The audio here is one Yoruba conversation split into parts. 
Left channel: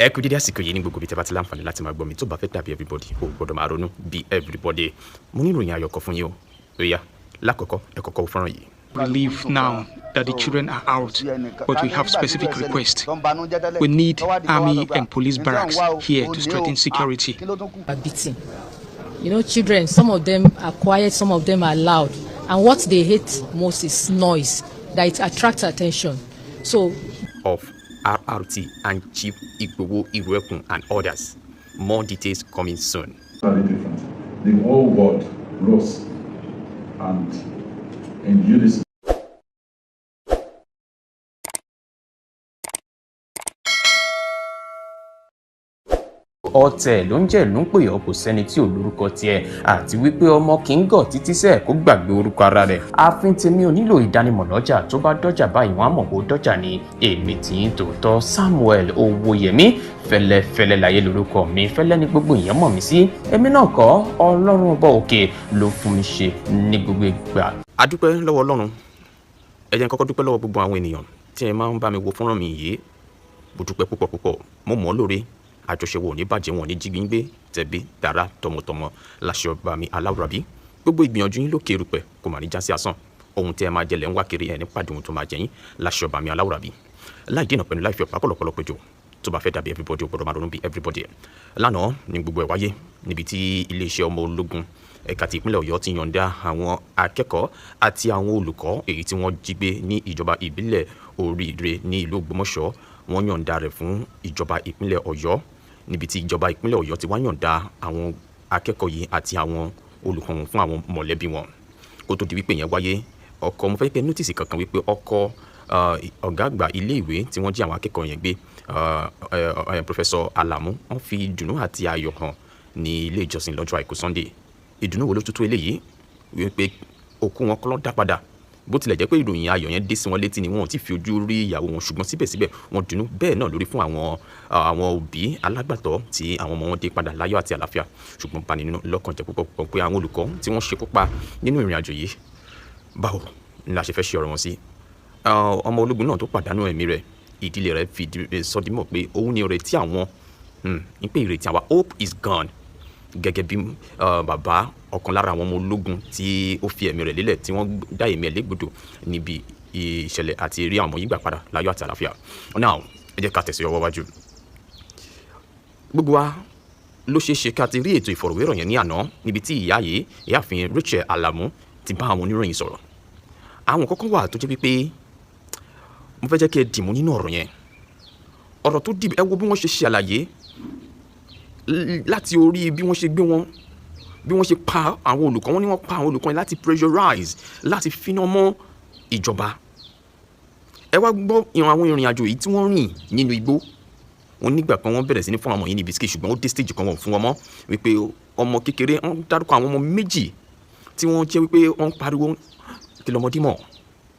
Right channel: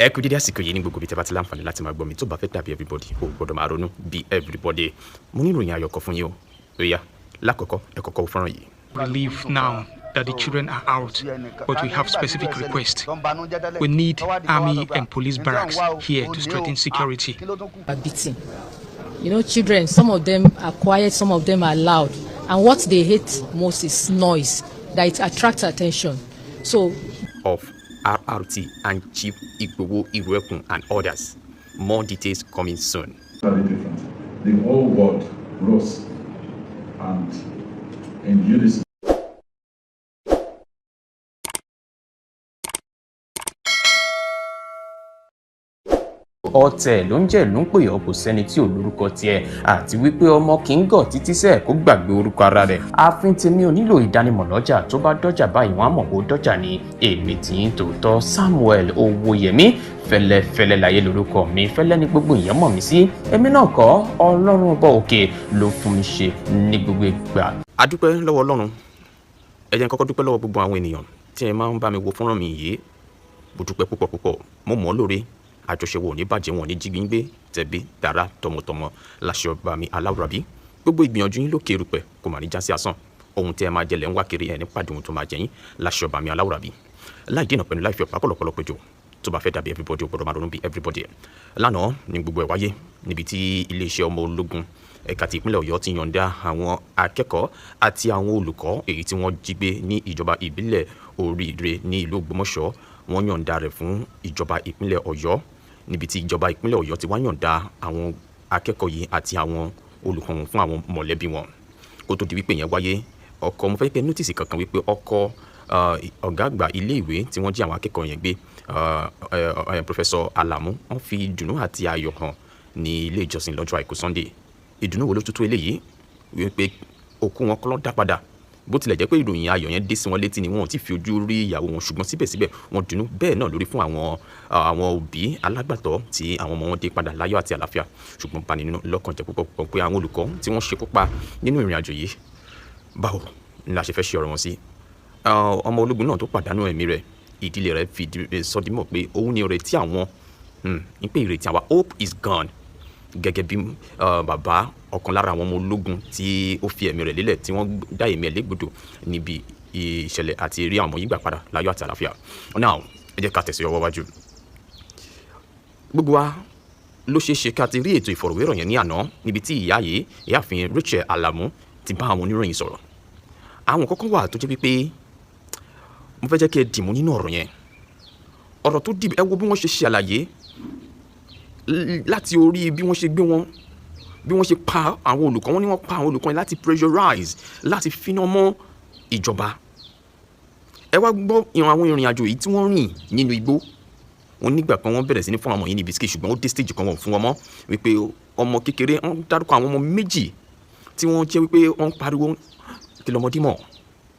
ẹ kú dédé àsìkò yìí ní gbogbo ibi tẹ́ bá ti láǹfààní láti máa gbọ́ mi tó bá fẹ́ dàbí everybody ó gbọ́dọ̀ máa ronú bí everybody. Mo ní ìròyìn ayọ̀ kan fún yín o. Ó yá, lákọ̀ọ́kọ́ ẹ kọ́kọ́ fọ́nrán yìí. Relief now that the children are out, but we have specific requests. We need army and police barracks here to strengthen security. Beating. You know, children, some of them are quiet, some of them are loud. And what they hate most is noise, that it attracts attention. So, of RRT and Chief Igboho Iruekun and others. More details coming soon. Very different. The whole world rose and in unison. Ọ̀tẹ̀ ló ń jẹ́ ló ń pè ọ́ kò sẹ́ni tí ò lórúkọ tiẹ̀ àti wípé ọmọ kì í gọ̀ títí sẹ́ẹ̀ kó gbàgbé orúkọ ara rẹ̀. Ààfin tèmi ò nílò ìdánimọ̀ lọ́jà tó bá dọ́jà báyìí wọ́n á mọ̀ kó dọ́jà ni. Èmi tí ń tòótọ́ Samuel Owóyẹmí fẹ́lẹ́fẹ́lẹ́ láyé lórúkọ mi fẹ́lẹ́ ní gbogbo èèyàn mọ̀ mí sí. Èmi náà kọ́ Ọlọ́run ọba òkè ló fún mi ṣe ní gbogbo ìgbà. A dúpẹ́ lọ́wọ́ Ọlọ́run. Ẹ jẹ́ n kọ́kọ́ dúpẹ́ lọ́wọ́ gbogbo àwọn ènìyàn tí ẹ máa ń bá mi wo fọ́nrán mi yìí. Mo dúpẹ́ púpọ̀ mo mọ̀ ọ́ lóore. Àjọṣe wo ní bàjẹ́ wọn ní jígbíngbé tẹ̀bí dára tọmọtọmọ láṣẹ ọba mi aláwùrábí. Gbogbo ìgbìyànjú yín lókè erùpẹ̀ kò mà ní já sí asán. Ohun tí ẹ máa jẹlẹ̀ ń wá kiri ẹ̀ ní pàdé ohun tó máa jẹ yín láṣẹ ọba mi aláwùrábí. Láì dènà pẹ̀lú láì fi ọ̀pá pọ̀lọpọ̀lọ péjọ tó bá fẹ́ dàbí everybody ó gbọ́dọ̀ máa ronú bí everybody. Lánàá ni gbogbo ẹ̀ wáyé níbi tí iléeṣẹ́ ọmọ ológun ẹ̀ka ti ìpínlẹ̀ Ọ̀yọ́ ti yọ̀ǹda àwọn akẹ́kọ̀ọ́ àti àwọn olùkọ́ èyí tí wọ́n jí gbé ní ìjọba ìbílẹ̀ Oríire ní ìlú Ògbómọ̀ṣọ́. Wọ́n yọ̀ǹda rẹ̀ fún ìjọba ìpínlẹ̀ Ọ̀yọ́ níbi tí ìjọba ìpínlẹ̀ Ọ̀yọ́ ti wá yọ̀ǹda àwọn akẹ́kọ̀ọ́ yìí àti àwọn olùkọ́ wọn fún àwọn mọ̀lẹ́bí wọn. Kó tó di wípé yẹn wáyé, ọkọ mo fẹ́ pẹ́ nọ́tìsì kankan wípé ọkọ ọ̀gá àgbà ilé ìwé tí wọ́n jí àwọn akẹ́kọ̀ọ́ yẹn gbé Professor Alamu wọ́n fi ìdùnnú àti ayọ̀ hàn ní ilé ìjọsìn lọ́jọ́ àìkú Sunday. Ìdùnnú wo ló tútú eléyìí wípé òkú wọn kọ́ ló dá padà. Bó tilẹ̀ jẹ́ pé ìròyìn ayọ̀ yẹn dé sí wọn létí ni wọn ò tí fi ojú rí ìyàwó wọn ṣùgbọ́n síbẹ̀síbẹ̀ wọn dùnnú bẹ́ẹ̀ náà lórí fún àwọn òbí alágbàtọ́ tí àwọn ọmọ wọn dé padà láyọ̀ àti àlàáfíà. Ṣùgbọ́n bani nínú lọ́kàn jẹ́ púpọ̀ pé àwọn olùkọ́ tí wọ́n ṣekú pa nínú ìrìn àjò yìí báwo ni a ṣe fẹ́ ṣe ọ̀rọ̀ wọn sí. Ọmọ ológun náà tó pàdánù ẹ̀mí rẹ̀ ìdílé rẹ̀ fi sọdímọ̀ pé òun ni ìrètí àwọn ní pé ìrètí àwa hope is gone. Gẹ́gẹ́ bí bàbá ọ̀kan lára àwọn ọmọ ológun tí ó fi ẹ̀mí rẹ̀ lélẹ̀ tí wọ́n dá ẹ̀mí ẹ̀ légbodò níbi ìṣẹ̀lẹ̀ àti rí àwọn ọmọ yìí gbà padà láyọ̀ àti àlàáfíà. Now ẹ jẹ́ ká tẹ̀sí ọwọ́ wájú. Gbogbo wa ló ṣeé ṣe ká ti rí ètò ìfọ̀rọ̀wérọ̀ yẹn ní àná níbi tí ìyáàfin Rachel Alamu ti bá àwọn oníròyìn sọ̀rọ̀. Àwọn kọ́kọ́ wà tó jẹ́ wípé mo fẹ́ jẹ́ kí ẹ dìmú nínú ọ̀rọ̀ yẹn. Ọ̀rọ̀ tó dìbò ẹ wo bí wọ́n ṣe ṣe àlàyé láti orí bí wọ́n ṣe gbé wọn bí wọ́n ṣe pa àwọn olùkọ́ wọn ni wọ́n pa àwọn olùkọ́ yẹn láti pressurize láti finá mọ́ ìjọba. Ẹ wá gbọ́ àwọn ìrìn àjò yìí tí wọ́n rìn nínú igbó. Wọ́n nígbà kan wọ́n bẹ̀rẹ̀ sí ní fún àwọn yìí ní bisikì ṣùgbọ́n ó dé stage kan wọ́n fún wọn mọ́ wípé ọmọ kékeré wọ́n dárúkọ àwọn ọmọ méjì tí wọ́n jẹ́ wípé wọ́n pariwo kí lọ́mọdé mọ̀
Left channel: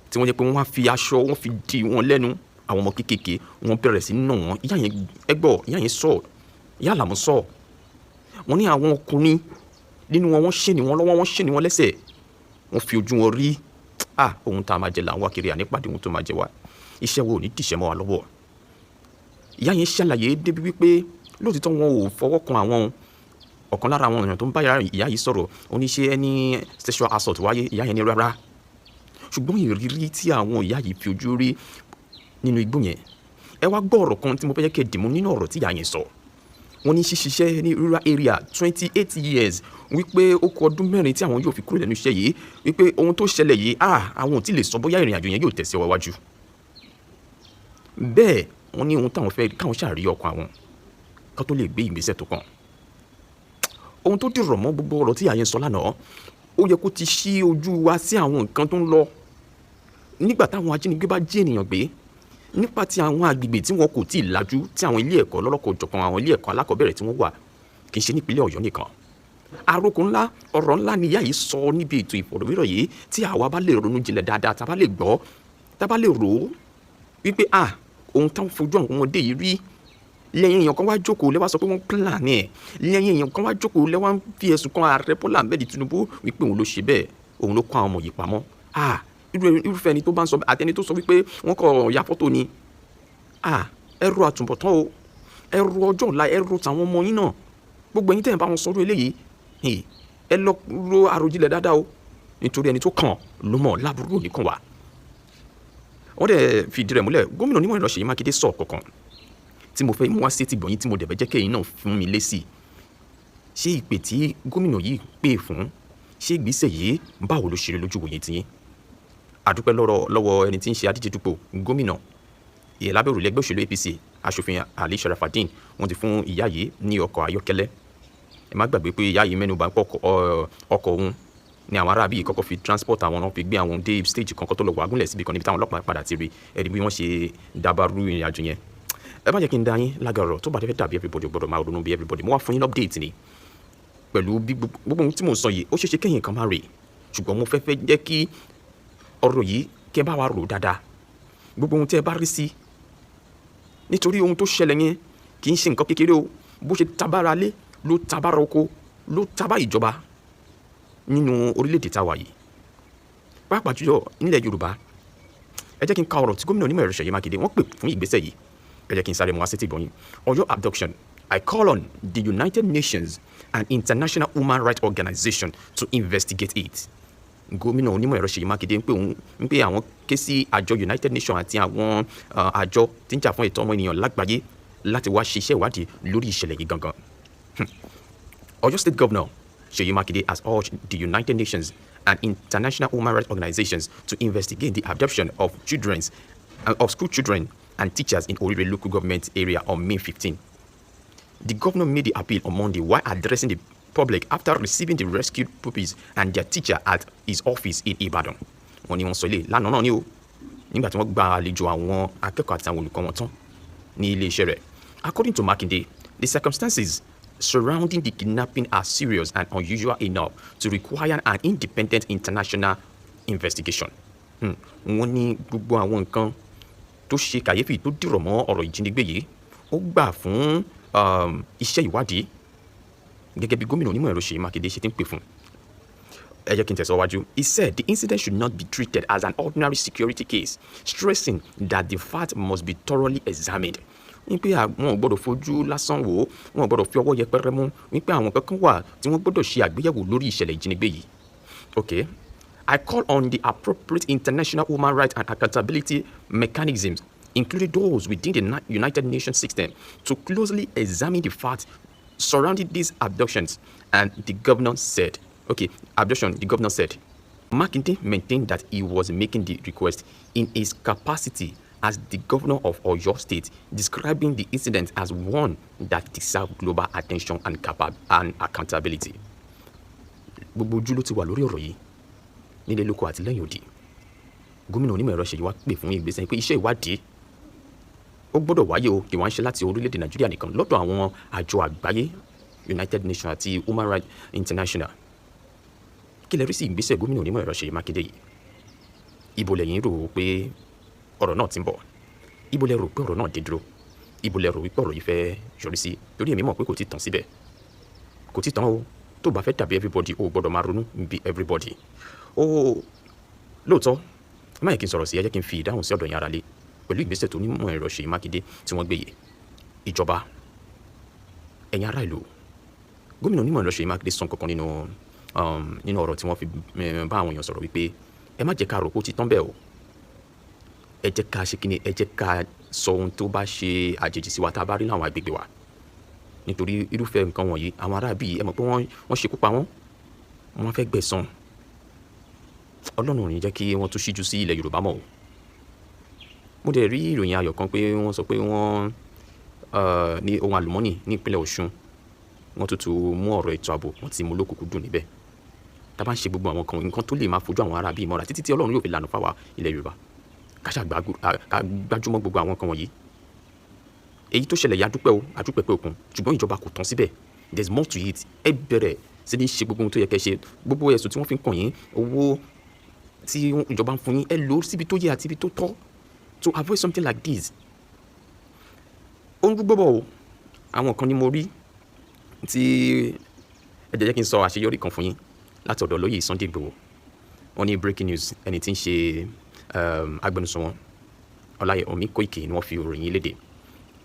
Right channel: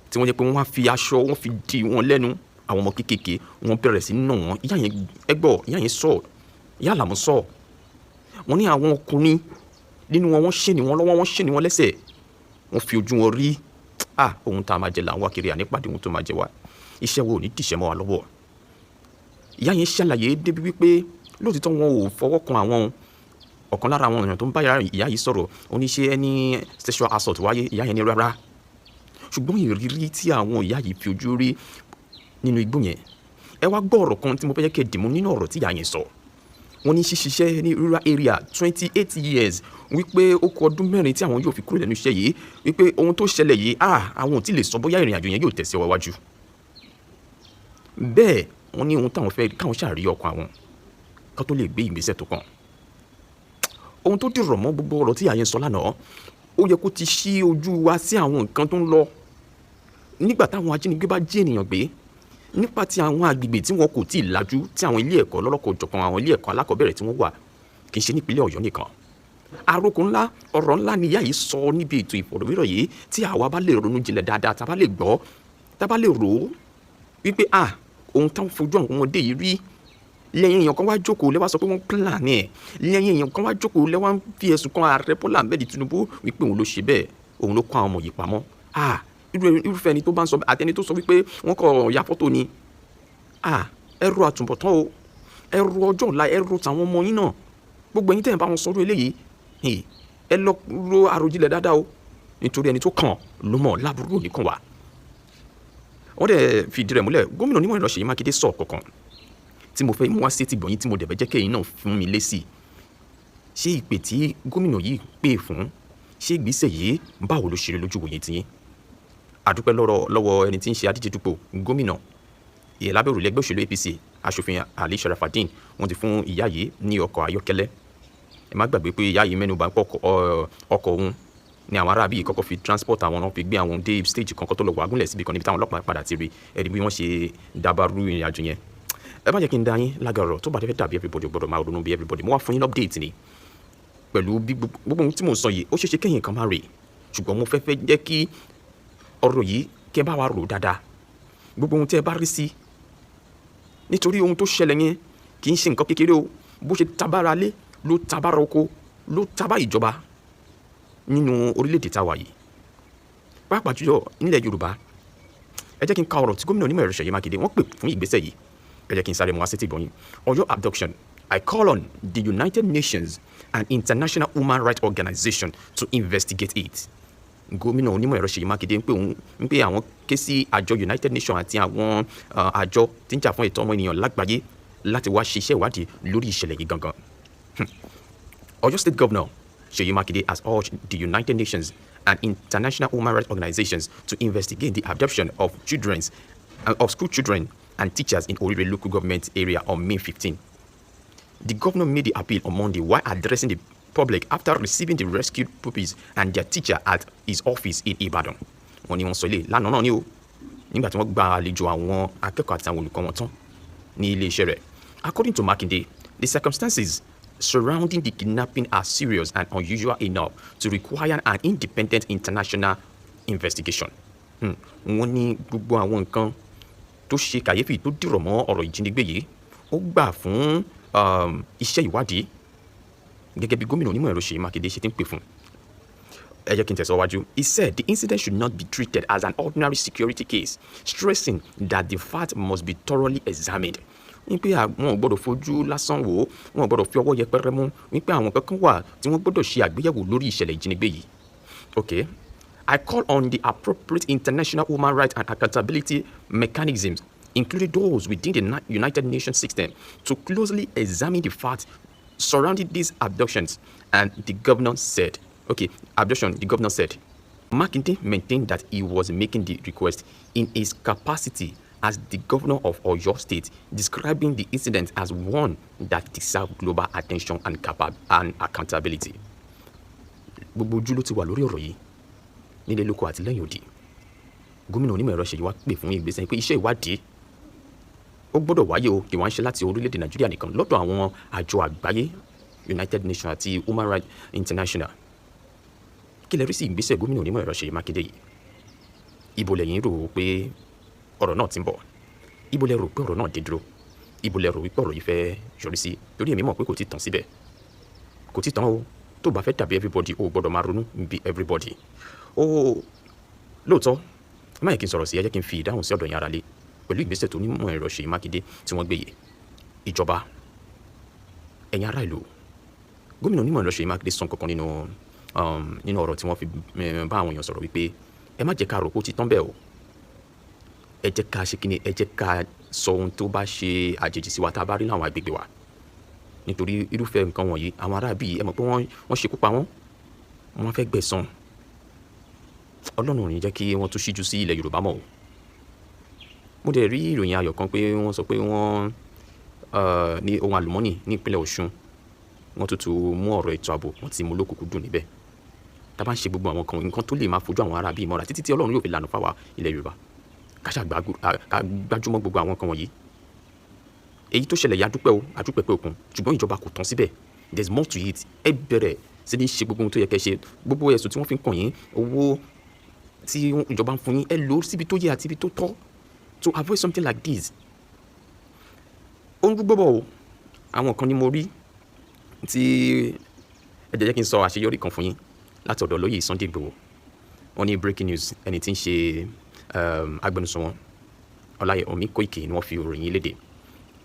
tí wọ́n jẹ́ pé wọ́n wá fi aṣọ wọ́n fi di wọn lẹ́nu. Àwọn ọmọ kékèké wọ́n bẹ̀rẹ̀ sí ní nà wọ́n. Ìyá yẹn ẹgbọ́ ìyá yẹn sọ ìyá Àlàmú sọ wọ́n ní àwọn ọkùnrin nínú wọn wọ́n ṣe ni wọ́n lọ́wọ́ wọ́n ṣe ni wọ́n lẹ́sẹ̀ wọ́n fi ojú wọn rí ohun tá a máa jẹ là ń wá kiri ànípàdé ohun tó máa jẹ wá iṣẹ́ wo ò ní dìṣẹ́ mọ́ wa lọ́wọ́. Ìyá yẹn ṣàlàyé débi wípé lóòtítọ́ wọn ò fọwọ́ kan àwọn ọ̀kan lára àwọn èèyàn tó ń bá ìyá yìí sọ̀rọ̀ oníṣẹ́ ẹni sexual assault wáyé. Ìyá yẹn ní rárá ṣùgbọ́n ìrírí tí àwọn ìyá yìí fi ojú rí nínú igbó yẹn. Ẹ wá gbọ́ ọ̀rọ̀ kan tí mo fẹ́ jẹ́ kẹ́ dìmú nínú ọ̀rọ̀ tí ìyá yẹn sọ. Wọ́n ní ṣíṣiṣẹ́ ní rural area 28 years wípé ó kù ọdún mẹ́rin tí àwọn yóò fi kúrò lẹ́nu iṣẹ́ yìí wípé ohun tó ṣẹlẹ̀ yìí àwọn ò tí lè sọ bóyá ìrìn àjò yẹn yóò tẹ̀sí ọwọ́ wájú. Bẹ́ẹ̀ wọ́n ní ohun táwọn fẹ́ káwọn ṣàrí ọkàn àwọn ká tó lè gbé ìgbésẹ̀ tó kàn. Ohun tó dìrọ̀ mọ́ gbogbo ọ̀rọ̀ tí àyẹn sọ lánàá ó yẹ kó ti ṣí ojú wa sí àwọn nǹkan tó ń lọ nígbà táwọn ajínigbé bá jí ènìyàn gbé nípa ti àwọn agbègbè tí wọn kò tí ì lajú tí àwọn ilé ẹ̀kọ́ lọ́lọ́kọ̀ọ́jọ̀kan àwọn ilé ẹ̀kọ́ alákọ̀ọ́bẹ̀rẹ̀ tí wọ́n wà kì í ṣe nípínlẹ̀ Ọ̀yọ́ nìkan. Àròkọ ńlá ọ̀rọ̀ ńlá ni ìyá yìí sọ níbi ètò ìfọ̀rọ̀wérọ̀ yìí tí àwa bá lè ronú jinlẹ̀ dáadáa tá a bá lè gbọ́ tá a bá lè rò ó wípé ohun táwọn fojú àwọn ọmọdé yìí rí lẹ́yìn èèyàn kan wá jókòó lẹ́wà sọ pé wọ́n plan ẹ̀ lẹ́yìn èèyàn kan wá jókòó lẹ́wà ń fi ẹ̀sùn kan ààrẹ Bọ́lá Ahmed Tinubu wípé òun ló ṣe bẹ́ẹ̀ òun ló kó àwọn ọmọ yìí pamọ́. irúfẹ́ ẹni tó bá ń sọ àtẹni tó sọ wípé wọ́n kọ̀ ya fọ́tò ni ẹrù àtúbọ̀tán o ẹ ro ọjọ́ ọ̀la, ẹ ro tàwọn ọmọ yín náà. Gbogbo ẹ̀yin tẹ́ ẹ̀ bá wọn sọ̀rọ̀ eléyìí, ẹ lọ ro àròjinlẹ̀ dáadáa o, nítorí ẹni tó kàn ló mọ̀ láburú òní kan wà. Wọ́n dẹ̀ fìdí rẹ̀ múlẹ̀, gómìnà onímọ̀ ẹ̀rọ Ṣèyí Mákindé sọ kankan tí mo fẹ́ mú wá sí ti gbọ̀nyìn tí mo dẹ̀ fẹ́ jẹ́ kẹ́yìn náà fún mi lésì. Ṣé ìpè tí gómìnà yìí pè fún, ṣé ìgbésẹ̀ yìí báwo ló ṣe rí lójú wòye tiyín? Àdúpẹ́ lọ́wọ́ ẹni tí ń ṣe adíje dupò gómìnà lábẹ́ òrùlé ẹgbẹ́ òṣèlú APC, aṣòfin Ali Sharafadeen. Wọ́n ti fún ìyá yìí ní ọkọ̀ ayọ́kẹ́lẹ́. Ẹ má gbàgbé pé ìyá yìí mẹ́nuba ọkọ̀ òun ni àwọn aráàbí yìí kọ́kọ́ fi transport àwọn náà fi gbé àwọn dé stage kan kó tó lọ wà gúnlẹ̀ síbi kan níbi táwọn ọlọ́pàá padà ti rí ẹ̀rí bí wọ́n ṣe dábàrú ìrìn àjò yẹn. Ẹ má jẹ́ kí n dá yín lágara ọ̀rọ̀ tó bá fẹ́ dàbí everybody gbọ́dọ̀ máa ronú bí everybody. Mo wá fún yín update ni pẹ̀lú bí gbogbo ohun tí mo sọ yìí ó ṣeéṣe kẹ́yìn kan má rè, ṣùgbọ́n mo fẹ́ jẹ́ kí ọ̀rọ̀ yìí kẹ́ bá wa rò dáadáa. Gbogbo ohun tí ẹ bá rí sí, nítorí ohun tó ṣẹlẹ̀ yẹn kì í ṣe nǹkan kékeré o. Bó ṣe tabára lé ló tabára oko ló tabá ìjọba nínú orílẹ̀-èdè tá a wà yìí, pàápàá jùlọ nílẹ̀ Yorùbá. Ẹ jẹ́ kí n ka ọ̀rọ̀ tí gómìnà onímọ̀ ẹ̀rọ Ṣèyí Mákindé wọ́n pè fún ìgbésẹ̀ yìí. Ẹ jẹ́ kí n sáré mọ́ àṣetì ìbọn yín. Ọ̀yọ́ abduction. I call on the United Nations and International Human Rights Organization to investigate it. Gómìnà onímọ̀ ẹ̀rọ Ṣèyí Mákindé ń pè àwọn ké sí àjọ United Nations àti àwọn àjọ tí ń jà fún ẹ̀tọ́ ọmọ ènìyàn lágbàáyé láti wá ṣe iṣẹ́ ìwádìí lórí ìṣẹ̀lẹ̀ yìí gangan. Ọ̀yọ́ State Governor Ṣèyí Mákindé has urged the United Nations and international human rights organizations to investigate the abduction of school children and teachers in Orire local government area on May 15. The governor made the appeal on Monday while addressing the public after receiving the rescued pupils and their teacher at his office in Ibadan. Wọ́n ní wọ́n sọ ilé lánàá náà ni o, nígbà tí wọ́n gba àlejò àwọn akẹ́kọ̀ọ́ àti àwọn olùkọ́ wọn tán ní ilé-iṣẹ́ rẹ̀. According to Makinde, the circumstances surrounding the kidnapping are serious and unusual enough to require an independent international investigation. Wọ́n ní gbogbo àwọn nǹkan tó ṣe kàyéfì tó dìrọ̀ mọ́ ọ̀rọ̀ ìjínigbé yìí ó gbà fún iṣẹ́ ìwádìí gẹ́gẹ́ bí gómìnà onímọ̀ ẹ̀rọ Ṣèyí Mákindé ṣe ti ń pè fún. Ẹ jẹ́ kí n tẹ̀síwájú. He said the incident should not be treated as an ordinary security case, stressing that the fact must be thoroughly examined. Wípé àwọn ò gbọ́dọ̀ fojú lásán wò ó, wọn ò gbọ́dọ̀ fi ọwọ́ yẹpẹrẹ mú, wípé àwọn kankan wà tí wọ́n gbọ́dọ̀ ṣe àgbéyẹ̀wò lórí ìṣẹ̀lẹ̀ ìjínigbé yìí. Okay. I call on the appropriate international human rights and accountability mechanisms, including those within the United Nations system, to closely examine the facts surrounding these abductions. And the governor said, the governor said, Makinde maintained that he was making the request in his capacity as the governor of Oyo State, describing the incident as one that deserves global attention and accountability. Gbogbo ojú ló ti wà lórí ọ̀rọ̀ yìí nílé lóko àti lẹ́yìn odi. Gómìnà onímọ̀ ẹ̀rọ Ṣèyí wá pè fún ìgbésẹ̀ pé iṣẹ́ ìwádìí ó gbọ́dọ̀ wáyé o, kí wọ́n ṣe láti orílẹ̀-èdè Nàìjíríà nìkan, lọ́dọ̀ àwọn àjọ àgbáyé United Nations àti Human Rights International. Kí lẹ rí sí ìgbésẹ̀ gómìnà onímọ̀ ẹ̀rọ Ṣèyí Mákindé yìí? Ibo lẹ̀yin rò pé ọ̀rọ̀ náà ti ń bọ̀? Ibo lẹ rò pé ọ̀rọ̀ náà dé dúró? Ibo lẹ rò wípé ọ̀rọ̀ yìí fẹ́ yọrí sí? Torí èmi mọ̀ pé kò tí tán síbẹ̀. Kò tí tán o. Tó bá fẹ́ dàbí everybody o gbọ́dọ̀ máa ronú bí everybody. Lóòótọ́, má yẹ kí n sọ̀rọ̀ sí, ẹ jẹ́ kí n fi ìdáhùn sí ọ̀dọ̀ yín ará lé pẹ̀lú ìgbésẹ̀ tó onímọ̀ ẹ̀rọ Ṣèyí Mákindé tí wọ́n gbé yìí. Ìjọba, ẹ̀yin ará ìlú, gómìnà onímọ̀ ẹ̀rọ Ṣèyí Mákindé sọ kankan nínú ọ̀rọ̀ tí wọ́n fi bá àwọn èèyàn sọ̀rọ̀ wípé ẹ má jẹ́ ká rò pé ó ti tán bẹ́ẹ̀ o. Ẹ jẹ́ ká ṣe kíni, ẹ jẹ́ ká sọ ohun tó bá ṣe àjèjì sí wa tá a bá rí láwọn agbègbè wa. Nítorí irúfẹ́ nǹkan wọ̀nyí àwọn ará bí ẹ mọ̀ pé wọ́n ṣekú pa wọ́n fẹ́ gbẹ̀san. Ọlọ́run ò ní jẹ́ kí wọ́n tún ṣíjú sí ilẹ̀ Yorùbá mọ́ o. Mo dẹ̀ rí ìròyìn ayọ̀ kan pé wọ́n sọ pé wọ́n ní ohun àlùmọ́nì ní ìpínlẹ̀ Ọ̀ṣun, wọ́n tuntun mú ọ̀rọ̀ ètò ààbò wọ́n ti mú lókùnkúndùn níbẹ̀. Tá bá ń ṣe gbogbo àwọn nǹkan tó lè máa fojú àwọn ará bí mọ́ra títí tí Ọlọ́run yóò fi lànà fáwa ilẹ̀ Yorùbá, ká gbájúmọ́ gbogbo àwọn nǹkan wọ̀nyí. Èyí tó ṣẹlẹ̀ yà adúpẹ́ pé òkun, ṣùgbọ́n ìjọba kò tán síbẹ̀. There is more to it. Ẹ bẹ̀rẹ̀ sí ní ṣe gbogbo ohun tó yẹ kẹ́ ṣe. Gbogbo ẹ̀sùn tí wọ́n fi ń kàn yín, owó tí ìjọba ń fún yín, ẹ lò ó síbi tó yẹ àti ibi tó tọ́ to avoid something like this. Ó ń gbọ́ bọ̀ o, àwọn kan ni mo rí tí ẹ jẹ́ kí n sọ àṣeyọrí kan fún yín láti ọ̀dọ̀ olóyè Sunday Igboho. Wọ́n ní breaking news, ẹni tí ń ṣe agbẹnusọ wọn Ọláyẹmí Kóìkì ni wọ́n fi ìròyìn léde.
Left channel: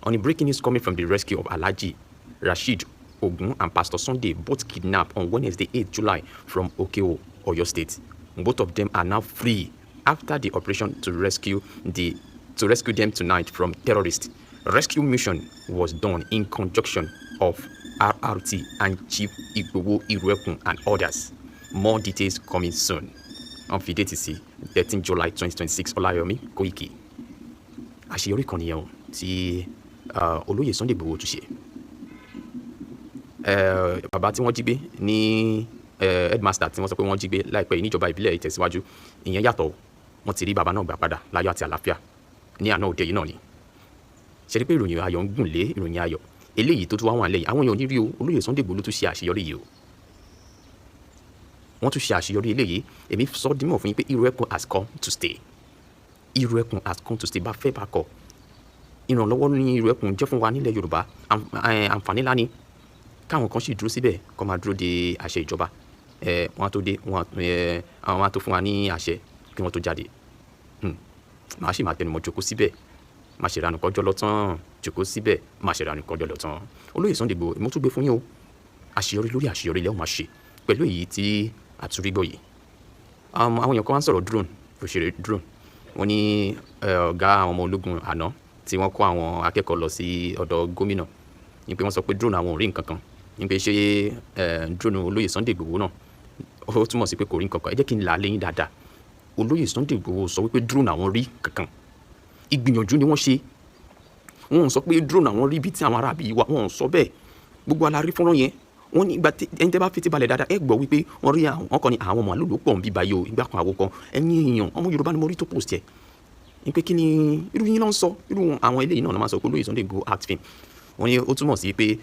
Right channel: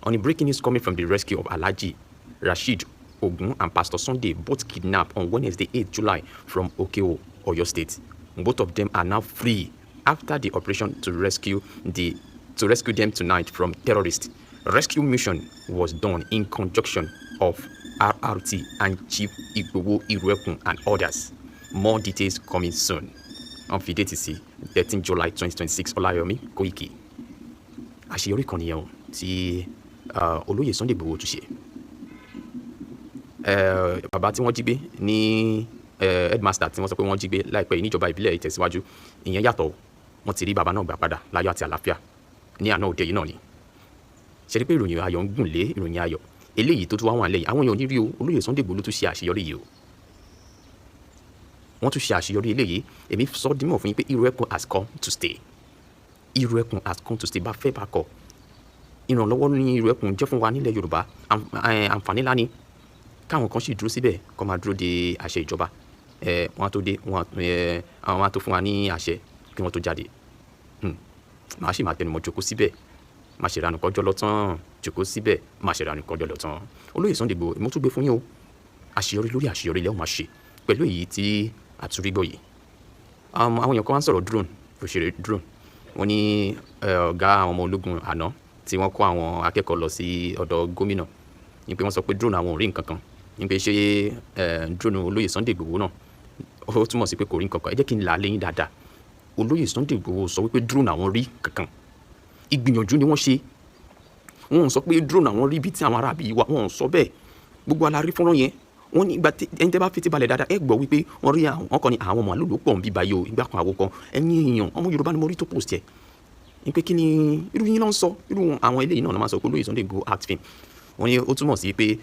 On the breaking news coming from the rescue of Alhaji Rasheed Ogun and Pastor Sunday, both kidnapped on Wednesday, 8 July from Okeo, Oyo State. Both of them are now free after the operation to rescue them tonight from terrorists. Rescue mission was done in conjunction of RRT and Chief Igbowo Iruekun and others. More details coming soon. On Fidelity, 13 July 2026, Olayomi Koiki. Àṣeyọrí kan nìyẹn o tí olóyè Sunday Igboho tún ṣe. Bàbá tí wọ́n jí gbé ní headmaster tí wọ́n sọ pé wọ́n jí gbé láìpẹ́ yìí níjọba ìbílẹ̀ Ìtẹ̀síwájú, ìyẹn yàtọ̀, wọ́n ti rí bàbá náà gbà padà láyọ̀ àti àlàáfíà ní àná òde yìí náà ni. Ṣe rí pé ìròyìn ayọ̀ ń gùn lé ìròyìn ayọ̀ eléyìí tó tún wá wà lẹ́yìn àwọn èèyàn ò ní rí o, olóyè Sunday Igboho tún ṣe àṣeyọrí yìí o. Wọ́n tún ṣe àṣeyọrí eléyìí, èmi sọ dímọ̀ fún yín pé Iruekun has come to stay. Iruekun has come to stay. Bá fẹ́ bá kọ̀, ìrànlọ́wọ́ ní Iruekun jẹ́ fún wa nílẹ̀ Yorùbá, àǹfààní ńlá ni. Káwọn kan sì dúró síbẹ̀ kó máa dúró de àṣẹ ìjọba, wọ́n á tó dé, àwọn á tó fún wa ní àṣẹ kí wọ́n tó jáde. Màá sì máa tẹnumọ́ jókòó síbẹ̀, má ṣe ranù kọjọ́ lọ́tàn, jókòó síbẹ̀, má ṣe ranù kọjọ́ lọ́tàn. Olóyè Sunday Igboho, mo tún gbé fún yín o, àṣeyọrí lórí àṣeyọrí lẹ́wọ̀n máa ṣe pẹ̀lú èyí tí àtúrígbọ̀ yìí. Àwọn èèyàn kan wá ń sọ̀rọ̀ drone, òṣèré drone. Wọ́n ní ọ̀gá àwọn ọmọ ológun àná tí wọ́n kó àwọn akẹ́kọ̀ọ́ lọ sí ọ̀dọ̀ gómìnà, ní pé wọ́n sọ pé drone àwọn ò rí nǹkan kan, ní pé ṣé drone olóyè Sunday Igboho náà ó túmọ̀ sí pé kò rí nǹkan kan. Ẹ jẹ́ kí n là á lẹ́yìn dáadáa. Olóyè Sunday Igboho sọ wípé drone àwọn rí kankan, ìgbìyànjú ni wọ́n ṣe. Wọ́n sọ pé drone àwọn rí bí tí àwọn arábì wà, wọ́n sọ bẹ́ẹ̀. Gbogbo alárí fọ́nrán yẹn, wọ́n ní ìgbà tí ẹni tẹ́ bá fi ti balẹ̀ dáadáa ẹ gbọ́ wípé wọ́n rí àwọn kan ní àwọn ọmọ àlùlù pọ̀ ń bí báyìí o, ìgbà kan àwo kan, ẹ̀yin èèyàn ọmọ Yorùbá ni mo rí tó post ẹ̀. Ní pé kí ni irú yín náà ń sọ, irú àwọn eléyìí náà máa sọ pé olóyè Sunday Igboho act film. Wọ́n ní ó túmọ̀ sí pé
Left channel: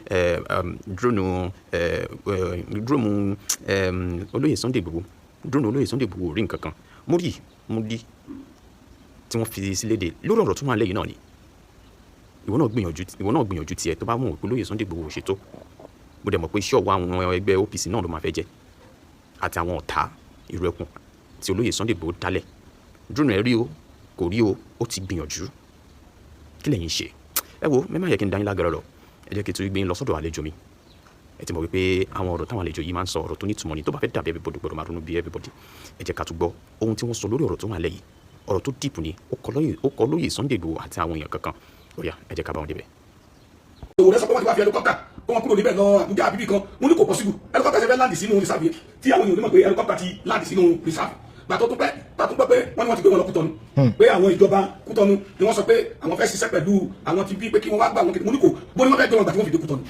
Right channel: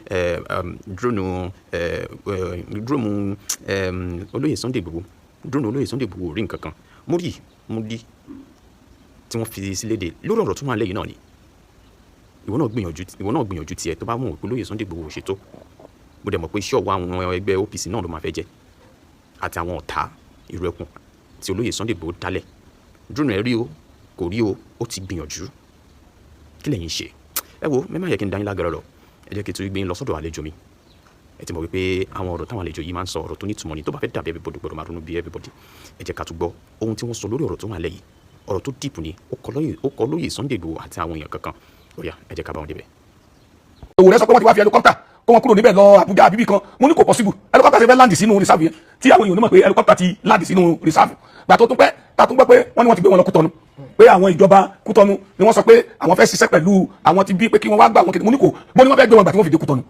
drone olóyè Sunday Igboho rí nǹkan kan. Mo rí tí wọ́n fi sílé de lórí ọ̀rọ̀ tó wà lẹ́yìn náà ni. Ìwọ náà gbìyànjú tiẹ̀ tó bá mọ̀ pé olóyè Sunday Igboho ṣètò. Mo dẹ̀ mọ̀ pé iṣẹ́ ọwọ́ àwọn ẹgbẹ́ OPC náà ló máa fẹ́ jẹ́ àti àwọn ọ̀tá Iruekun tí olóyè Sunday Igboho dálẹ̀. Drone rí o, kò rí o, ó ti gbìyànjú. Kí lẹ̀yin ṣe? Ẹ wo, mẹ́mà yẹ kí n dá yín lágara lọ. Ẹ jẹ́ kí n tún gbé yín lọ sọ́dọ̀ àlejò mi. Ẹ ti mọ̀ wípé àwọn ọ̀rọ̀ táwọn àlejò yìí máa ń sọ ọ̀rọ̀ tó ní ìtumọ̀ ni, tó bá fẹ́ dàbí everybody gbọ́dọ̀ máa ronú bí everybody. Ẹ jẹ́ ká tún gbọ́ ohun tí wọ́n sọ lórí ọ̀rọ̀ tó wà lẹ́yìn. Ọ̀rọ̀ tó dìpù ni, ó kọ lóyè Sunday Igboho àti àwọn èèyàn kankan. Ó yá, ẹ jẹ́ ká bá wọn débẹ̀. Òwúrẹ́ sọ pé wọ́n ti wá fi helicopter kó wọn kúrò níbẹ̀ lọ Àbújá àbíbí kan. Mo ní kò possible. Helicopter ṣe fẹ́ land sínú reserve yẹn tí àwọn èèyàn ní mọ̀ pé helicopter ti land sínú reserve. Gbà tó tún pẹ́ ta tún gbọ́ pé wọ́n ní wọ́n ti gbé wọn lọ Kútọ́nù, pé àwọn ìjọba Kútọ́nù ni wọ́n sọ pé àwọn fẹ́ ṣiṣẹ́ pẹ̀lú àwọn ti bí pé kí wọ́n wá gbà wọn kéde. Mo ní kò bó ni wọ́n fẹ́ gbé wọn gbà tí wọ́n fi dé Kútọ́nù.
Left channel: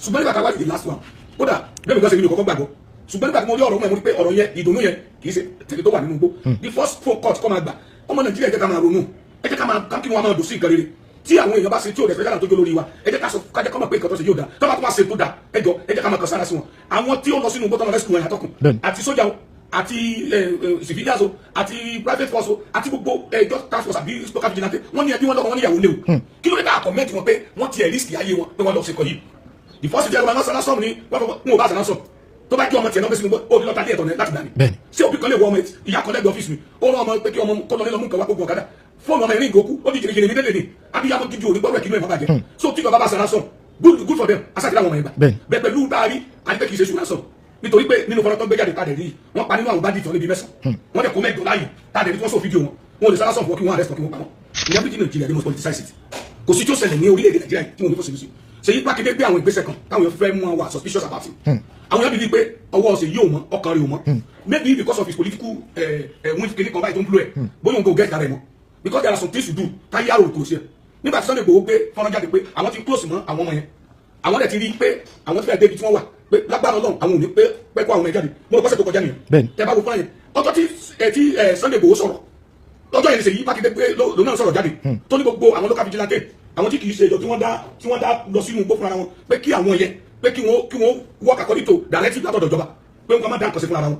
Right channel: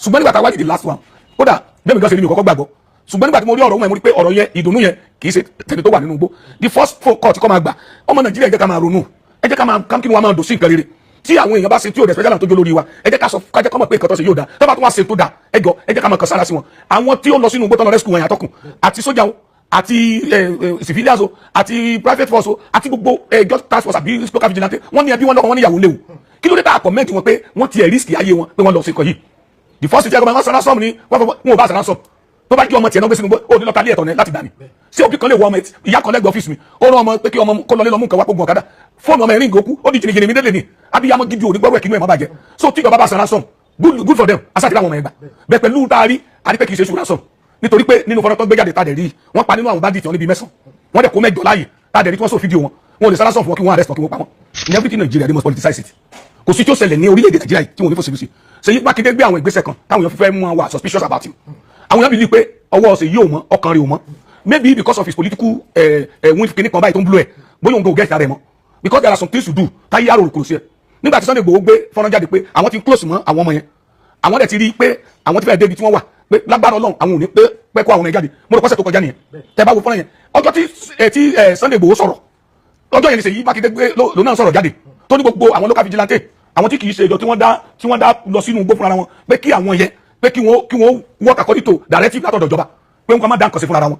Ṣùgbọ́n nígbà tá a wá the last one, ó dà bẹ́ẹ̀ mi gan ṣe ni mi kọ́kọ́ gbàgbọ́. Ṣùgbọ́n nígbà tí mo rí ọ̀rọ̀ wọn mo rí pé ọ̀rọ̀ yẹn ìdùnnú yẹn kì í ṣe tẹ̀lé tó wà nínú igbó. The first phone call tí kò máa gbà, ọmọ Nàìjíríà ẹ jẹ́ ká máa ronú, ẹ jẹ́ ká máa kí wọ́n máa dùn sí nǹkan rere. Tí àwọn èèyàn bá ṣe tí ò dẹ̀ special tó jó lórí wa, ẹ jẹ́ ká sọ ká jẹ́ kọ́ mọ̀ pé nǹkan tó ṣe yóò dá. Tó bá tún wá ṣe tó dá, ẹ jẹ́ ká máa kàn sára sí wọn. Àwọn tí ó lọ sínú igbó tán lọ rescue wọn yàtọ̀kùn àti sójà wọn àti civilians o àti private force o àti gbogbo just task force àbí local vigilante, wọ́n ní ẹbí wọn lọ́kọ̀ wọ́n ní ìyàwó léwu. Kí ló dé tá a comment wọn pé wọ́n ti ẹ̀ risk ayé wọn pé wọ́n lọ sí nǹkan yìí. The first thing wọn sanra sọm ni wọn ò bá sanra sọm tó bá jí ọmọ tiẹ̀ náà gbé sínú ó ní lọ́ta lé ẹ̀tọ́ láti dání. Ṣé òbí kan lè wọ ọmọ ìyá kan lẹ́gbẹ̀ẹ́ ọ́fíìsì mi ó rán ọmọ pé kí ọmọ kó lọ lé lọ mú nǹkan wá gbogbo ọ̀kadà fóònù ọmọ ẹ̀rín ìgòkú ó di jìnnìjìnnì mi délé ni abiyamọ gidi òní gbọ́rọ̀ ẹ̀kínú ẹ̀ má bàjẹ́. So tí ìjọba bá sanra sọm good for them asáàtì láwọn ọmọ ẹgbà bẹ́ẹ̀ pẹ̀lú taari àdìpẹ́ kì í ṣe ṣùgbọ́n sọm nítorí pé nínú fọ́nrán tó gbé jáde tàdé rí wọ́n pa nínú àwọn bandits wọn níbi mẹ́sàn-án wọ́n dẹ̀ kó mẹ́jọ láàyè tàdé rí tí wọ́n sọ fídíò wọn ò lè sára sọ fún wọn kí wọ́n arrest wọn kí wọ́n pa wọn. In everything Nigeria they must politicize it. Kò sí tí ó ṣẹlẹ̀ ní orílẹ̀-èdè Nàìjíríà tí wọ́n ní fòsibúsì. Ṣèyí Mákindé gbé àwọn ìgbésẹ̀ kan táwọn èèyàn fẹ́ mú wa suspicious about you. Àwọn èèyàn bí ní pé ọwọ́ ọ̀sẹ̀ yóò mọ́ ọkàn rẹ̀ ò mọ́. Maybe because of his political win kìíní kan báyìí tó ń blow ẹ̀ bóyá òun kò get ara ẹ̀ mọ́. Because there are some things to do táyé àrò kò sí ẹ̀. Nígbà tí Sunday Igboho gbé fọ́nrán jáde pé àwọn ti close mọ́ àwọn ọmọ yẹn. Àwọn dẹ̀ ti rí pé àwọn ti fẹ́ débi tí wọ́n wà pé lágbára Ọlọ́run àwọn ò ní pé kó àwọn ẹ̀ jáde. Mo rò pọ́sẹ̀ tó kọjá nìyẹn. Tẹ́ bá wo fọ́nrán yẹn ọjọ́ tí Sunday Igboho sọ̀rọ̀ ọjọ́ yẹn ni Ṣèyí Mákindé gbé lòun náà sọ̀rọ̀ jáde tó ní gbogbo àwọn local vigilante àwọn tí kì í ṣe ìjọ tí wọ́n dá lọ sínú igbó fúnra wọn pé kí àwọn yẹn pé kí wọ́n work according to directive látọ̀dọ̀ ìjọba pé wọ́n máa dá nǹkan sí fúnra wọn.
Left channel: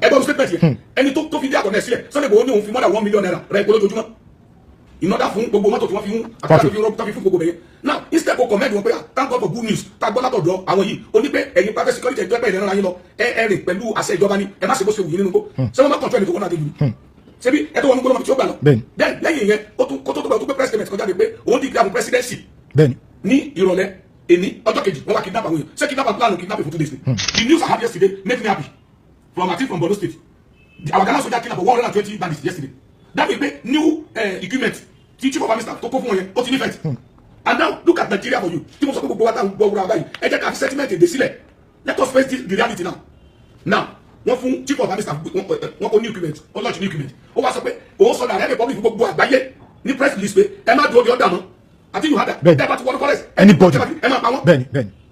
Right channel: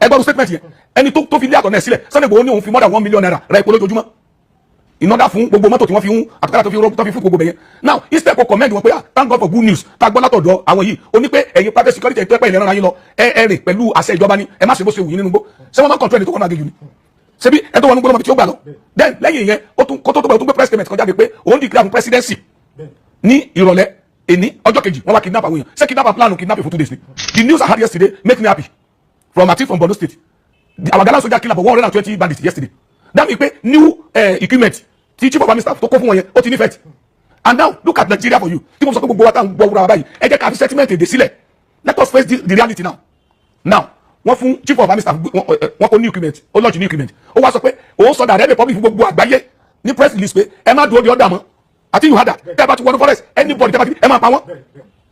ẹgbọ́n statement yẹn ẹni tó fi lé àtọ̀nà ẹ̀ sílẹ̀ Sunday Igboho ní òun fi more than 1 million naira ra epo lójoojúmọ́ ìnáda fún gbogbo mọ́tò tí wọ́n fi ń àtọ́lá tó fi fún gbogbo bẹ̀yẹn. Now instead kò comment wọn pé thank God for good news tá a gbọ́ látọ̀dọ̀ àwọn yìí ó ní pé ẹ̀yin private security ẹ̀ tó ẹ̀pẹ́ ìlẹ́nu ara yín lọ ẹ rìn pẹ̀lú àṣẹ ìjọba ni ẹ má ṣe bó ṣe wù yín nínú gbó ṣé wọ́n máa control ẹni tó kọ́ náà gẹ́gẹ́ ni ṣebí ẹ tó wọn ní gbọ́dọ̀ tí ó gbà lọ. Then lẹ́yìn yẹn ó tún kó tó gbé press statement kan jáde pé òun declare fún presidency bẹ́ẹ̀ni ní ìrọ̀lẹ́ èní ọjọ́ kejì wọ́n wá kidnap àwọn èèyàn ṣé kidnapper plan kidnapping for 2 days ni the news I had yesterday make me happy from a team from Borno State our Ghana soldier kill about 120 bandits yesterday that mean pé new equipment tí chief of army staff tó kó fún wọn yẹn ó ti ní effect and now look at Nigeria for you tí mo sọ pé gbogbo wa tá ń gbọ́ wúra báyìí ẹ jẹ́ ká fi settlement èdè sílẹ̀ let us face the reality now wọ́n fún chief of army staff wọ́n kó new equipment ó launch new equipment ó wá sọ pé òun sọ dàrẹ́ republic fún gbogbo àgbáyé ní press release pé ẹ má dúró di ọ̀dà mọ́ àti you had that bẹ́ẹ̀ bá ti wọnú forest anybody ẹ máa pa wọ́n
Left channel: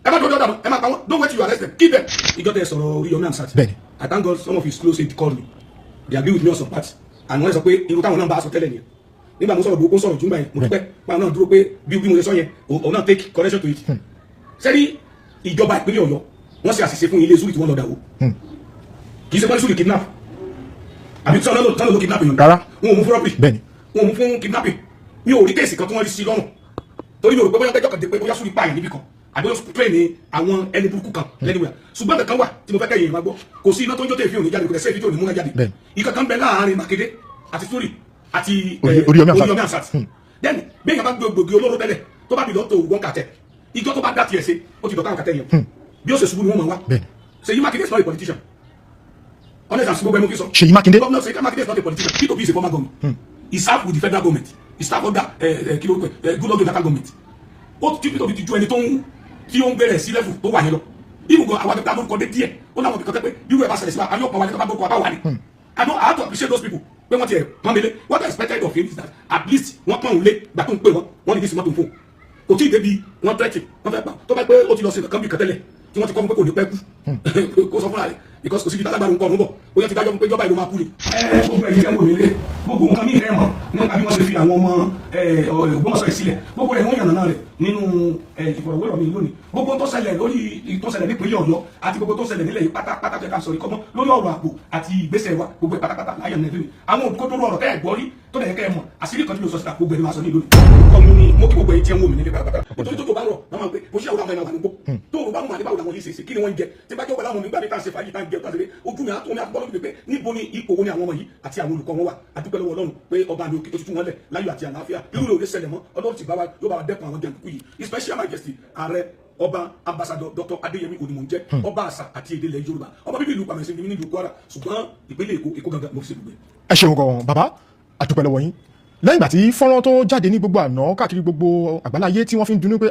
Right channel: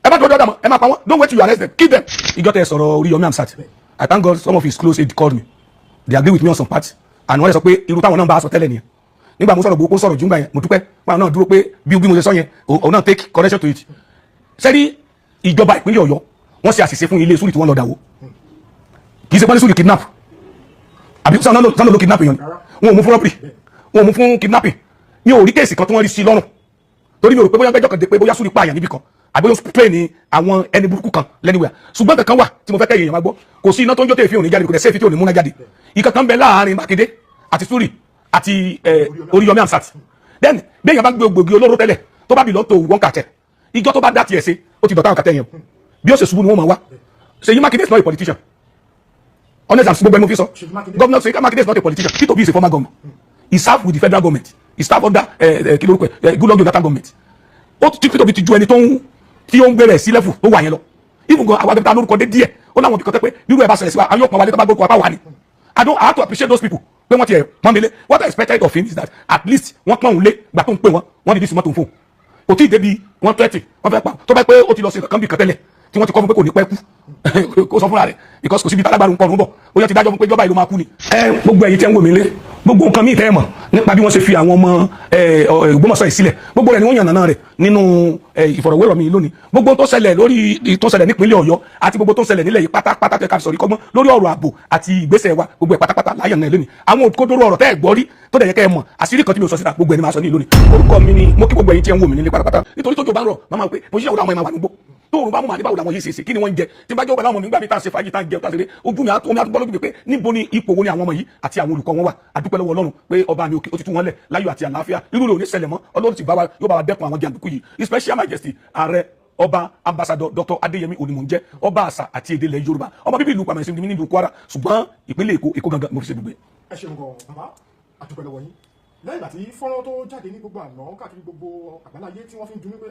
ẹ má dúró di ọ̀dà mọ́ ẹ máa pa wọ́n don't wait till you arrest them kill them. ìjọ tẹ sọ̀rọ̀ Oríyọmí Hamzat I thank God some of his close aide called me they agree with me on some parts and wọ́n lè sọ pé irú táwọn náà bá a sọ tẹ́lẹ̀ nìyẹn nígbà mo sọ̀rọ̀ gbogbo sọ̀rọ̀ jùmọ̀ yẹn mo dúpẹ́ wọn náà dúró pé bí mo ṣe sọ yẹn òun náà take correction to it sẹ́rí ìjọba ìpínlẹ̀ Ọ̀yọ́ wọ́n ṣe àṣìṣe fún ilé sùúrù tí wọ́n lọ dàwó kì í ṣe pálí sùúrù kidnap àbí sọ́nà ló kidnap èèyàn rárá wọn ò mú fún rọ́pì wọn ò mú fún kidnapping mi ò rí kéèsì kan tí wọ́n rí sí lọ́rùn torí mi ò rò pé bóyá gbẹ́jọ́ kan dé pé bóyá sùúrù pààyàn níbì kan àbí ó ń train ní àwọn ẹni burúkú kan lẹ́niwẹ̀ẹ́ ṣùgbọ́n kankan wà tí mo fẹ́ kẹ́yìn èèyàn máa gbọ́ kò sí iná tó ń jó tẹ̀ fi òní jáde kò dẹ̀ sẹ́ẹ̀fì tí ò ní múná jáde ìkankan bẹ láàárín Mákindé àti Sùúrù àti Oríyọmí Hamzat then bí èèyàn bá gbé gbòógì olóró tẹ́lẹ̀ tó bá bìlọ́ tó wọ́n kàtẹ́ ìjọ tó bá dá tiẹ̀ sí ó ti dọ̀tà àwọn kàtẹ́ yẹn bí ó ṣe ṣubú ni wọ́n máa wá Ṣèyí Mákindé is not a politician honest and gbogbo ẹni mo fi sọ Ṣèyí Mákindé governor Ṣèyí Mákindé is not a politician P2B is a former governor he served with the federal government he served under Goodluck Jonathan government ó ti P2B ti ju ẹni tí ó ń gbé rẹ̀ sí level tó wà yẹn lọ even gan àwọn akẹ́kọ̀ọ́ lórúkọ dé díẹ̀ ó láwọn ibìkan tẹ́ pé bírú ẹ̀ bá ṣẹlẹ̀ sí wa ayé òpin wálé tó bá gbókò apá wà ní I have to appreciate those people pé wọ́n ti ẹ̀ pọ́n mi lé what I expected of him is that at least wọ́n pọ́n òun lé gbà tó ń pè wọ́n ní bí simọ́ tó ń fò kò tí ì débi wọ́n tẹ́tì wọ́n fẹ́ pa tó bá pé ó ti lọ sí nǹkan bí kan tẹ́lẹ̀ tí wọ́n ti kọ́ fún pé kò ní pẹ́ kú kó sọ fúnra rẹ̀ because kò síbi tálágbára nǹkan ọ̀run bọ̀ ó yẹ ti dájọ́ fún pé ìjọba ìlú máa kú ni. gbogbo ẹ̀yin tẹ́ ń wò mí lé gbogbo nǹkan míì tẹ́ ẹ mọ̀ nípa bí wọ́n ṣe fi àwọn ọmọ Ògbómọ̀ṣọ́ yìí sílẹ̀ gbogbo rẹ̀ ni wọ́n yànnàná rẹ̀ nínú ìfọ̀rọ̀wérọ̀ mi lónìí gbogbo tó ṣẹlẹ̀ lórí tó ṣẹlẹ̀ nípínlẹ̀ Ọ̀yọ́ àti gbogbo tó ṣẹlẹ̀ nílẹ̀ yìí pátápátá tẹ́ ká sọ̀rọ̀ kọ́gbọ́n lórí ọ̀rọ̀ ààbò àti ìgbésẹ̀ wa gbogbo ẹ̀ pátápátá láyàn náà lónìí àwọn òkúdóró ọ̀rọ̀ tẹ́ ẹ̀ gbọ́ rí tó dẹ̀ yẹ kẹ́ ẹ mọ̀ àṣírí kan tí mi ò sọ síta gbogbo ẹni máa sọ ní lónìí orúkọ mi ni mo kí gbogbo ẹ̀yin tí ẹ ń wò mí nílé pátápátá nítorí tó jò bá ń rọ̀ máa pé mo ṣiṣẹ́ òun àwọn ẹ̀ máa wà nígbó tó òun bá mú màdé báwo làwọn yìí ṣe kí ni wọ́n ń jẹ tí bá jẹ́ òun àwọn nígbà mi tá a ṣe fàájì tá a jẹ tá a ṣe lé ojú mi àtúgbọ́ lójú mi pé níbo ni ipò wo ni àwọn ọmọ yìí àti àwọn olùkọ́ wọn wà àdúpẹ́ lọ́wọ́ Ọlọ́run pé ọba mi ó ti tú wọn lẹ̀ láyọ̀ àti àlàáfíà irú rẹ̀ ò ní ṣẹlẹ̀ mọ́ Ọlọ́run ti bá wa yóò bá wa dẹ́kun àwọn jàǹdùkú yìí His Special Majesty ààrẹ ọba ambassador Dr. Adéyẹmí Onímọ̀njẹ́ ọba àṣà àti èdè ilẹ̀ Yorùbá ọmọ bíbí ìlú pàmẹ́sì ní ìlú Kwara ṣùgbọ́n ìpínlẹ̀ Èkó gangan mo fi ṣe dùgbẹ́. ẹ ṣeun gan bàbá àdúpẹ́ lọ́wọ́ yín lẹ́yìn ìgbà tí fọ́nrán tó jáde ní gbogbo àná káàkiri gbogbo àgbáláyé tí wọ́n fi ń dunú pé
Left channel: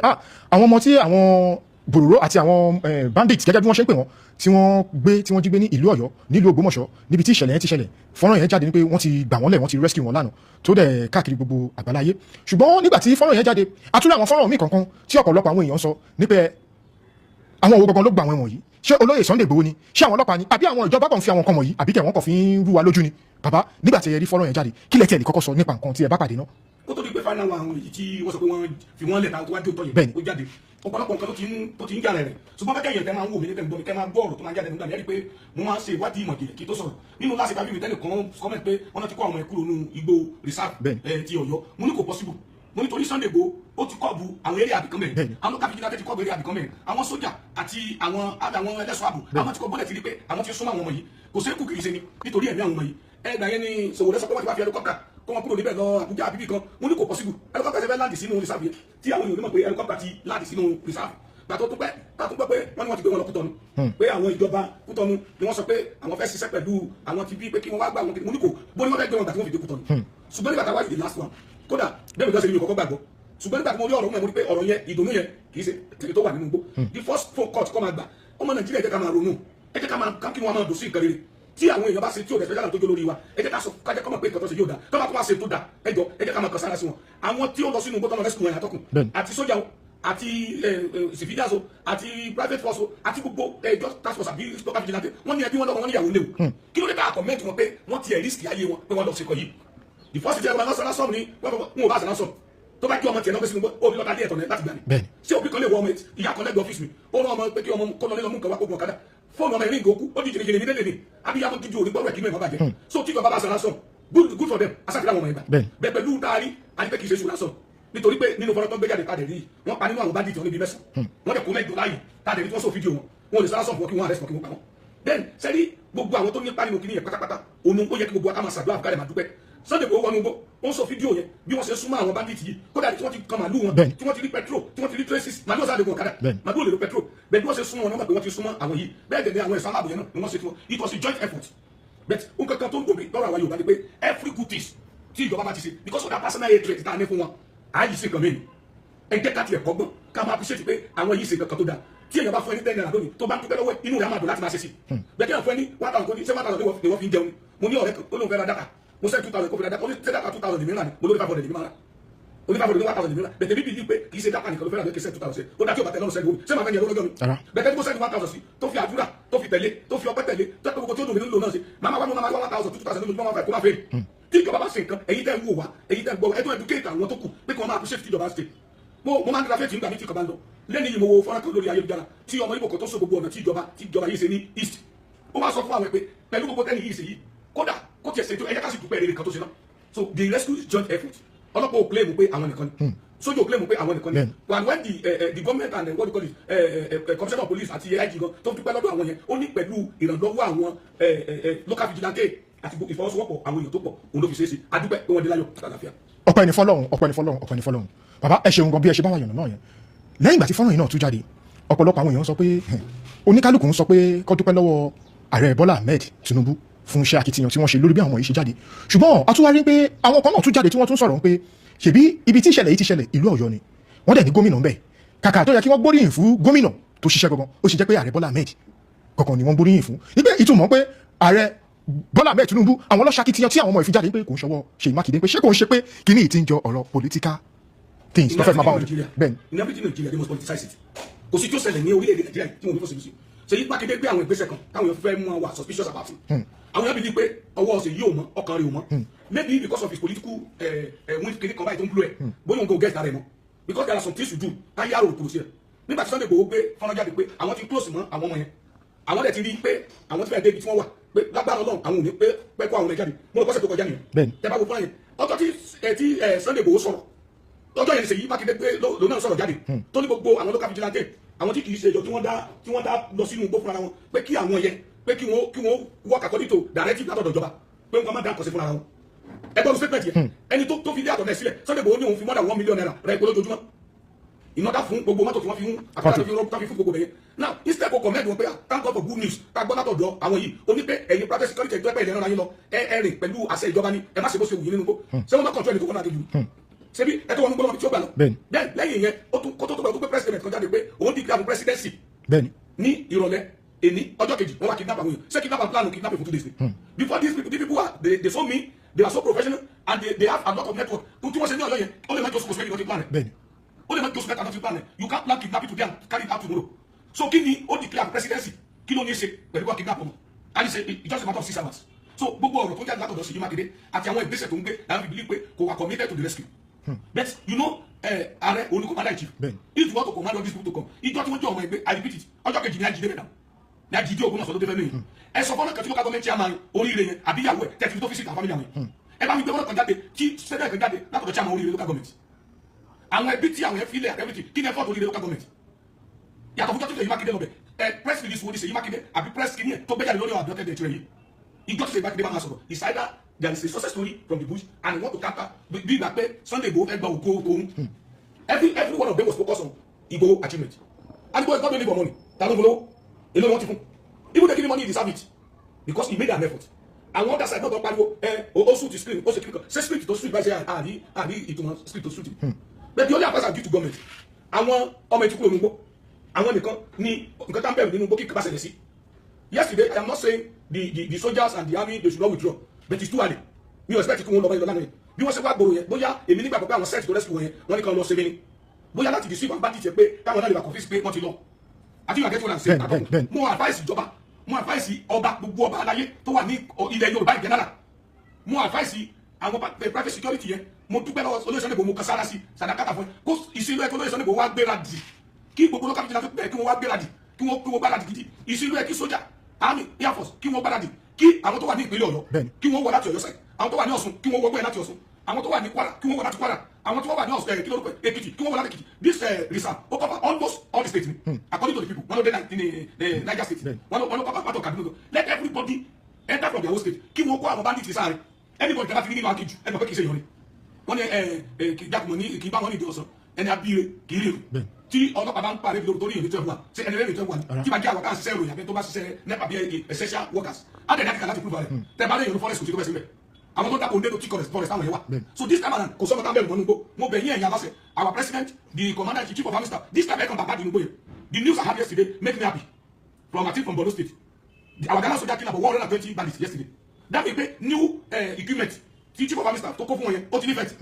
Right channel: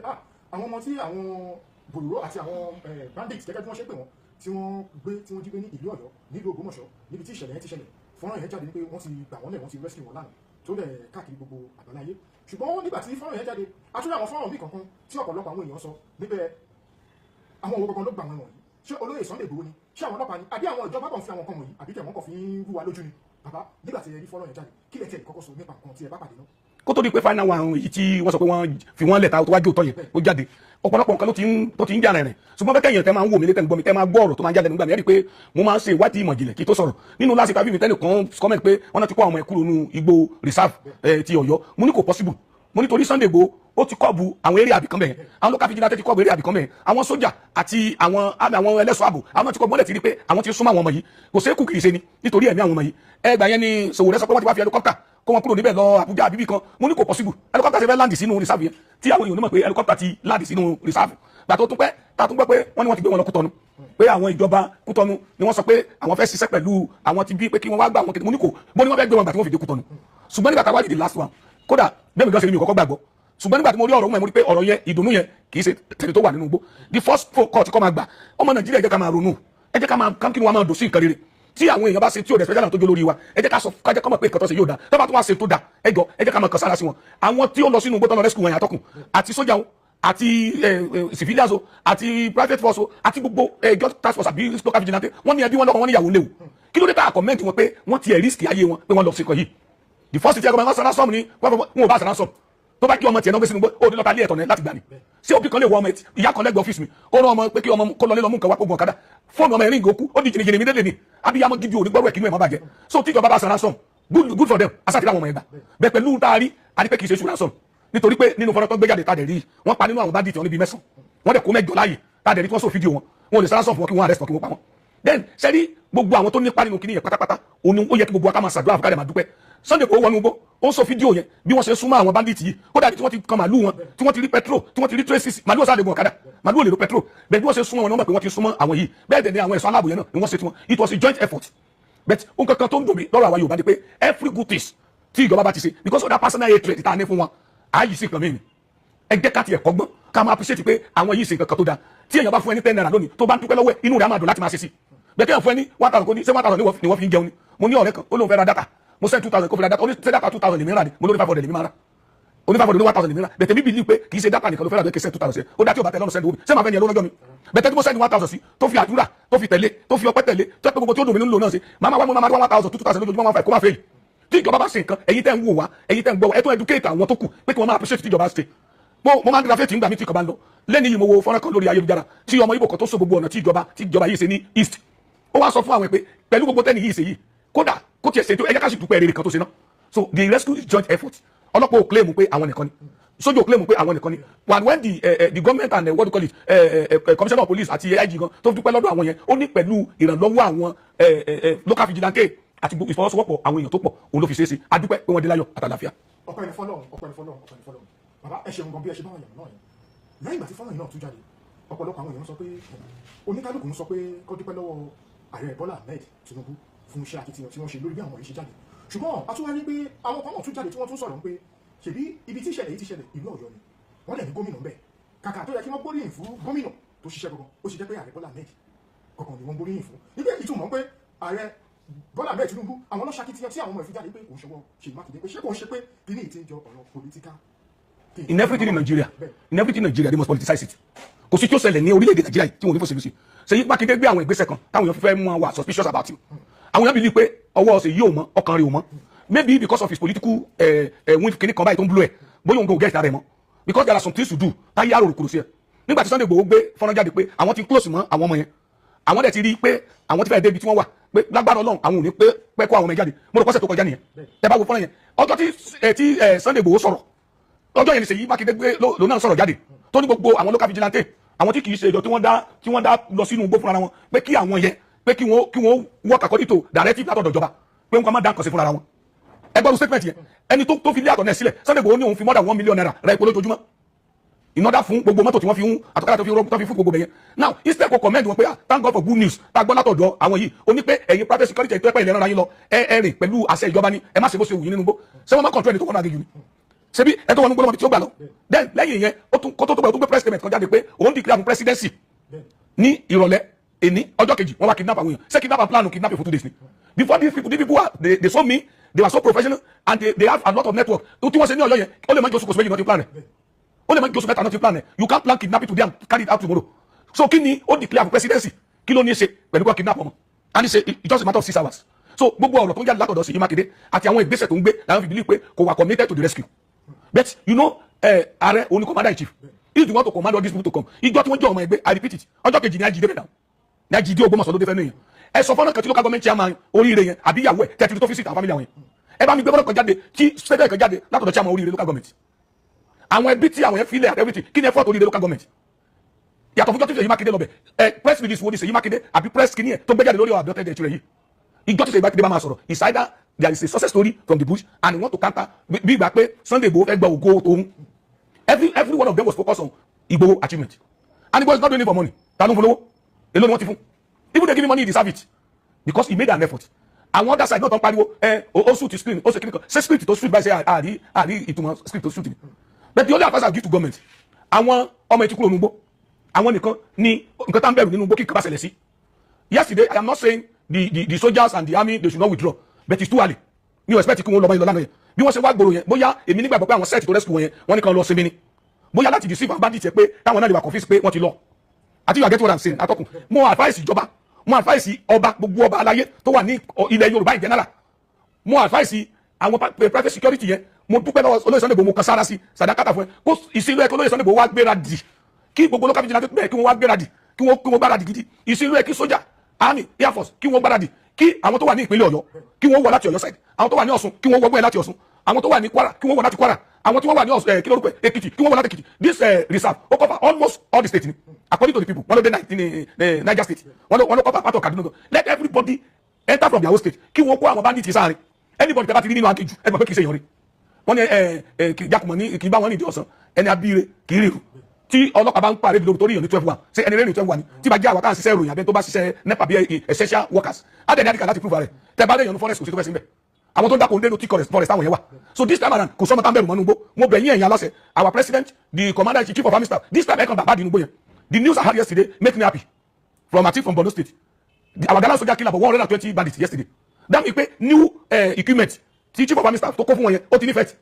àwọn ọmọ tí àwọn bòròró àti àwọn bandits gẹ́gẹ́ bí wọ́n ṣe ń pè wọ́n tí wọ́n jí gbé ní ìlú Ọ̀yọ́ nílùú Ògbómọ̀ṣọ́ níbi tí ìṣẹ̀lẹ̀ yẹn ti ṣẹlẹ̀ fọ́nrán yẹn jáde ní pé wọ́n ti gbà wọ́n lẹ̀ wọ́n ti rescue wọn lánàá tó dẹ̀ káàkiri gbogbo àgbáláyé ṣùgbọ́n nígbà tí fọ́nrán yẹn jáde àtúnlẹ̀ àwọn fọ́nrán míì kankan tí ọ̀pọ̀lọpọ̀ àwọn èèyàn sọ ní pé àwọn owó gangan ló gba àwọn ẹ̀wọ̀n yìí ṣé olóyè Sunday Igboho ni ṣé àwọn ọlọ́pàá ni àbí àwọn ìjọba kan fi àwọn nǹkan wọ̀nyí àbí tẹ̀wọ́n kan fi ń rú wa lójú ni bàbá nígbà tí ẹ rí fọ́nrán yẹn jáde kí lẹ tiẹ̀ lè kọ́kọ́ sọ nípa nǹkan tí ẹ bá pàdé náà. kó tó di pé final one yìí tí wọ́n sọ pé wọ́n fi wọ́n lẹ̀ ta tó wájú òtọ́ yẹn ó jáde ọ̀pọ̀lọpọ̀ nǹkan tó ti ń jà rẹ̀ ṣùgbọ́n bẹ́ẹ̀ kẹ́yìn tẹ́ máa ń wò mí létẹ́ ń gbọ́ mi tẹ́ máa gbọ́ ọ̀rọ̀ tó máa ń jáde nígbà mi rí pé mo máa ń ṣe ìwádìí ìmọ̀ ìjìnlẹ̀ kí tó sọ̀rọ̀ nínú last interview mi tẹ́lẹ̀ kan comment pé wọ́n náà ti kó àwọn ẹ̀kúrò nínú igbó reserve ti Ọ̀yọ́ mo ní kò possible mo nítorí Sunday Igboho ó ti kọ́ọ̀bù àwọn eré àbìkan mẹ́rin àwọn local vigilante ti kọ́ọ̀bù eré àbìkan mẹ́rin àwọn sójà àti àwọn ẹlẹ́ṣọ́ ààbò àwọn ti kọ́ọ̀bù mọ́lẹ̀ ti rí pé àwọn ti súnmọ́ àwọn ọmọ yìí kò sí kù kìí ṣe ni nítorí ẹ̀mí àwọn ọmọ yìí ẹgbà yẹn ni Sowore sọ pé wọ́n ti wá fi helicopter kó wọn kúrò níbẹ̀ lọ Àbújá àbíbí kan mo ní kò possible helicopter ṣe fẹ́ land sínú reserve yẹn tí àwọn èèyàn onímọ̀ pé helicopter ti land sínú reserve gbà tó tún pẹ́ ta tún gbọ́ pé wọ́n ní wọ́n ti gbé wọn lọ Kútọ́nù pé àwọn ìjọba Kútọ́nù ni wọ́n sọ pé àwọn fẹ́ ṣiṣẹ́ pẹ̀lú àwọn ti bí pé kí wọ́n wá gbà wọn kí mo ní kò bó ni wọ́n fẹ́ gbé wọn gbà tí wọ́n fi dé Kútọ́nù ṣùgbọ́n nígbà táwa di the last one kódà bẹ́ẹ̀ mi gbọ́ sẹ́ni mi ò kọ́kọ́ gbàgbọ́ ṣùgbọ́n nígbà tí mo rí ọ̀rọ̀ wọn mo rí pé ọ̀rọ̀ yẹn ìdùnnú yẹn kì í ṣe tẹ̀lé tó wà nínú igbó the first court kọ́ máa gbà ọmọ Nàìjíríà ẹ jẹ́ ká máa ronú ẹ jẹ́ ká máa kí wọn máa dùn sí nǹkan rere tí àwọn èèyàn bá ṣe tí ò dẹ̀sẹ̀ jálà tó jó lórí wa ẹ jẹ́ ká sọ kájẹ́ kọ́mọ̀ pé nǹkan tó ṣe yóò dá tó bá tún wá ṣe tó dá ẹ jẹ́ ká máa kàn sára sí wọn àwọn tí ó lọ sínú igbó tó lọ rescue wọn yàtọ̀kùn àti sójà o àti civilians o àti private force o àti gbogbo just task force àbí local vigilante wọ́n ní ẹbí wọn lọ́kọ̀ wọ́n ní ìyàwó léwu kí ló dé tá comment wọn pé wọ́n ti ẹ̀ risk ayé wọn pé wọ́n lọ sí kan yìí the first thing wọ́n sọ ransom ni wọ́n ò bá sọ ransom tó bá kí ọmọ tiẹ̀ náà gbé sínú gbé ó ní lọ́ka lé ẹ̀tọ́ ní láti gbà ní ṣé òbí kan lè wọ ọmọ ìyá kan lẹ́gbẹ̀ẹ́ ọ́fíìsì mi ó rán ọmọ pé kí ọmọ kó lọ lé lọ mú nǹkan wá kó gbọ̀n kádà fóònù ọmọ ẹ̀rín ìgòkú ó di jìnnìjìnnì mi délé ni abiyamọ gidi òní gbọ́wọ́ ẹ̀kínú ẹ̀ má bàjẹ́ so tíjọba bá sọ ransom good for them asàtì láwọn ọmọ ẹ̀gbà bẹ́ẹ̀ pẹ̀lú taari àdìpẹ́ kì í ṣe ṣù ransom nítorí pé nínú fọ́nrán tó gbé jáde tàdé rí wọ́n pa nínú àwọn bá dìtì wọn níbi mẹ́sàn-án wọ́n dẹ̀ kó mẹ́jọ láàyè tàdé rí tí wọ́n sọ fídíò wọn wọn ò lè sọ ransom fún wọn kí wọ́n arrest wọn kí wọ́n pa wọn then sẹ́ni gbogbo àwọn tó nípa nínú kíní yẹn pátápátá òun ó yẹ kí gbogbo wa ká máa ṣàdúrà fún ká lè máa dúpẹ́ Sunday Igboho wọnú igbó ó ń sọ fídíò yẹn bí wọ́n ṣe súnmọ́ àwọn bandits yìí kódà tí wọ́n ti kan màlúù wọn tí wọ́n ti rí petrol tí wọ́n ti rí traces màlúù ọ̀sán àdéhùn ọ̀kadà màlúù ò lè lo petrol bẹ́ẹ̀ bí wọ́n ṣe súnmọ́ wọn náà pé wọ́n ti súnmọ́ àwọn yìí bẹ́ẹ̀ dẹ̀ ni àwọn ẹ̀ṣọ́ aláàbò yẹn náà ni wọ́n ṣe tiwọn it was a joint effort but ohun kankan tó ń dùn mí lọ́rọ̀ àwọn Yorùbá ni pé every good things tí ìjọba bá ti ṣe because of that personal hatred tá a ní fún wọn àyè sí nǹkan mìíràn ẹ jẹ́ ká tiẹ̀ kọ́gbọ́n ká máa appreciate pé àwọn yìí ṣe nǹkan kan tó dáa tí èèyàn bá fún ẹ ní 10 naira lónìí tó bá ń dúpẹ́ lọ́wọ́ ẹ̀ inú rẹ̀ á máa dùn láti máa ṣe sí bẹ́ẹ̀ kí èèyàn fún ẹ ní 1000 kò ní ṣé 1000 ni wọ́n fi ń jẹun ni mo ní ọ̀rẹ́ kan ó lóun fẹ́ ra data mo send 2000 kó fi ra data ó ní ṣé data 2000 lèmi rà ni mo lórí 500 lèmi máa rà ó ní 500 ní 1000 lèmi rà bẹ̀tẹ̀ mi believe pé kì í ṣe data nìkan ló fẹ́ rà lókè send 2000 sí ó dá tí ò bá tẹ̀lé ọ̀nà send owó ṣé màá fẹ́ ní ẹ lọ́jọ́ mi bẹ̀tẹ̀ tí mo send 1000 sí tó fi àdúrà tó fi tẹ̀lé tó fi ọpẹ́ tẹ̀lé tó pé gbogbo tí ó dùn mí nílò náà sí màá máa wá 1000 2000 lójúmọ́ máa fà kó máa fẹ́ yìí tí ìjọba bá ṣe nǹkan ẹ̀yin tẹ́ ń wò wá ẹ̀yin tẹ́ ń gbọ́ ẹ tó educate àwọn tó kù pé kí wọ́n máa appreciate tí ìjọba ṣe mo máa ń dira fẹ́ẹ̀tì nígbà mi tí kò bá ń lọ lẹ́ni yìí mo wo fọ́nrán kan lórí ayélujára tí ọmọ Ìgbò kan tó so gbogbo ọ̀nà tí ìjọba yìí ṣe ní east ó wá sọ fún àwọn pé pẹ̀lú gbogbo tẹ́ni yìí ṣe yìí kódà kó tiẹ̀ ṣe tó ẹ̀yẹ́ ká sì dúpẹ́ rere kan tó ṣe náà so the rescue is joint effort ọlọ́pàá ò claim pé àwọn nìkan ni sójú ò claim pé àwọn nìkan ni when the government and what do you call it commissioner of police àti AIG gan tó dúpẹ́ lọ́dọ̀ àwọn yẹn ó ní pẹ̀lú ìrànlọ́wọ́ àwọn local vigilante àti ìfọwọ́sowọ́pọ̀ àwọn èèyàn tó pọ̀ òun ló fi ṣe é ṣe adúpẹ́ pé wọ́n dé láyọ̀ àtàlàfíà. ọpẹ́ ni fọ́lọ́run ọpẹ́ ni fọ́lọ́run ọpẹ́ ni fọ́lọ́run bàbá ẹ ṣeun gan bí ẹ ṣe bá wà yànnà náà yẹn lẹ́yìn ìgbà tí fọ́nrán yìí náà tún jáde ọ̀pọ̀lọpọ̀ àwọn èèyàn sọ pé oníkálukú ń sọ pé kó dúpẹ́ lọ́wọ́ ààrẹ Bọ́lá Ahmed Tinubu fún iṣẹ́ akitiyan tí wọ́n ṣe lórí bí àwọn yìí ṣe jáde ṣùgbọ́n a tún wá rí pé àwọn kan náà tún jáde tí wọ́n tún sọ̀rọ̀ pé ṣèbí ibi tí ìṣẹ̀lẹ̀ yìí ti ṣẹlẹ̀ ìlú Ọ̀yọ́ ni wọ́n dẹ̀ ní gómìnà ń bẹ̀ kàkà tó yẹ kí wọ́n gbóríyìn fún gómìnà tó ṣiṣẹ́ gangan ó sì jẹ́ pé ààrẹ Bọ́lá Ahmed gangan ni wọ́n gbóríyìn fún níbẹ̀ ìtumọ̀ pé ààrẹ Bọ́lá Ahmed Tinubu àwọn ọlọ́ṣakitiyan tí àwọn ọmọ ìfi jáde pé kò ń ṣọwọ́ Ṣèyí Mákindé pé ṣé kò ń ṣe pé kíní ìtì ń jọ ọ̀rọ̀ political things. In everything Nigeria they must politicize it kò sí tí ó ṣẹlẹ̀ ní orílẹ̀-èdè Nàìjíríà tí wọ́n ní fòṣèlú sí Ṣèyí Mákindé gbé àwọn ìgbésẹ̀ kan táwọn èèyàn fẹ́ mú wa suspicious about him àwọn èèyàn believe pé ọwọ́ Ṣèyí ò mọ́ ọkàn rẹ̀ ò mọ́ maybe because of his political win kìíní kan báyìí tó ń blow ẹ̀ bóyá òun kò get ara ẹ̀ mọ́ because there are some things to do táyé àrò kúrò sí ẹ̀ nígbà tí Sunday Igboho gbé fọ́nrán jáde pé àwọn ti close mọ́ àwọn ọmọ yẹn àwọn dẹ̀ ti rí pé àwọn ti fẹ́ débi tí wọ́n wà pé lágbára Ọlọ́run àwọn ò ní pẹ́ kó àwọn ọmọ ẹ̀ jáde mo rò pọ́sẹ̀ tó kọjá nìyẹn ẹ bá wo fọ́nrán yẹn ọjọ́ tí Sunday Igboho sọ̀rọ̀ ọjọ́ yẹn ni Ṣèyí Mákindé gbé lòun náà sọ̀rọ̀ jáde tó ní gbogbo àwọn local vigilante àwọn tí kì í ṣe ìjọ tí wọ́n dá lọ sínú igbó fúnra wọn pé kí àwọn yẹn pé kí wọ́n work according to directive látọ̀dọ̀ ìjọba pé wọ́n máa dá nǹkan sí fúnra wọn ẹgbọ́n statement yẹn ẹni tó fi lé àtọ̀ náà sílẹ̀ Sunday Igboho ní òun fi more than 1 million naira ra epo lójoojúmọ́ ìnọ́dá fún gbogbo mọ́tò tí wọ́n fi ń àtọ́lá tó fi fún gbogbo bẹ̀yẹn now instead kò comment wọn pé thank God for good news tá a gbọ́ látọ̀dọ̀ àwọn yìí ó ní pé ẹ̀yin private security ẹ̀yin tó ẹ̀pẹ́ ìlẹ́nu ara yín lọ ẹ rìn pẹ̀lú àṣẹ ìjọba ni ẹ má ṣe bó ṣe wù yín nínú gbó ṣé wọ́n má control ẹni tó wọ́n náà gẹ́gẹ́ yìí ṣebí ẹ tó wọn gbọ́dọ̀ tí ó gbà lọ then lẹ́yìn yẹn kó tó gbé press statement kan jáde pé òun declare for presidency ní ìrọ̀lẹ́ èní ọjọ́ kejì wọ́n wá kidnap àwọn èèyàn ṣé kidnap and plan kidnap for 2 days ni before these people they saw me they were so professional and they have a lot of network tó tí wọ́n ṣe ní Ọ̀yọ́ yẹn ó lè má jẹ́ oṣù kòsìmẹ́jì náà ti plan rẹ̀ ó lè má jẹ́ oṣù mẹ́ta náà ti plan rẹ̀ you can't plan kidnapping today and carry it out tomorrow so kí ni ó declare for presidency kí ló ní í ṣe pẹ̀lú kó kidnap ọmọ and it's just a matter of 6 hours so gbogbo ọ̀rọ̀ tó ń jáde látọ̀dọ̀ Ṣèyí Mákindé àti àwọn ìgbésẹ̀ tó ń gbé làwọn fi believe pé kò wà committed to the rescue but you know ààrẹ òun ni commander in chief if you want to command all these people to come ìjọ tí wọ́n jẹ́ ọmọ ẹgbẹ́ I repeat it ọjọ́ kejì ní àjídé bẹ̀rẹ̀ ní àjídé Ògbómọ̀ṣọ́ ló dé fẹ́ nìyẹn ẹ sọ fọ́nà kan tí local government chairman oríire yẹn àbí ìyàwó ẹ̀ tẹ́tí tó fi sí àwọn family àwọn yẹn ẹ bá mi gbé fọ́nà kan jáde tí federal kan jáde látọ̀dọ̀ chairman oríire local government àwọn ẹbí tí àwọn yẹn fi lẹ̀ everything kí ni effort oríire local government yàtọ̀ fún jọ́ tí Ṣèyí Mákindé lọ bẹ̀ press release wo ni Ṣèyí Mákindé àbí press kìíní ẹ̀ tó gbé jáde lórí ọ̀dọ́ tẹ́lẹ̀ ìtura yìí ìjọ́ tí Ṣèyí Mákindé bá máa sọ̀rọ̀ is either there is a success story from the bush and we want to counter bí ìgbà pé Sunday Igboho fẹ́ gba ògo òun every one of them was focused on Igboho achievement and Igboho is not doing it for money ta ló ń polówó èló ni wọ́n ti fún even they give him money he deserve it because he made an effort and other side náà tó ń pariwo ó suit screen ó ṣe kíni kan ṣe script tó suit báyìí ṣe àrí ìtumọ̀ script tó suit ni but the other advice I give to government àwọn ọmọ ètùkú ònúgbó àwọn nìkan ni nǹkan tá ń bẹ̀rù nínú gbó kí nǹkan bá ṣẹlẹ̀ sí yesterday I am not saying the soldiers and the army they should not withdraw but it's too early mi ò expect kí wọ́n lọ bá yín lọ lánàá yẹn bí wọ́n ṣe wá gbòòrò yẹn bóyá èmi nígbàgbọ́ pé àwọn set to rescue wọn yẹn wọ́n ní kan lọ sinmi ni bóyá láti deceive àwọn bandits yẹn pé táwọn náà lè wà confuse pé wọ́n ti lọ àti you are getting what I'm saying atọ́kùn mo advice ìjọba mo advice ọba gbogbo ọba aláyé tó wà ní ilẹ̀ Yorùbá in general mo advice àwọn private security yẹn mo dúpẹ́ lọ́wọ́ olóyè Sunday Igboho mo kan sára sí sàdákàtà fún ẹ kó ìsinú ẹ kí olóyè Sunday Igboho wá gbéra dì kí gbogbo local vigilante bẹ́ẹ̀ kí wọ́n wá gbéra dì kí wọ́n gbáradì gidi ìsinú ẹ kí sójà army air force kí wọ́n gbáradì kí àwọn tó wà ní ìpínlẹ̀ Ọ̀yọ́ kí wọ́n wọ láti Ọ̀yọ́ side àwọn tó wà ní Ọ̀ṣun kí wọ́n wọgbẹ́ láti Ọ̀ṣun àwọn tó wà ní Kwara kí wọ́n wọ láti Kwara àwọn tí wọ́n wà ní kí lórúkọ Èkìtì kí wọ́n wọ láti Èkìtì this reserve ó cover almost all the states ni according to the people wọ́n ló dé Niger state wọ́n ló cover part of Kaduna let everybody enter from their own state kí wọ́n kó àwọn bandits sáárín anybody tẹ́ bá ti rí nínú aginjù ẹ gbọ́ pé kì í ṣe ìyọrí wọ́n ní jákùmọ̀ ní kì í bá wọn nídìí ọ̀sán ẹni abíire kì í rí irú tí ọlọ́pàá bá ń parí lórí torí ìyọ̀ní 12 ṣe ẹni rẹ́ni 12 ni tí bá jẹ́ àwọn káà ṣiṣẹ́ ìròyìn àbẹ́ tó bá ṣiṣẹ́ nepa bí essential workers á dẹ̀ ní àdìkà láti prove rẹ̀ tẹ́ bá dẹ̀yọ̀nù forest kò sí tó fẹ́ sí bẹ́ẹ̀ àwọn tó dákò ndéno tí forest táwọn yẹn wà so this time around kò sọ́mọ tá ń bẹ̀rù mọ́nú gbó mo bẹ̀ yín ẹ̀yin aláṣẹ our president the commander in chief of army staff this time ẹ̀kan bàbá dìnnú gbó yẹn the news I had yesterday make me happy from a team from Borno state our gallant soldier kill about 120 bandits yesterday that mean pé new equipment tí chief of army staff tó kó fún wọn yẹn ó ti ní fẹ́ẹ̀tì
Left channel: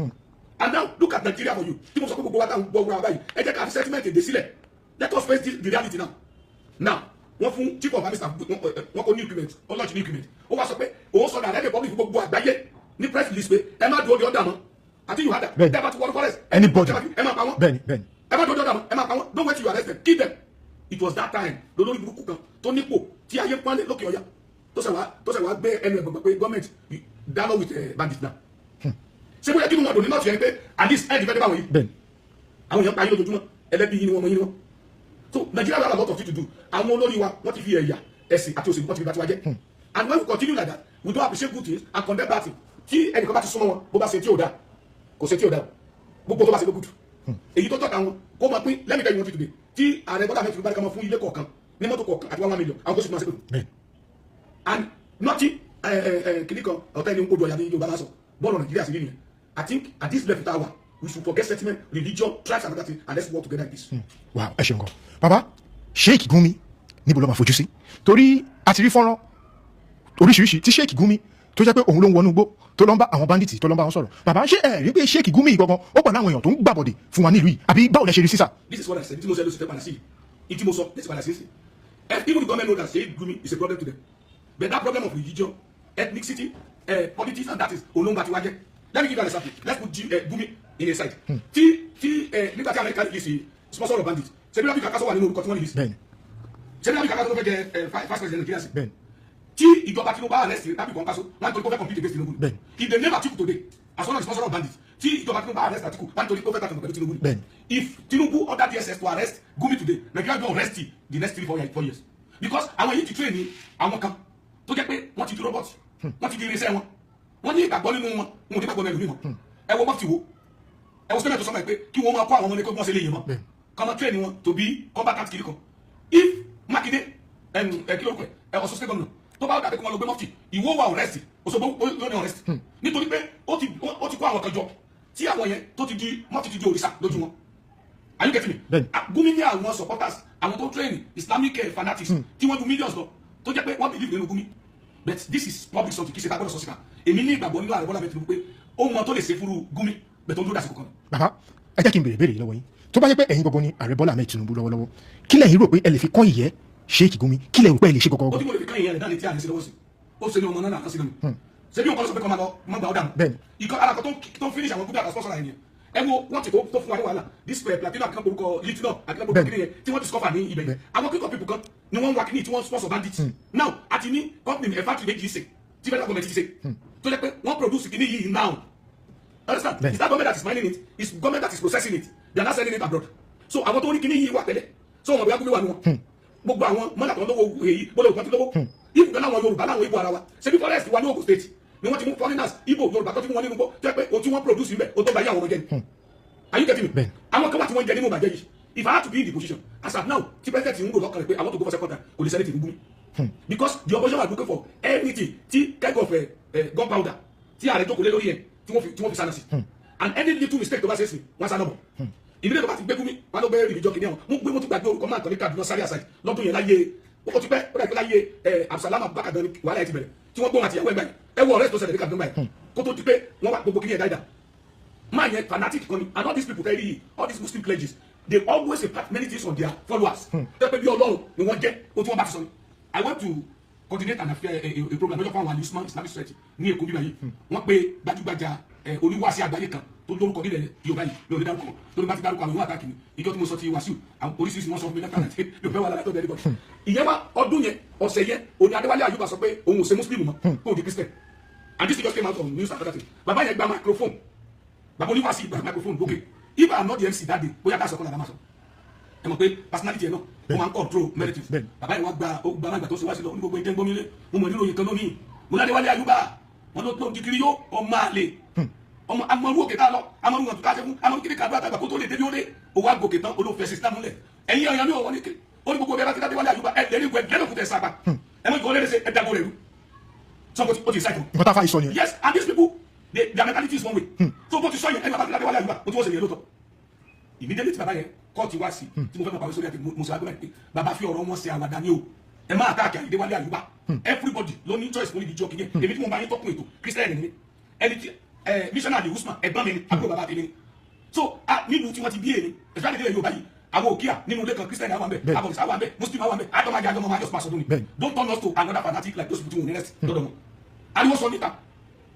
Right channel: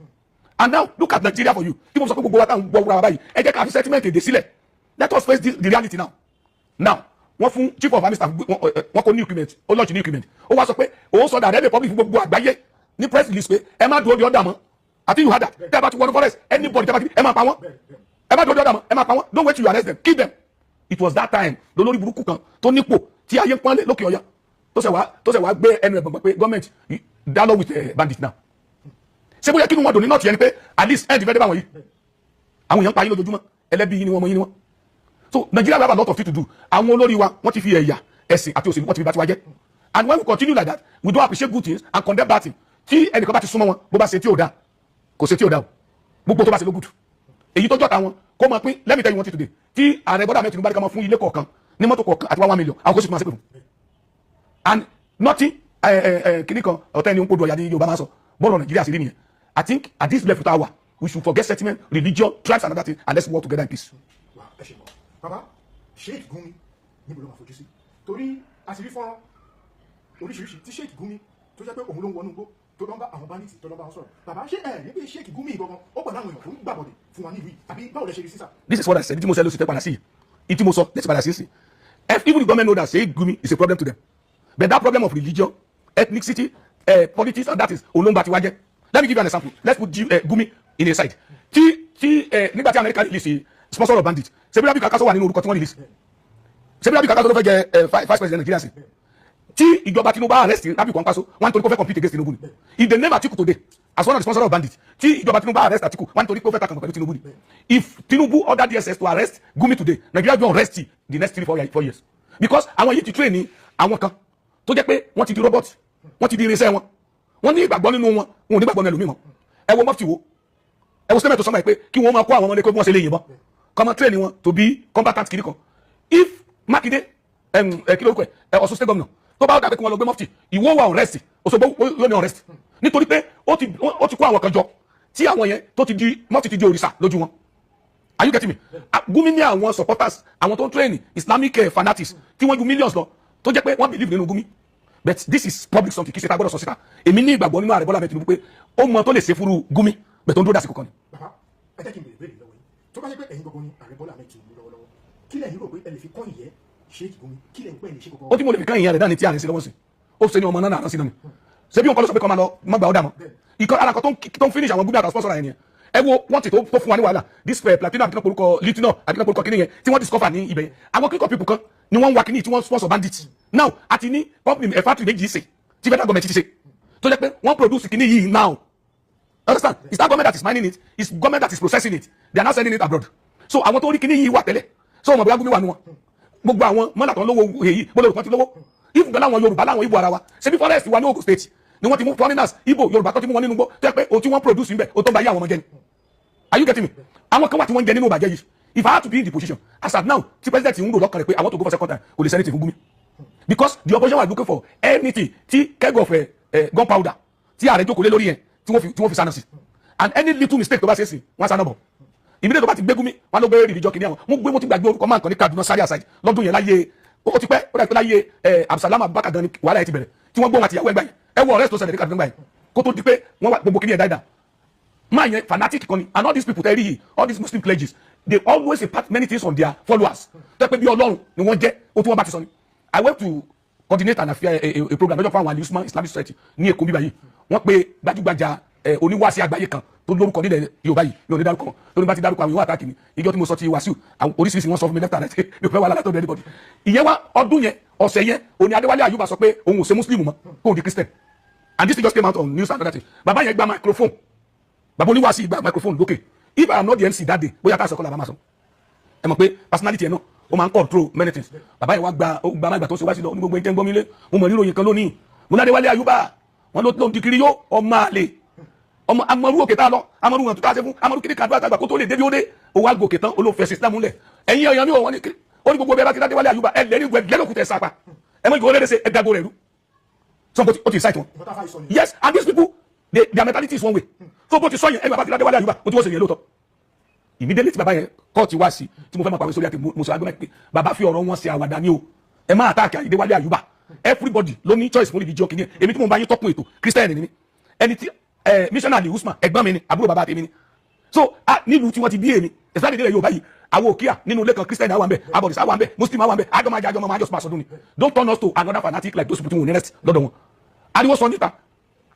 and now look at Nigeria for you tí mo sọ pé gbogbo wa táwọn gbọ́ wúra wa báyìí ẹ jẹ́ ká fi settlement èdè sílẹ̀ let us face the reality now wọ́n fún chief of army staff wọ́n kó new equipment ó launch new equipment ó wá sọ pé òun sọ dàdẹ́ republic fún gbogbo àgbáyé ní press release pé ẹ má dúró di ọ̀dà mọ́ àti you had that tẹ́ bá ti wọnú forest anybody tẹ́ bá ti ẹ má pa wọ́n ẹ má dúró di ọ̀dà mọ́ ẹ má pa wọ́n don't wait till you arrest them kill them it was that time lólórí burúkú kan tó nípò tí ayé pọ́nlé lókè ọ̀yà tó ṣe wá gbé ẹnu ẹ̀gbọ̀n pé government dialogue with bandits now ṣé bóyá kí ni wọ́n dò ní nọ́ọ̀tì yẹn ni pé at least end fẹ́ dé báwọn yìí àwọn èèyàn pa yín lójoojúmọ́ ẹlẹ́bí yín ni wọ́n mọ yín ni wọ́n so Nigeria have a lot of things to do àwọn olórí wa wọ́n ti fi ẹ̀yà ẹ̀sìn àti òṣèlú wọ́n ti fi bá tiwa jẹ́ and when we continue like that we don't appreciate good things and condemn bad things tí ẹnìkan bá ti súnmọ́ wọn bó bá ṣe tí ò dáa kò ṣe tí ò dáa o gbogbo tó bá ṣe ló gùdù èyí tó jọ́ta wọn kó máa pín let me tell you one thing today tí ààrẹ Bọ́lá Ahmed Tinubu bá ní ká máa fún ilé kọ̀ọ̀kan ní mọ́tò kọ̀ọ̀kan àti 1 million àwọn kó sì máa ṣe pẹ̀lú and nothing kìnnì kan ọ̀tẹ́ ni ń kó du ọ̀yà ní Yorùbá máa sọ bọ́ọ̀lù Nàìjíríà sí rí nìyẹn I think at this level tower we should forget sentiment religion tribes and other things and let's work together in peace. wow ẹ ṣeun gan baba Sheikh Gumi níbo ló máa fojú sí torí a ti rí fọ́nrán oríṣiríṣi tí Sheikh Gumi tó jẹ́ pé òun ló ń wọnú igbó tó lọ ń bá àwọn bandits tó lọ ń bá wọn sọ̀rọ̀ bàbá ṣé ẹ rí pé Sheikh Gumi gangan ó pọ̀ láwọn èèyàn tó ń gbàbọ̀dè fún wa nílùú yìí àbí báwo lẹ ṣe rí sísà. this is what I said tí mo ṣe ló ṣe tẹ́ padà sí yìí tí mo sọ let's padà sí sí even the government know that Sheikh Gumi is a problem to them but that problem of religion ethnicity politics and that is olóńgbà tí wá jẹ́ let me give you an example let's put Gumi in a side tí nígbà tí America release sponsor of bandits ṣebí Rabi Kakaso wà nínú orúkọ tí wọ́n release ṣebí Rabi Kakaso ló fẹ́ jẹ vice president Nigeria sí tí ìjọba Tinubu arrest Rabi Kakaso wọ́n nítorí pé ó fẹ́ compete against Tinubu ni if they name Atiku today as one of the sponsor of bandits tí ìjọba Tinubu arrest Atiku wọ́n nítorí pé ó fẹ́ kàtàkùn pẹ̀lú Tinubu ni if Tinubu order DSS to arrest Gumi today Nigeria go arrest the next 3-4 years because àwọn yìí ti train ní àwọn kan tó jẹ́ pé wọ́n ti di robot wọ́n ti di irinṣẹ́ wọn wọ́n ní ìgbàgbọ́ nínú wọn wọn ò ní gbàgbọ́ nínú ẹlòmíì mọ́ ẹ wo mọ́tì wo ẹ wo statement tó sọ́mọ́ ẹ pé kí wọ́n máa kó àwọn ọmọdé kó wọ́n ṣe lè yìnbọn kọ́mọ train wọn to be combatant kiri kan if Makinde kí lórúkọ ẹ Ọ̀ṣun state governor tó bá dàbí kí wọ́n lọ gbé mọ́tì ìwọ wà arrest Òṣogbo yóò ní arrest nítorí pé ó ti kó àwọn kan jọ tí àwọn yẹn tó ti di mọ́tì ti di òrìṣà lójú wọn are you getting me Gumi ní àwọn supporters àwọn tó ń train Islamic fanatics tí wọ́n ju millions lọ tó jẹ́ pé wọ́n believe nínú Gumi but this is public something kì í ṣe ta gbọ́dọ̀ sọ síta èmi ní ìgbàgbọ́ nínú ààrẹ Bọ́lá Ahmed Tinubu pé ó mọ tó lè ṣe fúru Gumi bẹ̀ tó ń dúró dásìkò kan ni. bàbá ẹ jẹ́ kí n béèrè béèrè lọ́wọ́ yín tó bá jẹ́ pé ẹ̀yin gbogbo ni ààrẹ Bọ́lá Ahmed Tinubu lọ́wọ́lọ́wọ́ kí lẹ́yìn rò pé ẹ lè fi kọ́ ìyẹ́ Sheikh Gumi kí lẹ́yìn rò pé ẹ lè ṣe gọ́gọ́. ó tí mo lè fi kán ìyẹn rẹ̀ dáni tí ààrẹ sí lọ́wọ́ sí ó ṣe ní ọmọ náà náà sí náà ni ṣé bí òun kọ́ ló sọ pé kọ́ máa lọ má gbà ó dà mọ́ ìkọ́ ara kan tó ń finish àwọn Gumi àtàwọn sponsor yẹn ẹ wo wọ́n ti tó fún wa ní wàhálà this platinum àbíkọ́ porúkọ lithium àbíkọ́ porúkọ kìnìyẹn tí wọ́n discover ní ibẹ̀ yẹn àwọn kíkọ́ people kan ni wọ́n ń wa kìnìyàn tí wọ́n sponsor bandits now àti ní company factory méjì ṣe tí federal government ti ṣe tó jẹ́ pé wọ́n produce kìnìyàn yìí now understand it's that government that is mining it it's government that is processing it they are not sending it abroad so àwọn tó rí kìnìyàn yìí wà tẹ́lẹ̀ so wọn bí wọ́n gbé wà ní wọn gbogbo àwọn mọ́nàtàn lówó èyí bọ́lá olùkọ́ ti lówó ìfúnpẹ́ láwọn Yorùbá láwọn Ìgbò ara wa ṣe bí forest wa ní Ogun State ni wọ́n ti mú foreigners Ìgbò Yorùbá tó ti mú wọn nínú gbọ́ tẹ́ pé o tí wọ́n produce níbẹ̀ o tó bá yé àwọn ọmọ jẹ́ ni are you getting me àwọn kan wà tí wọ́n ń jẹ nínú ìbàjẹ́ yìí if I had to be in the position as at now tí president ń rò lọ́kàn rẹ̀ pé I want to go for second time kò lè senate fún Gumi because the opposition was looking for anything tí keg of gunpowder tí ààrẹ jókòó lé lórí yẹn tí wọ́n fi sáná sí and any little mistake tó bá ṣe é sí wọ́n sáná bọ̀ ìbílẹ̀ tó bá ti gbé Gumi wọn ló gbé rìbìjọ kìnìún àwọn mo ti gbàgbé orúkọ máa kàn ní Kaduna sáré àṣàjì lọ́dún yẹn láyé ó ti pẹ́ ó dàgbé láyé Abdulsalam Abubakar gan ni wàhálà yẹn ti bẹ̀rẹ̀ tí wọ́n gbóhùn àti ìyàwó ẹgbẹ́ yẹn ẹ wo ọ̀rẹ́ tó ṣẹlẹ̀ ní Kaduna gbà yẹn kó tó di pé wọ́n wá gbogbo kìnìún dáadáa máa yẹn fanatic kan ni and all these people tell you all these Muslim pledges they always impart many things on their followers tẹ́ pé bí Ọlọ́run ni wọ́n jẹ́ o tí wọ́n bá ti sọ ni I went to coordinate and affair a program lọ́jọ́ fún àwọn Al-Usman Islamic Society ní Èkó bíbá yìí wọ́n pe gbajúgbajà oníwàásí àgbáyé kan tó lórúkọ nílẹ̀ Yorùbá yìí yóò ní dárúkọ wọn lórí bá ti dárúkọ àwọn ìwọ àtàkì ni ìjọ tí mo sọ ti Wàsíù oríṣiríṣi wọn sọ fún mi left and right yóò fẹ́ wà látọ̀ ní anybody ìyẹn wá ọdún yẹn ọ̀sẹ̀ yẹn òní Adéwálé Àyùbá sọ pé òun ò ṣe Muslim mọ́ kó o di Christian and this thing just came out on news and other things bàbá yẹn gba microphone bàbá oníwàásí gba microphone lókè if I am not the MC that day bóyá ká sọkọ làbá máa sọ ẹ mọ̀ pé personality yẹn náà ó máa ń control many things bàbá yẹn wá gba máa gbà tó ṣe wá sí lọ ní gbogbo ìtẹ́ ń gbọ́ mi lé mo mọ̀ níròyìn kan lónìí mo ní Adéwálé Àyùbá wọn ló ń di kiri yó ọmọ àlè ọmọ amọ̀rú òkè tá a lọ amọ̀rú wọn tó ká ṣe fún amọ̀rú kiri kàdúrà àgbà kó tó lè débi ó dé owó àgòkè tán olófẹ́ sísílámù lẹ̀ ẹ̀yin ọ̀yàn mi ò wọ́n ní ó ní gbogbo bẹ́ẹ̀ bá ti Adéwálé Àyùbá ẹ̀ lẹ́ni ìwẹ̀ lẹ́nu òkúta ẹ̀ sápá ẹ̀ mọ̀ ìgbò rẹ̀ ṣe ẹ̀ dàgbò rẹ̀ rú so bó ti cite wọn. nǹkan tá a fa ìsọ yẹn. yes and these people their mentality is one way so bó ti sọ yẹn ẹni bàbá ti Adéwálé Àyùbá mo ti wọ́n ṣe yẹn lóòótọ́ immediately tí bàbá yẹn kọ́ọ̀tì wá sí tí mo fẹ́ máa pàwé sórí àti mo sọ agbẹ́mẹ́ pé bàbá fi ọ̀rọ̀ wọn ṣe àwàdà ni o ẹ máa àtàkì Adéwálé Àyùbá everybody ló ní choice fún ìdíje ọkìnrin èmi tí mo bá yín tọ́kùn ètò Christian ni ẹni tí missionary Usman ẹ̀gbọ́n mi ni àbúrò bàbá tèmi ni so nílùú tí wọ́n ti bí èmi especially nílẹ̀ Yorùbá yìí àwọn òkìá nínú ilé kan Christian àwọn àmbẹ abọ̀dìsá àwọn àmbẹ Muslim àwọn àmbẹ àjọmọ̀ àjọsọ máa sọdún ni don't turn us to another fanatic like those people tí wọn ò ní rest lọ́dọ̀ wọn ariwo sọ níta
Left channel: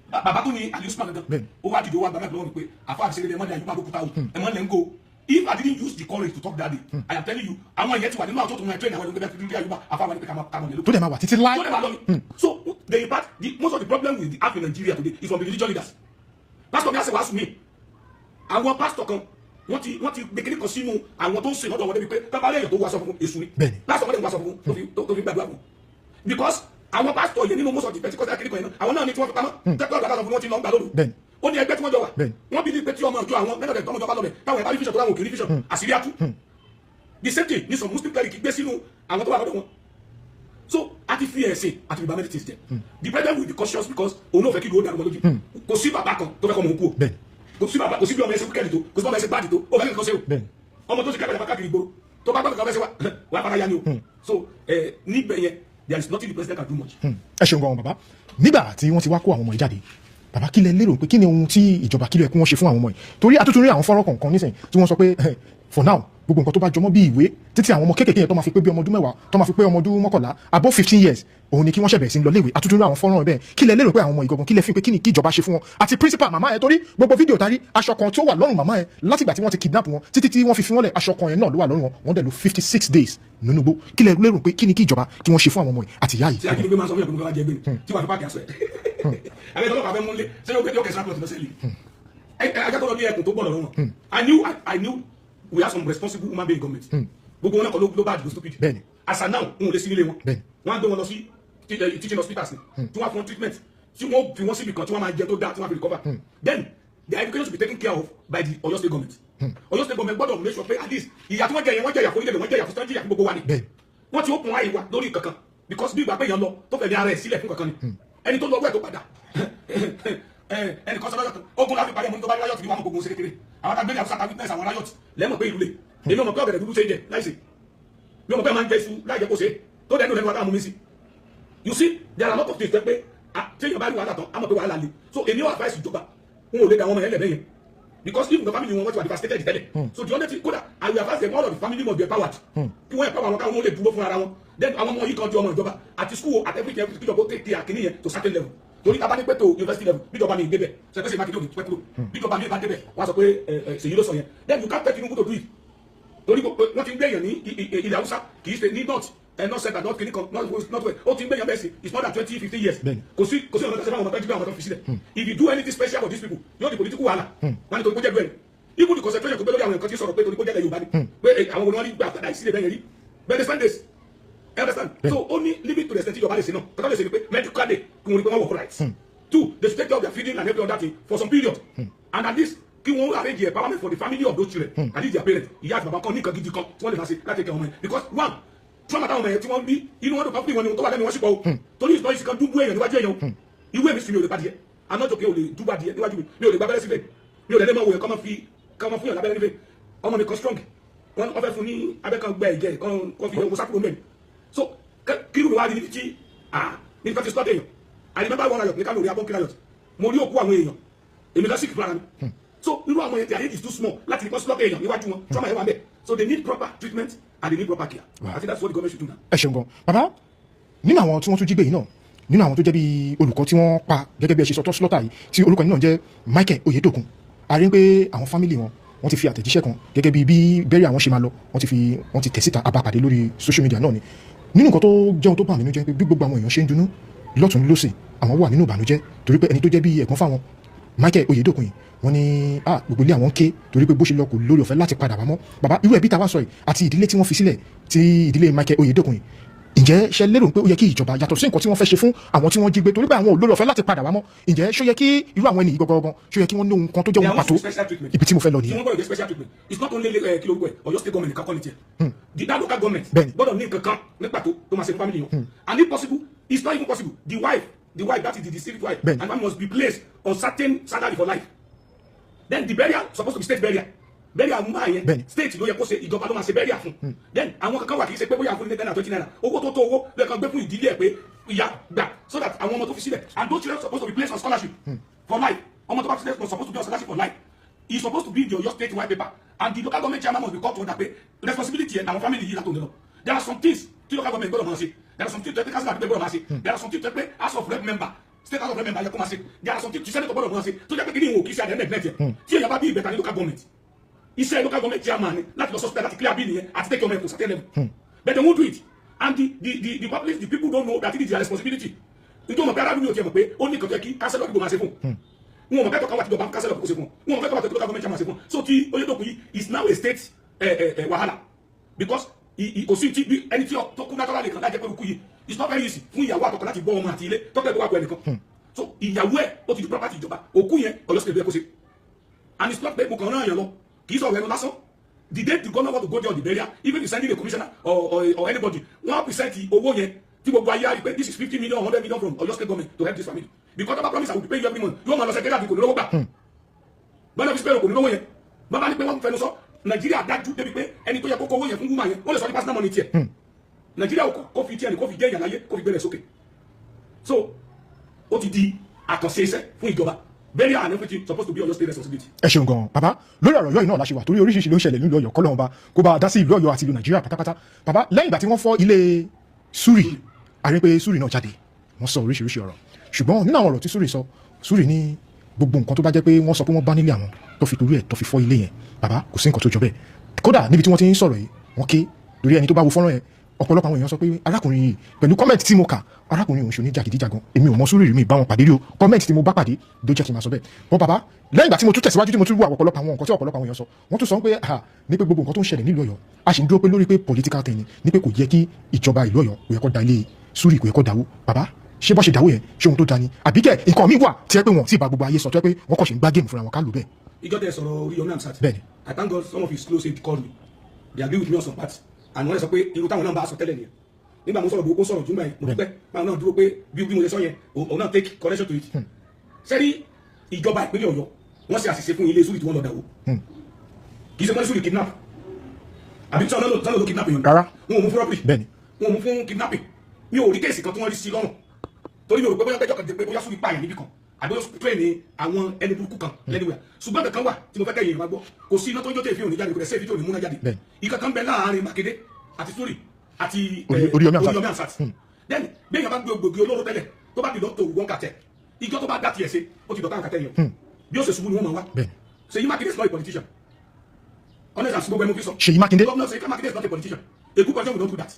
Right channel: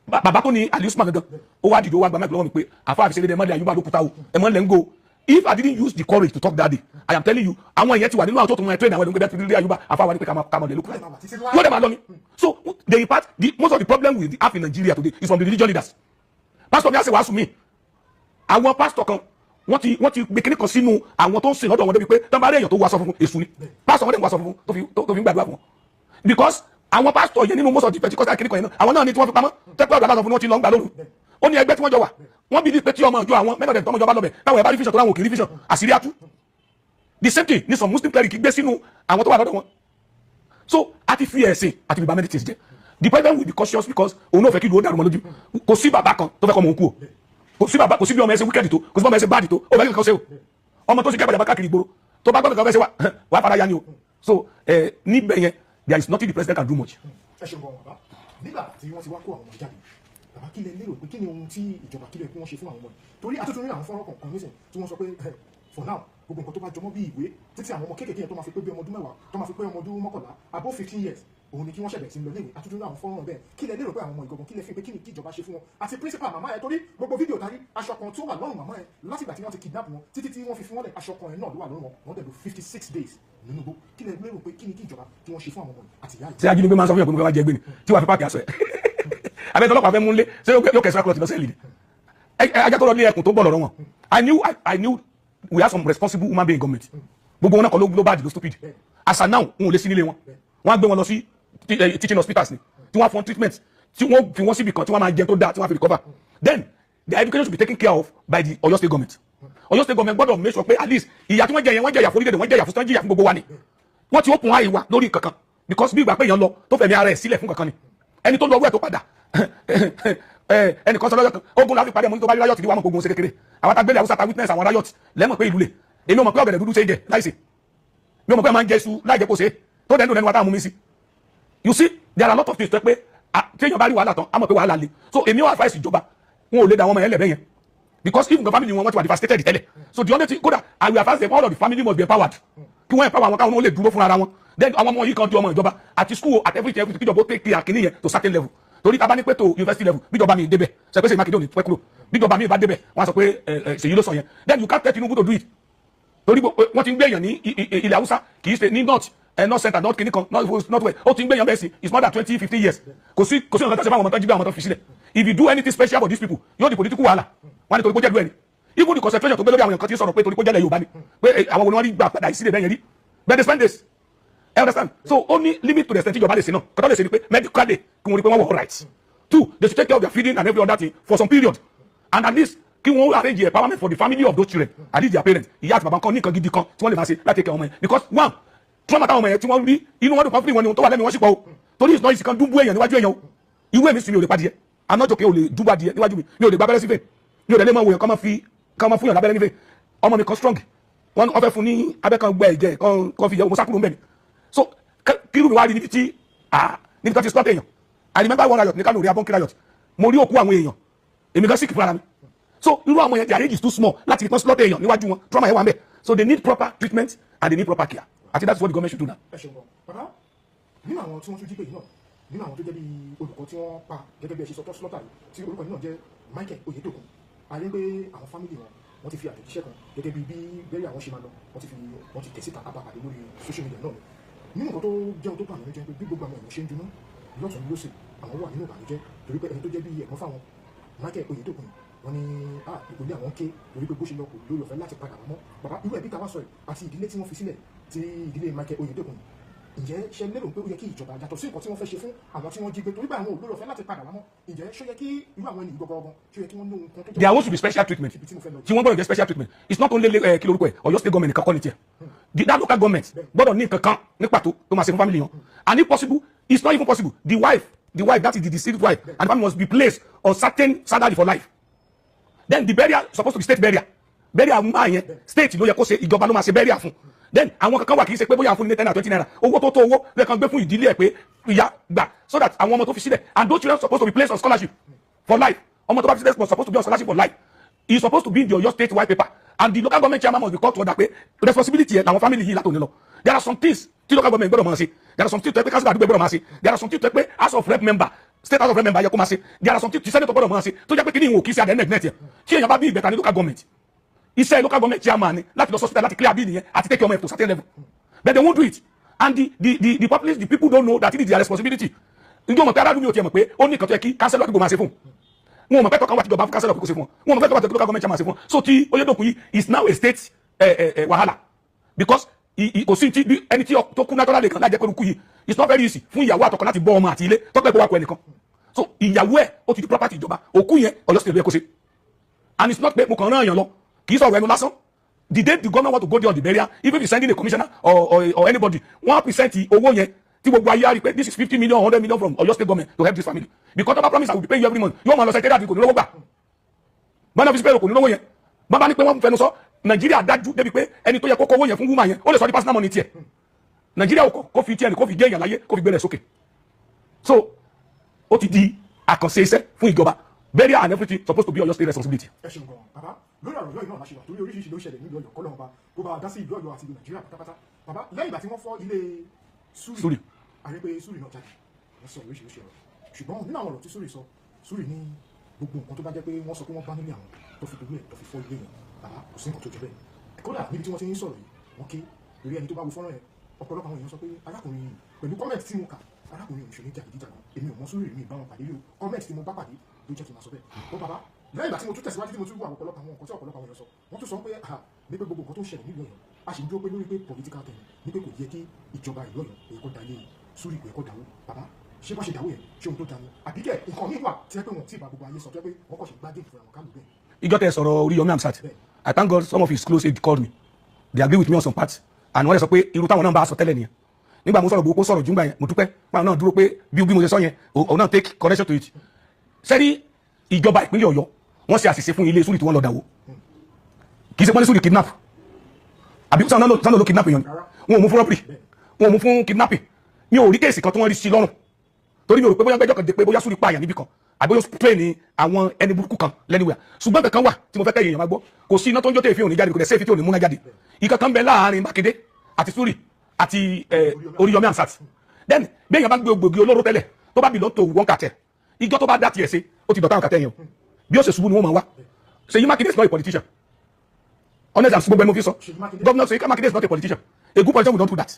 bàbá tó ní Ali Usman gangan ó wá dìde ó wá gba mẹ́kìlọ́ wọn ni pé àfa àfisẹ́ dédé mọ́lẹ̀ Àyùbá ló kuta o ẹ̀mọ́ lẹ́ ń go if I didn't use the courage to talk that day I am telling you àwọn èèyàn ti wà nínú àwọn tó tún wọn train àwọn ẹ̀dùnkẹ́ bẹ́ẹ̀ Àyùbá àfa wa ni pé kàmọ́ lè lóko. tó dẹ̀ máa wà títí láì. tó dẹ̀ máa lọ ni so they impart most of the problem with the app in Nigeria today is from the religious leaders. Pastor mi á ṣe wàásù mi àwọn pastor kan wọ́n ti gbé kíní kan sínú àwọn tó ń sìn lọ́dọ̀ wọn débi pé tọ́ba èèyàn tó wá sọ fún èṣù ni pastor wọn dẹ̀ ń wá sọ fún tó fi ń gbàdúrà fún wọn because àwọn pastor yẹn nínú most of the Pentecostal kíní kan yẹn náà àwọn náà ní tí wọ́n fi pamọ́ tẹ́pẹ́ ọ̀dọ̀ aláṣọ fún wọn ti lọ ń gbà lóru ó ní ẹgbẹ́ tí wọ́n jọ wà wọ́n bí ní pé tí ọmọ ìjọ àwọn mẹ́mọ̀dẹ̀ tọmọjọ bá lọ bẹ̀ táwọn ẹ̀ bá rí vision tó láwọn kì í rí vision àṣírí àtú the same thing ní some Muslim cleric gbé sínú àwọn tó wà lọ́dọ̀ wọn so àti fi ẹ̀sìn àti ìbá meditate jẹ the president will be cautious because òun náà fẹ́ kí ìlú ó dàrú mọ́ lójú kò sí bàbá kan tó fẹ́ kọ́ mọ̀ òun kú o kò sí bí ọmọ ẹsẹ̀ wíkẹ́ẹ̀dì tó kò sí bí ọmọ ẹsẹ̀ báàdì tó ó fẹ́ kí nǹkan ṣe o ọmọ tó ṣe kẹ́bàdà bá káàkiri ìgboro tó bá gbọ́dọ̀ kan fẹ́ ṣe wà á fara ya ni o so níbẹ̀ yẹn there is nothing the president can do much. ẹ ṣeun gan bàbá nígbà tí wọ́n ti wá kó àwọn ọmọ yìí jáde bàbá kí lẹ lérò pé kí ni ohun tí ìjọba kí ló yẹ kí wọ́n ṣe fún àwọn ọmọ yìí torí àtúntò rí àwọn fọ́nrán kọ̀ọ̀kan nísìnyí tí wọ́n sọ pé for now gbogbo nǹkan tó bá jọmọ́ bí ìwé títí àwọn ọmọ kéékèèké yẹn tó máa fi pé bí ọmọ ọdún mẹ́wàá tó máa fi pé ọmọ ọdún mọ́kànlá above 15 years òun ni kí wọ́n ṣẹ̀bẹ̀ sí lọ léèwé àtúntò rí àwọn fọ́nrán bẹ́ẹ̀ kí lẹ lérò pé àwọn ọmọ ìgangan kí lẹ fi pé kí ni kí ìjọba ṣe fún wọn àti principal màmá yẹn torí gbogbo fídíò tari aṣọ kan tí ó wà lọ́rùn màmá yẹn látìgbà tí wọ́n ti kidnap wọn títí tí wọ́n fi fi wọ́n lẹ̀ aṣọ kan yẹn náà ló wà lọ́rùn wọn wọ́n dẹ̀ lò 56 days nínú igbó kí lẹ lérò pé kí ni kí ìjọba kí wọ́n ṣe fún àwọn ọmọ yìí àti ìyá yìí. ṣé ajínigbé máa ń sọ fún yàn pé mo fẹ́ wá jẹ gbé ni tí wàá fi páàkì aṣọ ẹ̀ àbẹ̀ ìtọ́lọ́pàá fẹ́ mú lé ṣé yóò kẹsàn-án kúrò sí lọ́sẹ̀ lè ajá tó lọ lé ẹkùn tó gbọ́ lọ́rọ̀ wọn I knew we have some responsible human being government gbogbo wọn náà kọ́ ló bá dìgbò stupid as of now wọn ò lè sí nílé wọn wọn á gbé wọn lọ sí teaching hospitals ni tí wọ́n á fún treatment tí wọ́n fi wọ́n síbi kan tí wọ́n máa jẹ tó dáa tí wọ́n á fi recover then their education should be taken care of by the Ọ̀yọ́ state government Ọ̀yọ́ state government gbọ́dọ̀ make sure pé at least ìyà tí wọ́n jẹ yẹn wọ́n jẹ ìyà fún orílẹ̀-èdè wọ́n jẹ ìyà fún sanji ìyà fún gbogbo wa ni wọ́n ti open eye wa lórí kankan because bí ìgbà pé èèyàn lọ tó fẹ̀mí ara ẹ̀ sílẹ̀ fún kankan ni ẹni tó lọ wẹ̀ tó padà ẹnì kan sọ lọ́jọ́ kan ogun láfi parí ẹ̀mọ́ ní tó bá rí riot ní wàá mọ̀ ogun ṣe kékeré àwọn tagbélé Haúsá ta witness àwọn riot lẹ́mọ̀ pé ìlú lè èmi ò mọ̀ pé ọ̀gẹ̀dẹ̀ dúdú ṣe é jẹ láìsè mi ò mọ̀ pé máa ń jẹ iṣu láì jẹ́ kó ṣe tó dẹ̀ ń dùn lẹ́nu wa táwọn mú mi sí you see there are a lot of things tó pé téèyàn bá rí wàhálà tán á mọ̀ pé wàhálà le so èmi ò advice ìjọba wọn ò lè da àwọn ọmọ yẹn lẹ̀ bẹ́yẹn because even the family wọn ti wà devastated tẹ́lẹ̀ so the only thing kódà I will advise them all of the family must be empowered kí wọ́n empower wọn káwọn lè dúró fún ara wọn then àwọn ọmọ yìí kan di ọmọ ìjọba àti school at everything kíjọba ó take care kìíní yẹn to certain level torí ta bá ní pé to university level bíjọba mi débẹ̀ ṣe pé ṣe mákindé òní pẹ́ kúrò bíjọba mi bá débẹ̀ wọ́n sọ pé ṣèyí ló sọ yẹn then you can't tell Tinubu to do it torí wọ́n ti ń gbé èèyàn ní ilẹ̀ Haúsá kì í ṣe ní north center north kìíní kan north west ó ti ń gbé èèyàn bẹ́ẹ̀ sí it's more than 20-15 years kò sí ọ̀nà tó ṣe fáwọn ọmọ tó jí bí àwọn tó fi sílẹ̀ if you do anything special for these people yóò di political wahala wọ́n ní torí kó jẹ́ ìlú ẹni even the concentration tó gbé lórí àwọn nǹkan tí ń sọ̀rọ̀ pé torí kó jẹ́ ilẹ̀ Yorùbá ni pé àwọn olùwárí gbà padà ìsílẹ̀ bẹ́ẹ̀ yẹn rí but they spend this I understand so only limit to the extent Yorùbá lè ṣe náà kọ́tà lè ṣe ni pé medical day kí wọ́n rí pé wọ́n wọ̀ all right. Two, they should take care of their feeding and every other thing for some period. And at least, kí wọ́n arrange empowerment for the family of those children. At least their parents. Ìyá àti bàbá kan ní nǹkan gidi kan tí wọ́n lè máa ṣe láti take care ọmọ yẹn. Because one, trauma táwọn ọmọ yẹn tí wọ́n rí inú wọn dùn kan fún ìwọ̀n ni tó wà lẹ́nu wọn sì pọ̀ o. Torí ìsìnkú ìsìnkú dúbú èèyàn níwájú èèyàn o. Irú èmi sì mi ò lè padìyẹ. Àná jòkè ò lè dúbú adìyẹ níwájú mi. Mi ò lè gba abẹ́rẹ́ sífẹ̀. Mi ò lè lé mọ́ wòyàn kọ́ máa fún yàn lábẹ́rẹ́ nífẹ̀. Ọmọ mi kan strong. Wọ́n fẹ́ fún ní abẹ́ kan gbẹ ìjẹ kan fi yẹ mo sákúrò ń bẹ̀ ni. So kí irú mi wá rí níbi tí ti slot èèyàn. I remember one riot ní Kano rí abọ́nkí riot mo rí òkú àwọn èèyàn èmi kan sick fúnra mi so irú àwọn yẹn their age is too small láti ìpín slot èèyàn níwájú wọn trauma yẹn wà ń bẹ so they need proper treatment and they need proper care I think that's what the government should do now. ẹ ṣeun gan bàbá nínú àwọn tí wọ́n tún jí gbé yìí náà nínú àwọn tó jẹ́ bí olùkọ́ tí wọ́n pa gẹ́gẹ́ bí ẹ ṣe sọ tó slọ́tà yìí tí orúkọ yìí náà jẹ́ Michael Oyedokun a rí pé àwọn fámìlì wọ́n ti fi àtẹ̀jíṣẹ́ kan gẹ́gẹ́ bí bẹ́ẹ̀rẹ̀ àwọn ṣe máa lọ wọ́n ti tẹ̀ síta abapàdé lórí social media náà ni nínú nǹkan tó jẹun tó bà mí nínú jẹ́ pé bí gbogbo àwọn èèyàn ṣe ń dunú lọ́tún lọ́sẹ̀ àwọn wà nínú ìbànújẹ́ torí pé ẹni tó jẹ́ bí ẹ̀gbọ́n fáwọn Michael Oyedokun yìí wọ́n ní gbogbo ilé àwọn ké torí pé bó ṣe lọ kò lórí ọ̀fẹ́ láti padà wá mọ́ bàbá irú ẹbí táwa sọ yìí àti ìdílé tí wọ́n fi sílẹ̀ tí ìdílé Michael Oyedokun yìí ǹjẹ́ ṣe lérò pé ó yẹ kí ìjọba yàtọ̀ sí nǹkan tí wọ́n fẹ́ ṣe fún àwọn tí wọ́n jí gbé torí pé àwọn olórí ọ̀fẹ́ láti padà wá mọ́ ǹjẹ́ ṣó yẹ kí irú àwọn ènìyàn gangan ṣó yẹ kí wọ́n ní ohun kan tó jẹ́ wọn pàtó ibi tí mo fẹ́ lọ nìyẹn. tí wọ́n gbọ́dọ̀ get special treatment it's not only kí lórúkọ ẹ̀ Ọ̀yọ́ state government nìkan kọ́ ni tiẹ̀ that local government gbọ́dọ̀ ní nǹkan kan ní pàtó tó máa ṣe fún family yẹn and if possible it's not even possible the wife that is the deceased wife and the family must be placed on certain salary for life then the burial supposed to be state burial àwọn yẹn state ló yẹ kó ṣe ìjọba ló máa ṣe burial fún then àwọn kankan wà kì í ṣe pé bóyá fún ní 10 naira 20 naira owó tó owó lẹ́ẹ̀kan gbé fún ìdílé ẹ̀ pé ìyá gbà so that àwọn ọmọ tó fi sílẹ̀ and those children supposed to be placed on scholarship for life ọmọ tó bá fi sílẹ̀ supposed to be on scholarship for life he is supposed to be your state white paper and the local government chairman must be called to order pé responsibility ẹ̀ làwọn family yìí látòun lọ there are some things tí local government gbọ́dọ̀ máa ṣe there are some things tó yẹ pé council àdúgbò gbọ́dọ̀ máa ṣe there are some things tó yẹ pé house of rep member state house of rep member yẹ kó máa ṣe there are some things tí senator gbọ́dọ̀ máa ṣe tó jẹ́ pé kí ni ìwọ̀n kì í ṣe àdé net yẹn tí èèyàn bá bí ìbẹ̀ta ní local government iṣẹ́ local government chairman ni láti lọ hospital láti clear bill yẹn àti take ọmọ ẹ̀ to certain level but they won't do it and the populace the people don't know that it is their responsibility njẹ́ wọn pé arábìnrin yóò tiẹ̀ mọ̀ pé ó ní nǹkan tó yẹ kí councillor àdúgbò máa ṣe fún wọn mọ̀ pé tọ́ka wà tí ìjọba councillor àdúgbò ṣe fún wọn mọ̀ pé tọ́ka local government chairman ṣe fún so ti Oyèdòkun yìí is now a state wahala because kò sí ẹni tí tó kú naturally kan lájẹ́ pẹ̀lú kú yìí it's not very easy fún ìyàwó àtọkọ láti bọ́ ọmọ àti ilé tọ́pẹ́ gbọ́ wà pẹ̀lú ẹnìkan so ìyàwó ẹ̀ ó ti di property ìjọba òkú yẹn Ọ̀yọ́ state yẹ kó ṣe and it's not pé mo kàn rán èèyàn lọ kì í sọ̀rọ̀ ẹnu lásán the day the government want to go there on the burial even if you sending a commissioner or anybody wọ́n present owó yẹn tí gbogbo ayé á rí pé this is 50 million 100 million from Ọ̀yọ́ state government to help this family because of that promise I will be paying you every month yóò máa lọ sẹ́kẹ́rẹ́ àti kò ní lówó gbà bọ́n náà fi sípẹ́ kò ní lówó yẹn bọ́n bá ní pé wọ́n fẹnu sọ Nàìjíríà dájú débi pé ẹni tó yẹ kó kówó yẹn fún woman yẹn ó lè sọ di personal money tiẹ̀ Nàìjíríà kò fi tiẹ̀ ní kò fi gé èèyàn láyé kò fi gbé rẹ̀ sókè so ó ti di àkànṣe iṣẹ́ fún ìjọba burial and everything supposed to be Ọ̀yọ́ state responsibility. ẹ ṣeun gan baba lórí ọ̀rọ̀ yìí náà la ṣe wà torí oríṣiríṣi ló ń ṣẹlẹ̀ nílùú Ọ̀yọ́ kọ́lọ́hún bá kó bá a dá sí ìlú Ọ̀yọ́ àti ìlú Nàìjíríà pátápátá baba lẹ́yìn ìgbà tí wọ́n fọ́ ilé Súrì àrí pé Súrì náà jáde wọ́n sọ oríṣiríṣi ọ̀rọ̀ ṣùgbọ́n nínú àwọn ọ̀rọ̀ tí Súrì sọ Súrì ní gbogbo nǹkan tó bá jẹ́ pé wọ́n sọ pé wọ́n bá nílé àwọn tó fi torí ẹ̀ tó fi fọ́ ilé yẹn baba kò sí nǹkan tó jọ bẹ́ẹ̀ kódà níbi tí wọ́n ti ń sọ̀rọ̀ yìí wọ́n ké lórí ẹni tó bá wo fọ́nrán yẹn ọ̀pọ̀lọpọ̀ àwọn èèyàn sọ pé arákùnrin yìí pẹ̀lú kọ́mẹ̀tì tí mo kà arákùnrin òun ṣe ní jàgídíjàgan èmi ò mọ Súrì rí mi bá wọn pàdé rí o kọ́mẹ̀tì tí mo bá pàdé ló jẹ́ kí n máa sọ bẹ́ẹ̀ wọn bàbá lẹ́yìn ìgbà tí mo tún tẹ̀síwájú tí mo tún wú ọ̀pọ̀lọpọ̀ àwọn nǹkan tí ọ̀pọ̀lọpọ̀ àwọn èèyàn sọ wọ́n tún sọ pé ní pé gbogbo nǹkan tó ń ṣẹlẹ̀ nílùú Ọ̀yọ́ a sì ń dúró pé lórí pé political thing ní pé kò yẹ kí ìjọba ìlú Ọ̀yọ́ kò yẹ kó da ilé Súrì kò yẹ kó dáwó bàbá ṣé bọ́ ṣe dáwó yẹn ṣé ohun tó da ni àbí kẹ́ nǹkan mi wà tí ẹ pé wọn tí ì bá gbogbo ayé sọ tó yẹ pé wọ́n kọ́ ṣe ń gbá géèmù fúnra wọn ká lò bẹ́ẹ̀. ìjọ tẹ sọ̀rọ̀ Oríyọmí Hamzat bẹ́ẹ̀ni I thank God some of his close aide called me they agree with me on some parts and wọ́n lè sọ pé irú táwọn náà bá sọ tẹ́lẹ̀ nìyẹn nígbà mo sọ̀rọ̀ gbogbo sọ̀rọ̀ jùgbà yẹn mo dúpẹ́ pàwọn náà dúró pé bí mo ṣe sọ yẹn òun náà take correction to it sẹ́rí ìjọba ìpínlẹ̀ Ọ̀yọ́ wọ́n ṣe àṣìṣe fún ilé Súrì tí wọ́n lọ dàwó kì í ṣe pọ́n ní Súrì kidnap àbí sọ́nà ló kidnap èèyàn rárá wọn ò mú fún robbery wọn ò mú fún kidnapping mi ò rí kéèsì kan tí wọ́n rí sí lọ́rùn torí mi ò rò pé bóyá gbẹ́jọ́ kan dé pé bóyá Súrì pààyàn níbì kan àbí ó train ní àwọn ẹni burúkú kan lẹ́niwẹ̀ ṣùgbọ́n kankan wà tí mo fẹ́ kẹ́yìn èèyàn máa gbọ́ kò sí iná tó ń jó tẹ̀ fi òní jáde kò dẹ̀ sẹ́ẹ̀fì tí ò ní múná jáde ìkankan bẹ láàárín Mákindé àti Súrì àti Oríyọmí Hamzat then bẹ́ẹ̀ yẹn bá gbé gbòógì olóró tẹ́lẹ̀ tó bá bìlọ́ tó wọ́n kàtẹ́ ìjọ tó bá dá tiẹ̀ sí ó ti dọ̀tá àwọn kàtẹ́ yẹn o bí ó ṣe ṣubú ni wọ́n máa wá Ṣèyí Mákindé is not a politician honest and gbogbo ẹni mo fi sọ Ṣèyí Mákindé governor Ṣèyí Mákindé is not a politician a good politician will not do that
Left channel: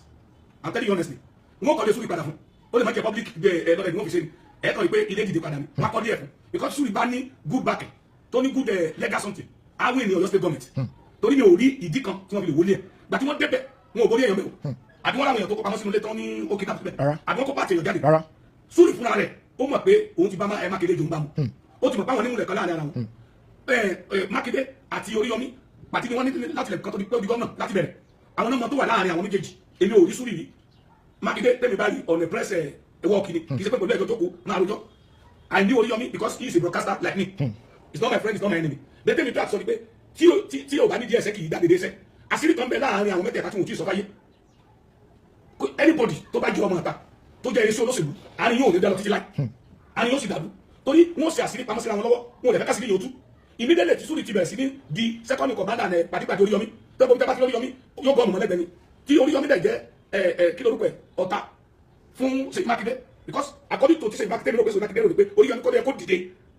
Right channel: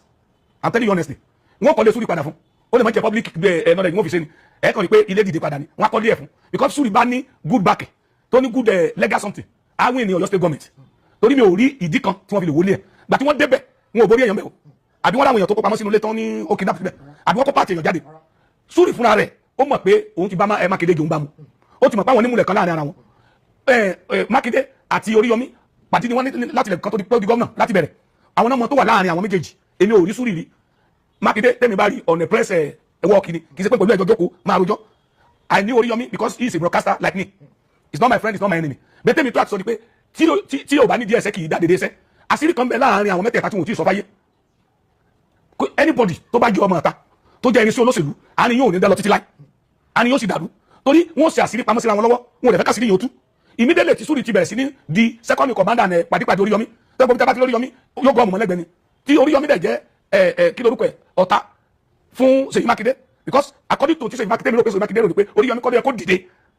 I'm telling you honestly wọ́n kọ́ lé Súrì padà fún ó lè má jẹ́ public knowledge wọ́n fi ṣe ni ẹ̀ kàn ní pé ilé dìde padà ni wọ́n á kọ́ lé ẹ̀ fún because Súrì bá ní good backing tó ní good legal something àwọn ènìyàn Ọ̀yọ́ state government torí mi ò rí ìdí kan tí wọ́n fi lè wọlé ẹ̀ gbà tí wọ́n débẹ̀ wọn ò borí èèyàn mẹ́wọ̀ àbí wọ́n láwọn èèyàn tó kó pamọ́ sínú ilé tán ní ó kidnap síbẹ̀ àbí wọ́n kó pàtì èèyàn jáde Súrì fúnra rẹ̀ ó mọ̀ pé òun ti bá Mákindé jòun bá mu ó ti mọ̀ pé àwọn onímùlẹ̀ kan láàrin ara wọn Mákindé àti Oríyọmí pàtí ni wọ́n ní láti lẹ̀ kan tó di gómìnà láti bẹ̀rẹ̀ àwọn náà mọ̀ tó wà láàrin àwọn méjèèjì èmi ò rí Súrì rí Mákindé tẹ́mi bá rí ọ̀nà press work ni kì í ṣe pé pẹ̀lú ẹjọ́ jókòó máa rojọ́ I knew Oríyọmí because he is a broadcaster like me he's not my friend he's not my enemy bẹ́ẹ̀ tẹ́mi tó àti sọ ni pé tí ò bá ní díẹ̀ ẹsẹ̀ kì í dá dédé ẹsẹ̀ àṣírí kan bẹ láàrin àwọn mẹ́tẹ̀ẹ̀ta tí wọn ò tí ì sọ fáyé anybody tó bá jẹ́ ọmọ ọ̀tá tó jẹ́ irinṣẹ́ olóṣèlú àárín yóò ní dá lọ títí láì àárín yóò sì dàrú torí wọ́n ṣe àṣírí pamọ́ síra wọn lọ́wọ́ wọn ò lè fẹ́ kásìrí yóò tú immediately tí Súrì ti bẹ̀rẹ̀ sí ní di second commander ní pàdípàdé Oríyọmí tẹ́gbọ́n bí tábà ti Oríyọmí yóò gbọ́ ọmọ lẹ́gbẹ̀ẹ́ ni tí Oríyọmí dẹ̀ jẹ́ kí lorúkọ ẹ̀ ọ̀tá fún Ṣèyí Mákindé because according to ti Ṣèyí Mákindé mi rò pé Ṣèyí Mákindé rò ní pé Oríyọmí kọ́ bí ẹ kó dìde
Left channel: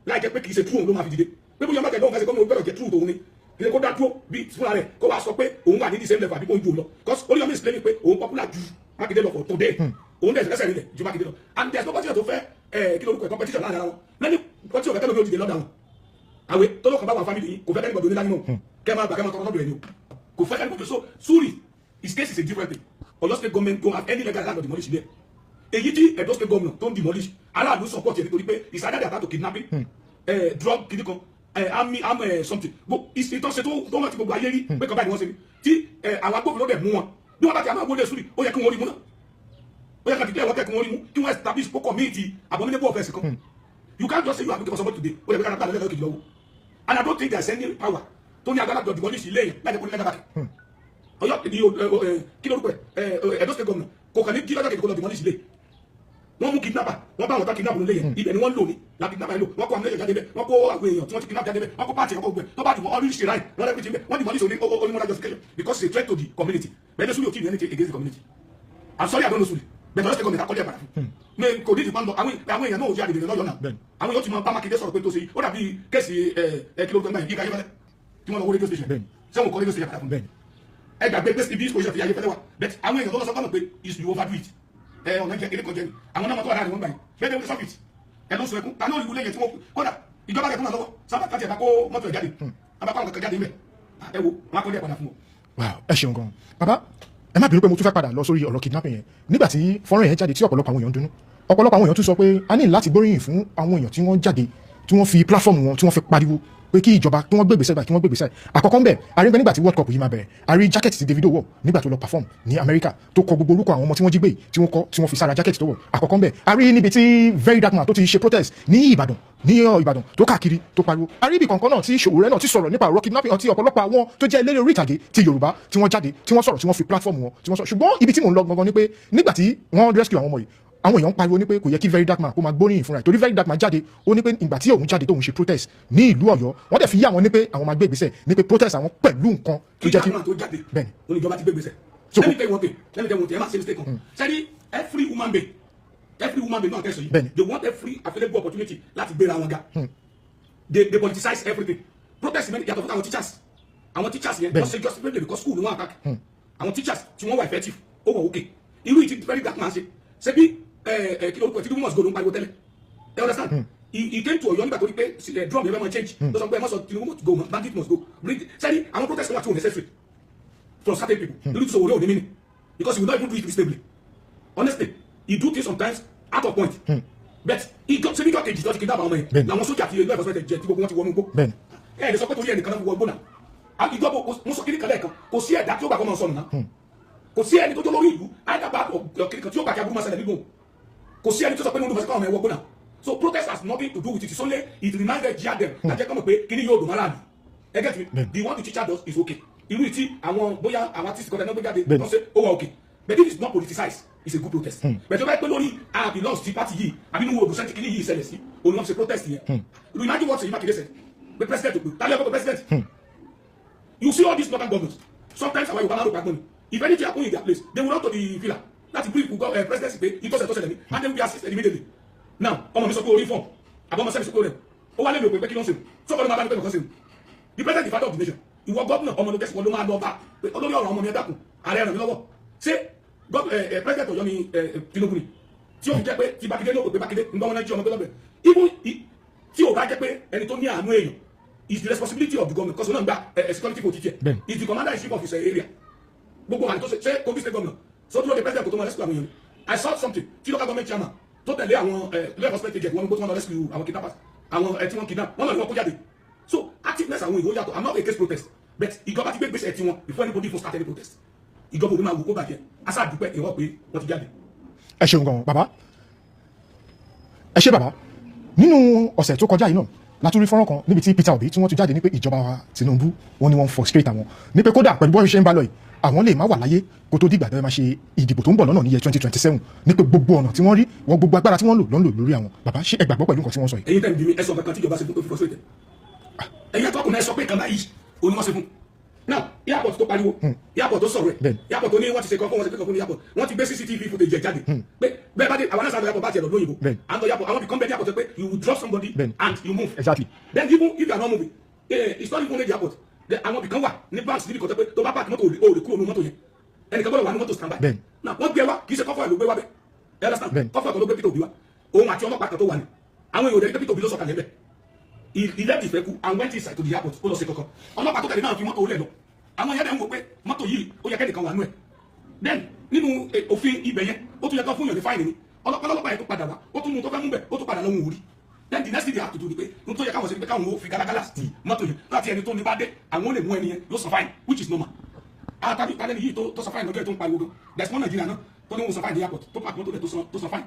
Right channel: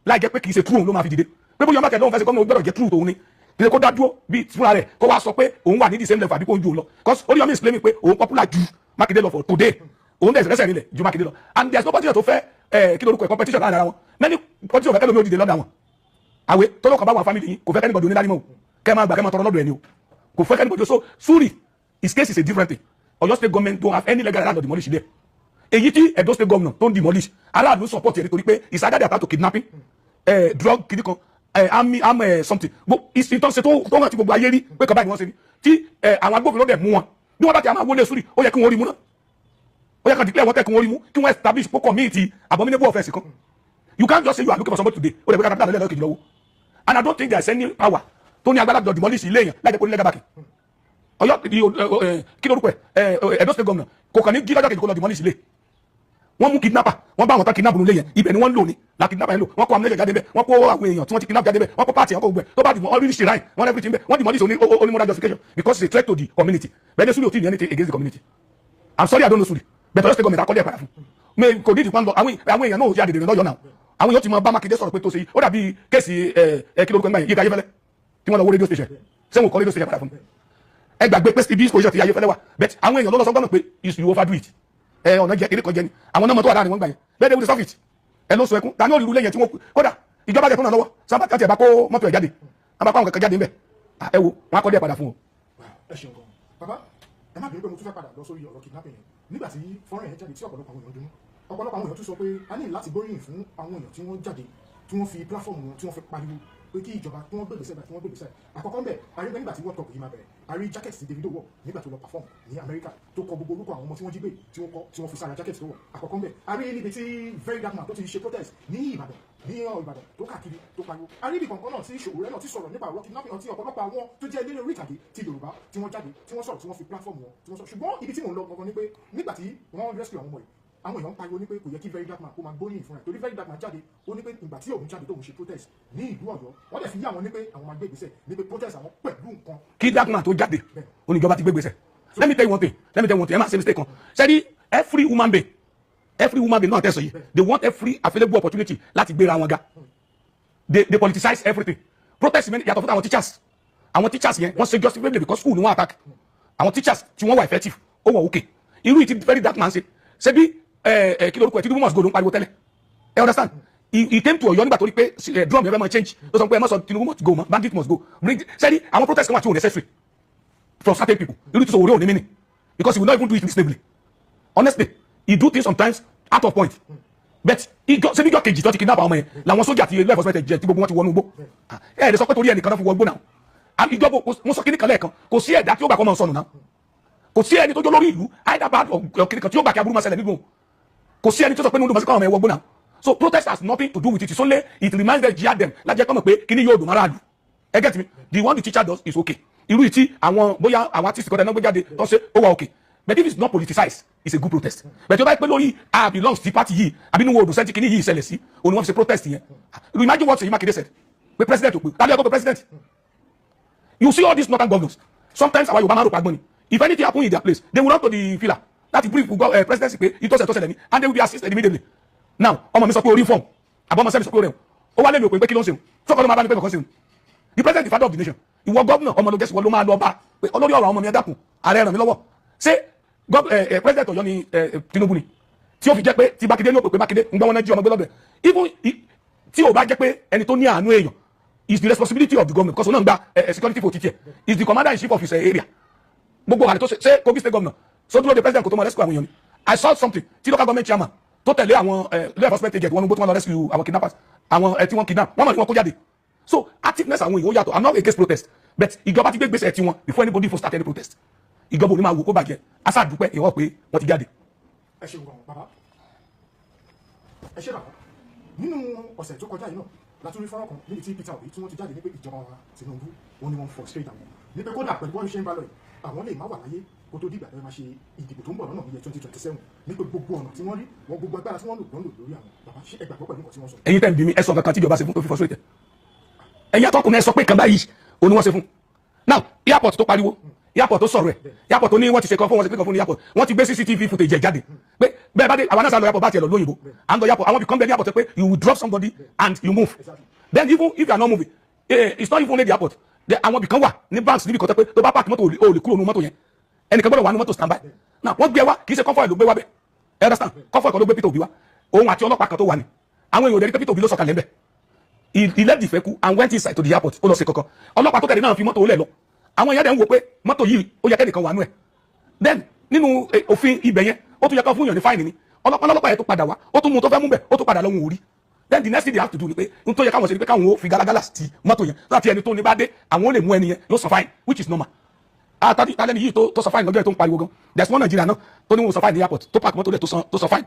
láì jẹ́ pé kì í ṣe true òun ló máa fi dìde pé bóyá Mákindé lóun fẹ́ ṣe kọ́ mọ́ gbọ́dọ̀ jẹ́ true tòun ni kì í ṣe kó dá dúró bí fúnra rẹ̀ kó wá sọ pé òun wà ní the same level àbí kó ju òun lọ because Oríyọmí is claiming pé òun popular ju Mákindé lọ for today òun dẹ̀ ẹsẹ̀ nílẹ̀ ju Mákindé lọ and there is no politician tó fẹ́ kí lorúkọ ẹ̀ competition láàrin ara wọn many politician fẹ́ kẹ́lómi ó dìde lọ́dọ̀ àwọn àwẹ̀ tọ́lọ́kọ̀ bá wà family yìí kò fẹ́ kẹ́nìbọ̀dì onídàánímọ̀ kẹ́ máa gbà kẹ́ máa tọrọ lọ́dọ̀ ẹ̀ ni o kò fẹ́ kẹ́nìbọ̀dì so Súrì his case is a different thing Ọ̀yọ́ state government don't have any legal right to demolish there. Èyí tí Edo state government don't demolish aráàlú support ẹ̀ nítorí pé it's either they are to kidnapping drug kìdí kan army something ìtàn ṣe tó hàn tí gbogbo ayé rí pé kaba ìwọ̀n ṣe ni tí àwọn agbófinró dẹ̀ mú wọn bí wọ́n bá ti àwọn wọlé sórí ó yẹ kí wọ́n rí mú náà ó yẹ kí wọ́n declare wọ́n tẹ̀ kí wọ́n rí mú kí wọ́n establish kó community abominable offence kan. You can't just say you are looking for somebody today ó lè gbé kápẹ́tà lẹ́lẹ́ kejì lọ́wọ́ and I don't think there is any power tó ní agbára demolish ilé yẹn láti kó ní legal backing. Ọ̀yọ́ kí lórúkọ ẹ̀ Edo state governor kò kàn ní kí lọ́jọ́ kejì kó lọ demolish ilé wọ́n mú kidnapper wọ́n bá àwọn tán kidnap nílé yẹn ibẹ̀ ni wọ́n lò ní la kidnapper yẹn lò wọ́n kó amúlẹ̀ jáde bẹ́ẹ̀ wọ́n kó àwọn èèyàn tí wọ́n ti kidnap jáde bẹ́ẹ̀ wọ́n kó party wọ́n kó gbẹ tó bá dìbò all really right wọ́n everything bẹ́ẹ̀ wọ́n demolish only moral justification because it's a threat to the community bẹ́ẹ̀ ni Sule ò tí ì ní anything against the community I'm sorry I don't know Sule but Ọ̀yọ́ state government akọ́lé ẹ̀ padà fún mi kò ní ìdìpọ̀ àwọn èèyàn náà ò yá dìde lọ́yọ̀ náà àwọn èèyàn ti mọ bá Mákindé sọ̀rọ̀ pé tó ṣe ó dàbí kéèsì kí lórúkọ mẹ́rin Yínká Ayéfẹ́lẹ́ tí wọ́n lọ wó radio station sẹ́wọ̀n kọ́ radio station padà fún ẹ gbàgbé pé ibi position ti Ayéfẹ́lẹ́ wa but àwọn èèyàn ló lọ sọ gbọ́dọ̀ pé you overdo it ọ̀nà jẹ eré kan jẹ ni àwọn náà mọ̀ tó wà láàrin wọn gbà yẹn bẹ́ẹ̀ ni wọ́n ti sọ́fìt ẹ ló sọ ẹkún tani ó lu lẹ́yìn tí wọ́n kódà ìjọba jẹ fún náà lọ́wọ́ sábà kàtì ẹ̀ bá kó mọ́tò ẹ̀ jáde àbá kó àwọn kankan jáde ńbẹ̀ ẹ wo wọn akọ́dé ẹ̀ padà fún o. ẹ ṣeun gan bàbá ẹ má bínú pé mo tún fẹ́ padà lọ sórí ọ̀rọ̀ kidnapping yẹn nígbà tí fọ́nrán yẹn jáde tí ọ̀pọ̀lọpọ̀ àwọn èèyàn dùnnú ọ̀pọ̀lọpọ̀ àwọn èèyàn tún sọ pé a ní láti gbóríyìn fún àwọn èèyàn tí wọ́n jáde tí wọ́n fi platform wọn tí wọ́n fi pariwo pé kí ìjọba kí wọ́n gbé ìgbésẹ̀ báyìí kí wọ́n gbé ìgbésẹ̀ àkọ́kọ́ ńbẹ̀ àrígbẹ́ nígbà tí world cup yìí máa bẹ̀rẹ̀ àrí jacket tí Davido wọ̀ nígbà tó lọ perform ní America tó kọ gbogbo orúkọ àwọn ọmọ tí wọ́n jí gbé tí wọ́n kọ tí wọ́n fi sára jacket tó wọ̀ àkọ́kọ́ ńbẹ̀ àrí níbi tí Very Dark Man tó ti ṣe protest ní Ìbàdàn tó káàkiri tó pariwo àrí ibì kankan náà tí Sowore náà ti sọ̀rọ̀ nípa ọ̀rọ̀ kidnapping àti ọ̀pọ̀lọpọ̀ àwọn tó jẹ́ eléré orí ìtàgé ti Yorùbá tí wọ́n jáde tí wọ́n sọ̀rọ̀ tí wọ́n fi platform wọn tí wọ́n sọ̀rọ̀ ṣùgbọ́n ibi tí mò ń lọ gangan ni pé nígbà tí wọ́n rescue àwọn ọmọ yìí àwọn èèyàn pariwo ní pé kò yẹ kí Very Dark Man kó máa gbóríyìn fúnra ẹ̀ torí Very Dark Man jáde ó ní pé ìgbà tí òun jáde tóun ṣe protest ní ìlú Ọ̀yọ́ wọ́n dẹ̀ fi yá àwọn ní pé àwọn máa gbé ìgbésẹ̀ ní pé protest àwọn pẹ̀lú nǹkan kí Dark Man tó jáde oníjọba ti gbé ìgbésẹ̀ let me tell you one thing ẹ máa ṣe mistake kan ṣẹ́ni every woman being náà tẹ̀sán yìí they want every available opportunity láti gbéra wọn ga they politicize everything protest mi yàtọ̀ fún àwọn teachers yẹn wọ́n ṣe justifiably because school ni wọ́n attack àwọn teachers tí wọ́n wà effective ó wọ̀ okay irú ìtì Very Dark Man ṣe bí kí lórúkọ ẹ Tinubu must go ló ń pariwo tẹ́lẹ̀ ẹ understand he came to Ọ̀yọ́ nígbà tó rí pé drum yẹn fẹ́ máa change ló sọ pé ẹ má sọ Tinubu must go mọ́ bandit must go bring sẹ́ni àwọn protest kan wà tí ò necessary from certain people irú tí Sowore ò ní meaning because he will not even do it reasonably honestly he do things sometimes out of point but ṣebí ìjọ kejì tó ti kidnap àwọn ọmọ yẹn làwọn sójà ti ilé ẹ̀fọ́sọ́mẹ́tẹ̀ jẹ tí gbogbo wọn ti wọnú igbó ẹ lè sọ pé torí ẹnìkan náà fi wọ igbó náà ìjọba mo sọ kíní kan lẹ́ẹ̀kan kò sí ẹ̀dá tí ó gbà kọ́ máa sọnù náà kò sí ẹni tó jó lórí ìlú Hyderabad ọ̀kìnrin kan tí ó gbà kí aburú máa ṣẹlẹ̀ nígbò kò sí ẹni tó sọ pé ní olùmọ̀sí káwọn ọmọ ẹwọ́ gbóná so protest has nothing to do with it it's only it reminds them jia them lájẹ́ kọ́mọ̀ pé kíní yóò dùn márààlú ẹ get me the one the teacher does is okay irú ìtí àwọn bóyá àwọn artist kọ́tà náà gbé jáde tó ṣe ó wà okay but if it's not politicized it's a good protest but tí ó bá yẹ pé lórí belongs to party yìí àbí ní wo olùsẹ́ntì kíní yìí ṣẹlẹ̀ sí òun ni wọ́n fi ṣe protest yẹn imagine what Seyi Makinde said pé president ò pé tàbí ẹ̀kọ́ pé president you see all these northern governors sometimes our Yorùbá máa ń rò pa gbọ́n ni if anything happen in their place they will run to the villa láti brief presidency pé ìtọ́sẹ̀ tó ṣẹlẹ̀ ní and they will be assisted immediately now ọmọ mi sọ pé orí form àbọ̀ ọmọ sẹ́mi sọ pé orí ẹ̀ ó wá lé mi ò pé kí ló ń ṣe sọ́kọ́ ló máa bá ní pé kọ̀ọ̀kan ṣe the president the father of the nation ìwọ gọ́vnà ọmọ ló gẹ̀ẹ́sì wọ́n ló máa lọ bá pé olórí ọ̀rọ̀ ọmọ mi ẹ dákun ààrẹ ràn mí lọ́wọ́ ṣé president Ọ̀yọ́ ni Tinubu ni tí ó fi jẹ́ pé tí Mákindé ní òpè pé Mákindé ń gbọ́ wọn náà jí ọmọ gbé lọ́bẹ̀ even tí ò bá jẹ́ pé ẹni tó ní àánú èèyàn is the responsibility of the government because òun náà ń gba security for teacher is the commander in chief of his area gbogbo àlè tó ṣe Kogi state governor so dúró de president kò tó mọ rescue àwọn èèyàn ni I saw something tí local government chairman tó tẹ̀lé àwọn law enforcement agent wọn ló gbó tí wọ́n lọ rescue àwọn kidnappers àwọn tí wọ́n kidnap wọ́n mọ̀ ní wọn kó jáde so activeness àwọn èèyàn ó yàtọ̀ I'm not against protest but ìjọba ti gbé gbèsè tí wọn before anybody for start any protest ìjọba ò ní máa wò kó bàjẹ́ asa dúpẹ́ ìwọ pé wọ́n ti jáde. ẹ ṣeun gan bàbá ẹ ṣe bàbá nínú ọ̀sẹ̀ tó kọjá yìí náà látúrí fọ́nrán kan níbi tí Peter Obi tí wọ́n ti jáde ní pé ìjọba wa Tinubu wọn ni wọ́n frustrate àwọn ní pé kódà pẹ̀lú bọ́ọ̀ṣẹ́ ń bá lọ yìí àwọn lè má wà láyé kó tó dìgbà tó máa ṣe ìdìbò tó ń bọ̀ lọ́nà ní year 2027 ní pé gbogbo ọ̀nà tí wọ́n rí wọ́n gbogbo agbára tí wọ́n lò lọ́nlò lórí àwọn bàbá ṣé ẹ gbàgbọ́ pẹ̀lú nǹkan tí wọ́n sọ yìí. ẹ̀yin tẹ́ ń bí mi ẹ sọ kankan tí ìjọba ṣe fún tó fi frustrate ẹ̀yin atọ́kùnrin ẹ sọ pé kan báyìí òun ni wọ́n ṣe fún now airport tó pariwo airport tó sọ̀rọ̀ ẹ̀ airport tó ní wọ́n ti ṣe kan fún wọn ṣe kan fún ní airport wọ́n ti gbé CCTV footage jáde pé bẹ́ẹ̀ bá dé àwọn náà sá lọ airport bá tiẹ̀ lọ lóyìnbó and the airport àwọn become the airport pé you will drop somebody and you move exactly then even if you are not moving it's not even only the airport àwọn ibìkan wà ní banks níbi kan tẹ́ pé tó bá park mọ́tò o lè kúrò nínú mọ́tò yẹn ẹnìkan gbọ́dọ̀ wà ní mọ́tò stand by now wọ́n gbé wa kì í ṣe convoy ló gbé wa bẹ́ẹ̀ understand convoy kan ló gbé Peter Obi wa òun àti ọlọ́pàá kan tó wà ní àwọn èèyàn rẹ̀ ní pé Peter Obi ló sọ̀kalẹ̀ ń bẹ̀ he left the vehicle and went inside to the airport ó lọ sí kankan ọlọ́pàá tó tẹ̀lé náà fi mọ́tò ó lẹ̀ lọ àwọn èèyàn dẹ̀ ń wò pé mọ́tò yìí ó yẹ kẹ́nìkan wà nú ẹ̀ then nínú òfin ibẹ̀ yẹn ó tún yẹ kán fún yàn ní fáìnì ni ọlọ́pàá yẹn tó padà wá ó tún mú tó fẹ́ mú bẹ̀ ó tún padà lọ́hùn orí then the next thing they have to do ni pé n tó yẹ káwọn ṣe ni pé káwọn ó fi galagala sí mọ́tò yẹn láti ẹni tó ní bá dé àwọn ó lè mú ẹni yẹn yóò san fine which is normal tálẹ́ni yìí tó san fine gan tó ń pariwo gan there's one Nigeria náà tó ní wọn san fine ní airport tó park mọ́tò rẹ̀ tó san fine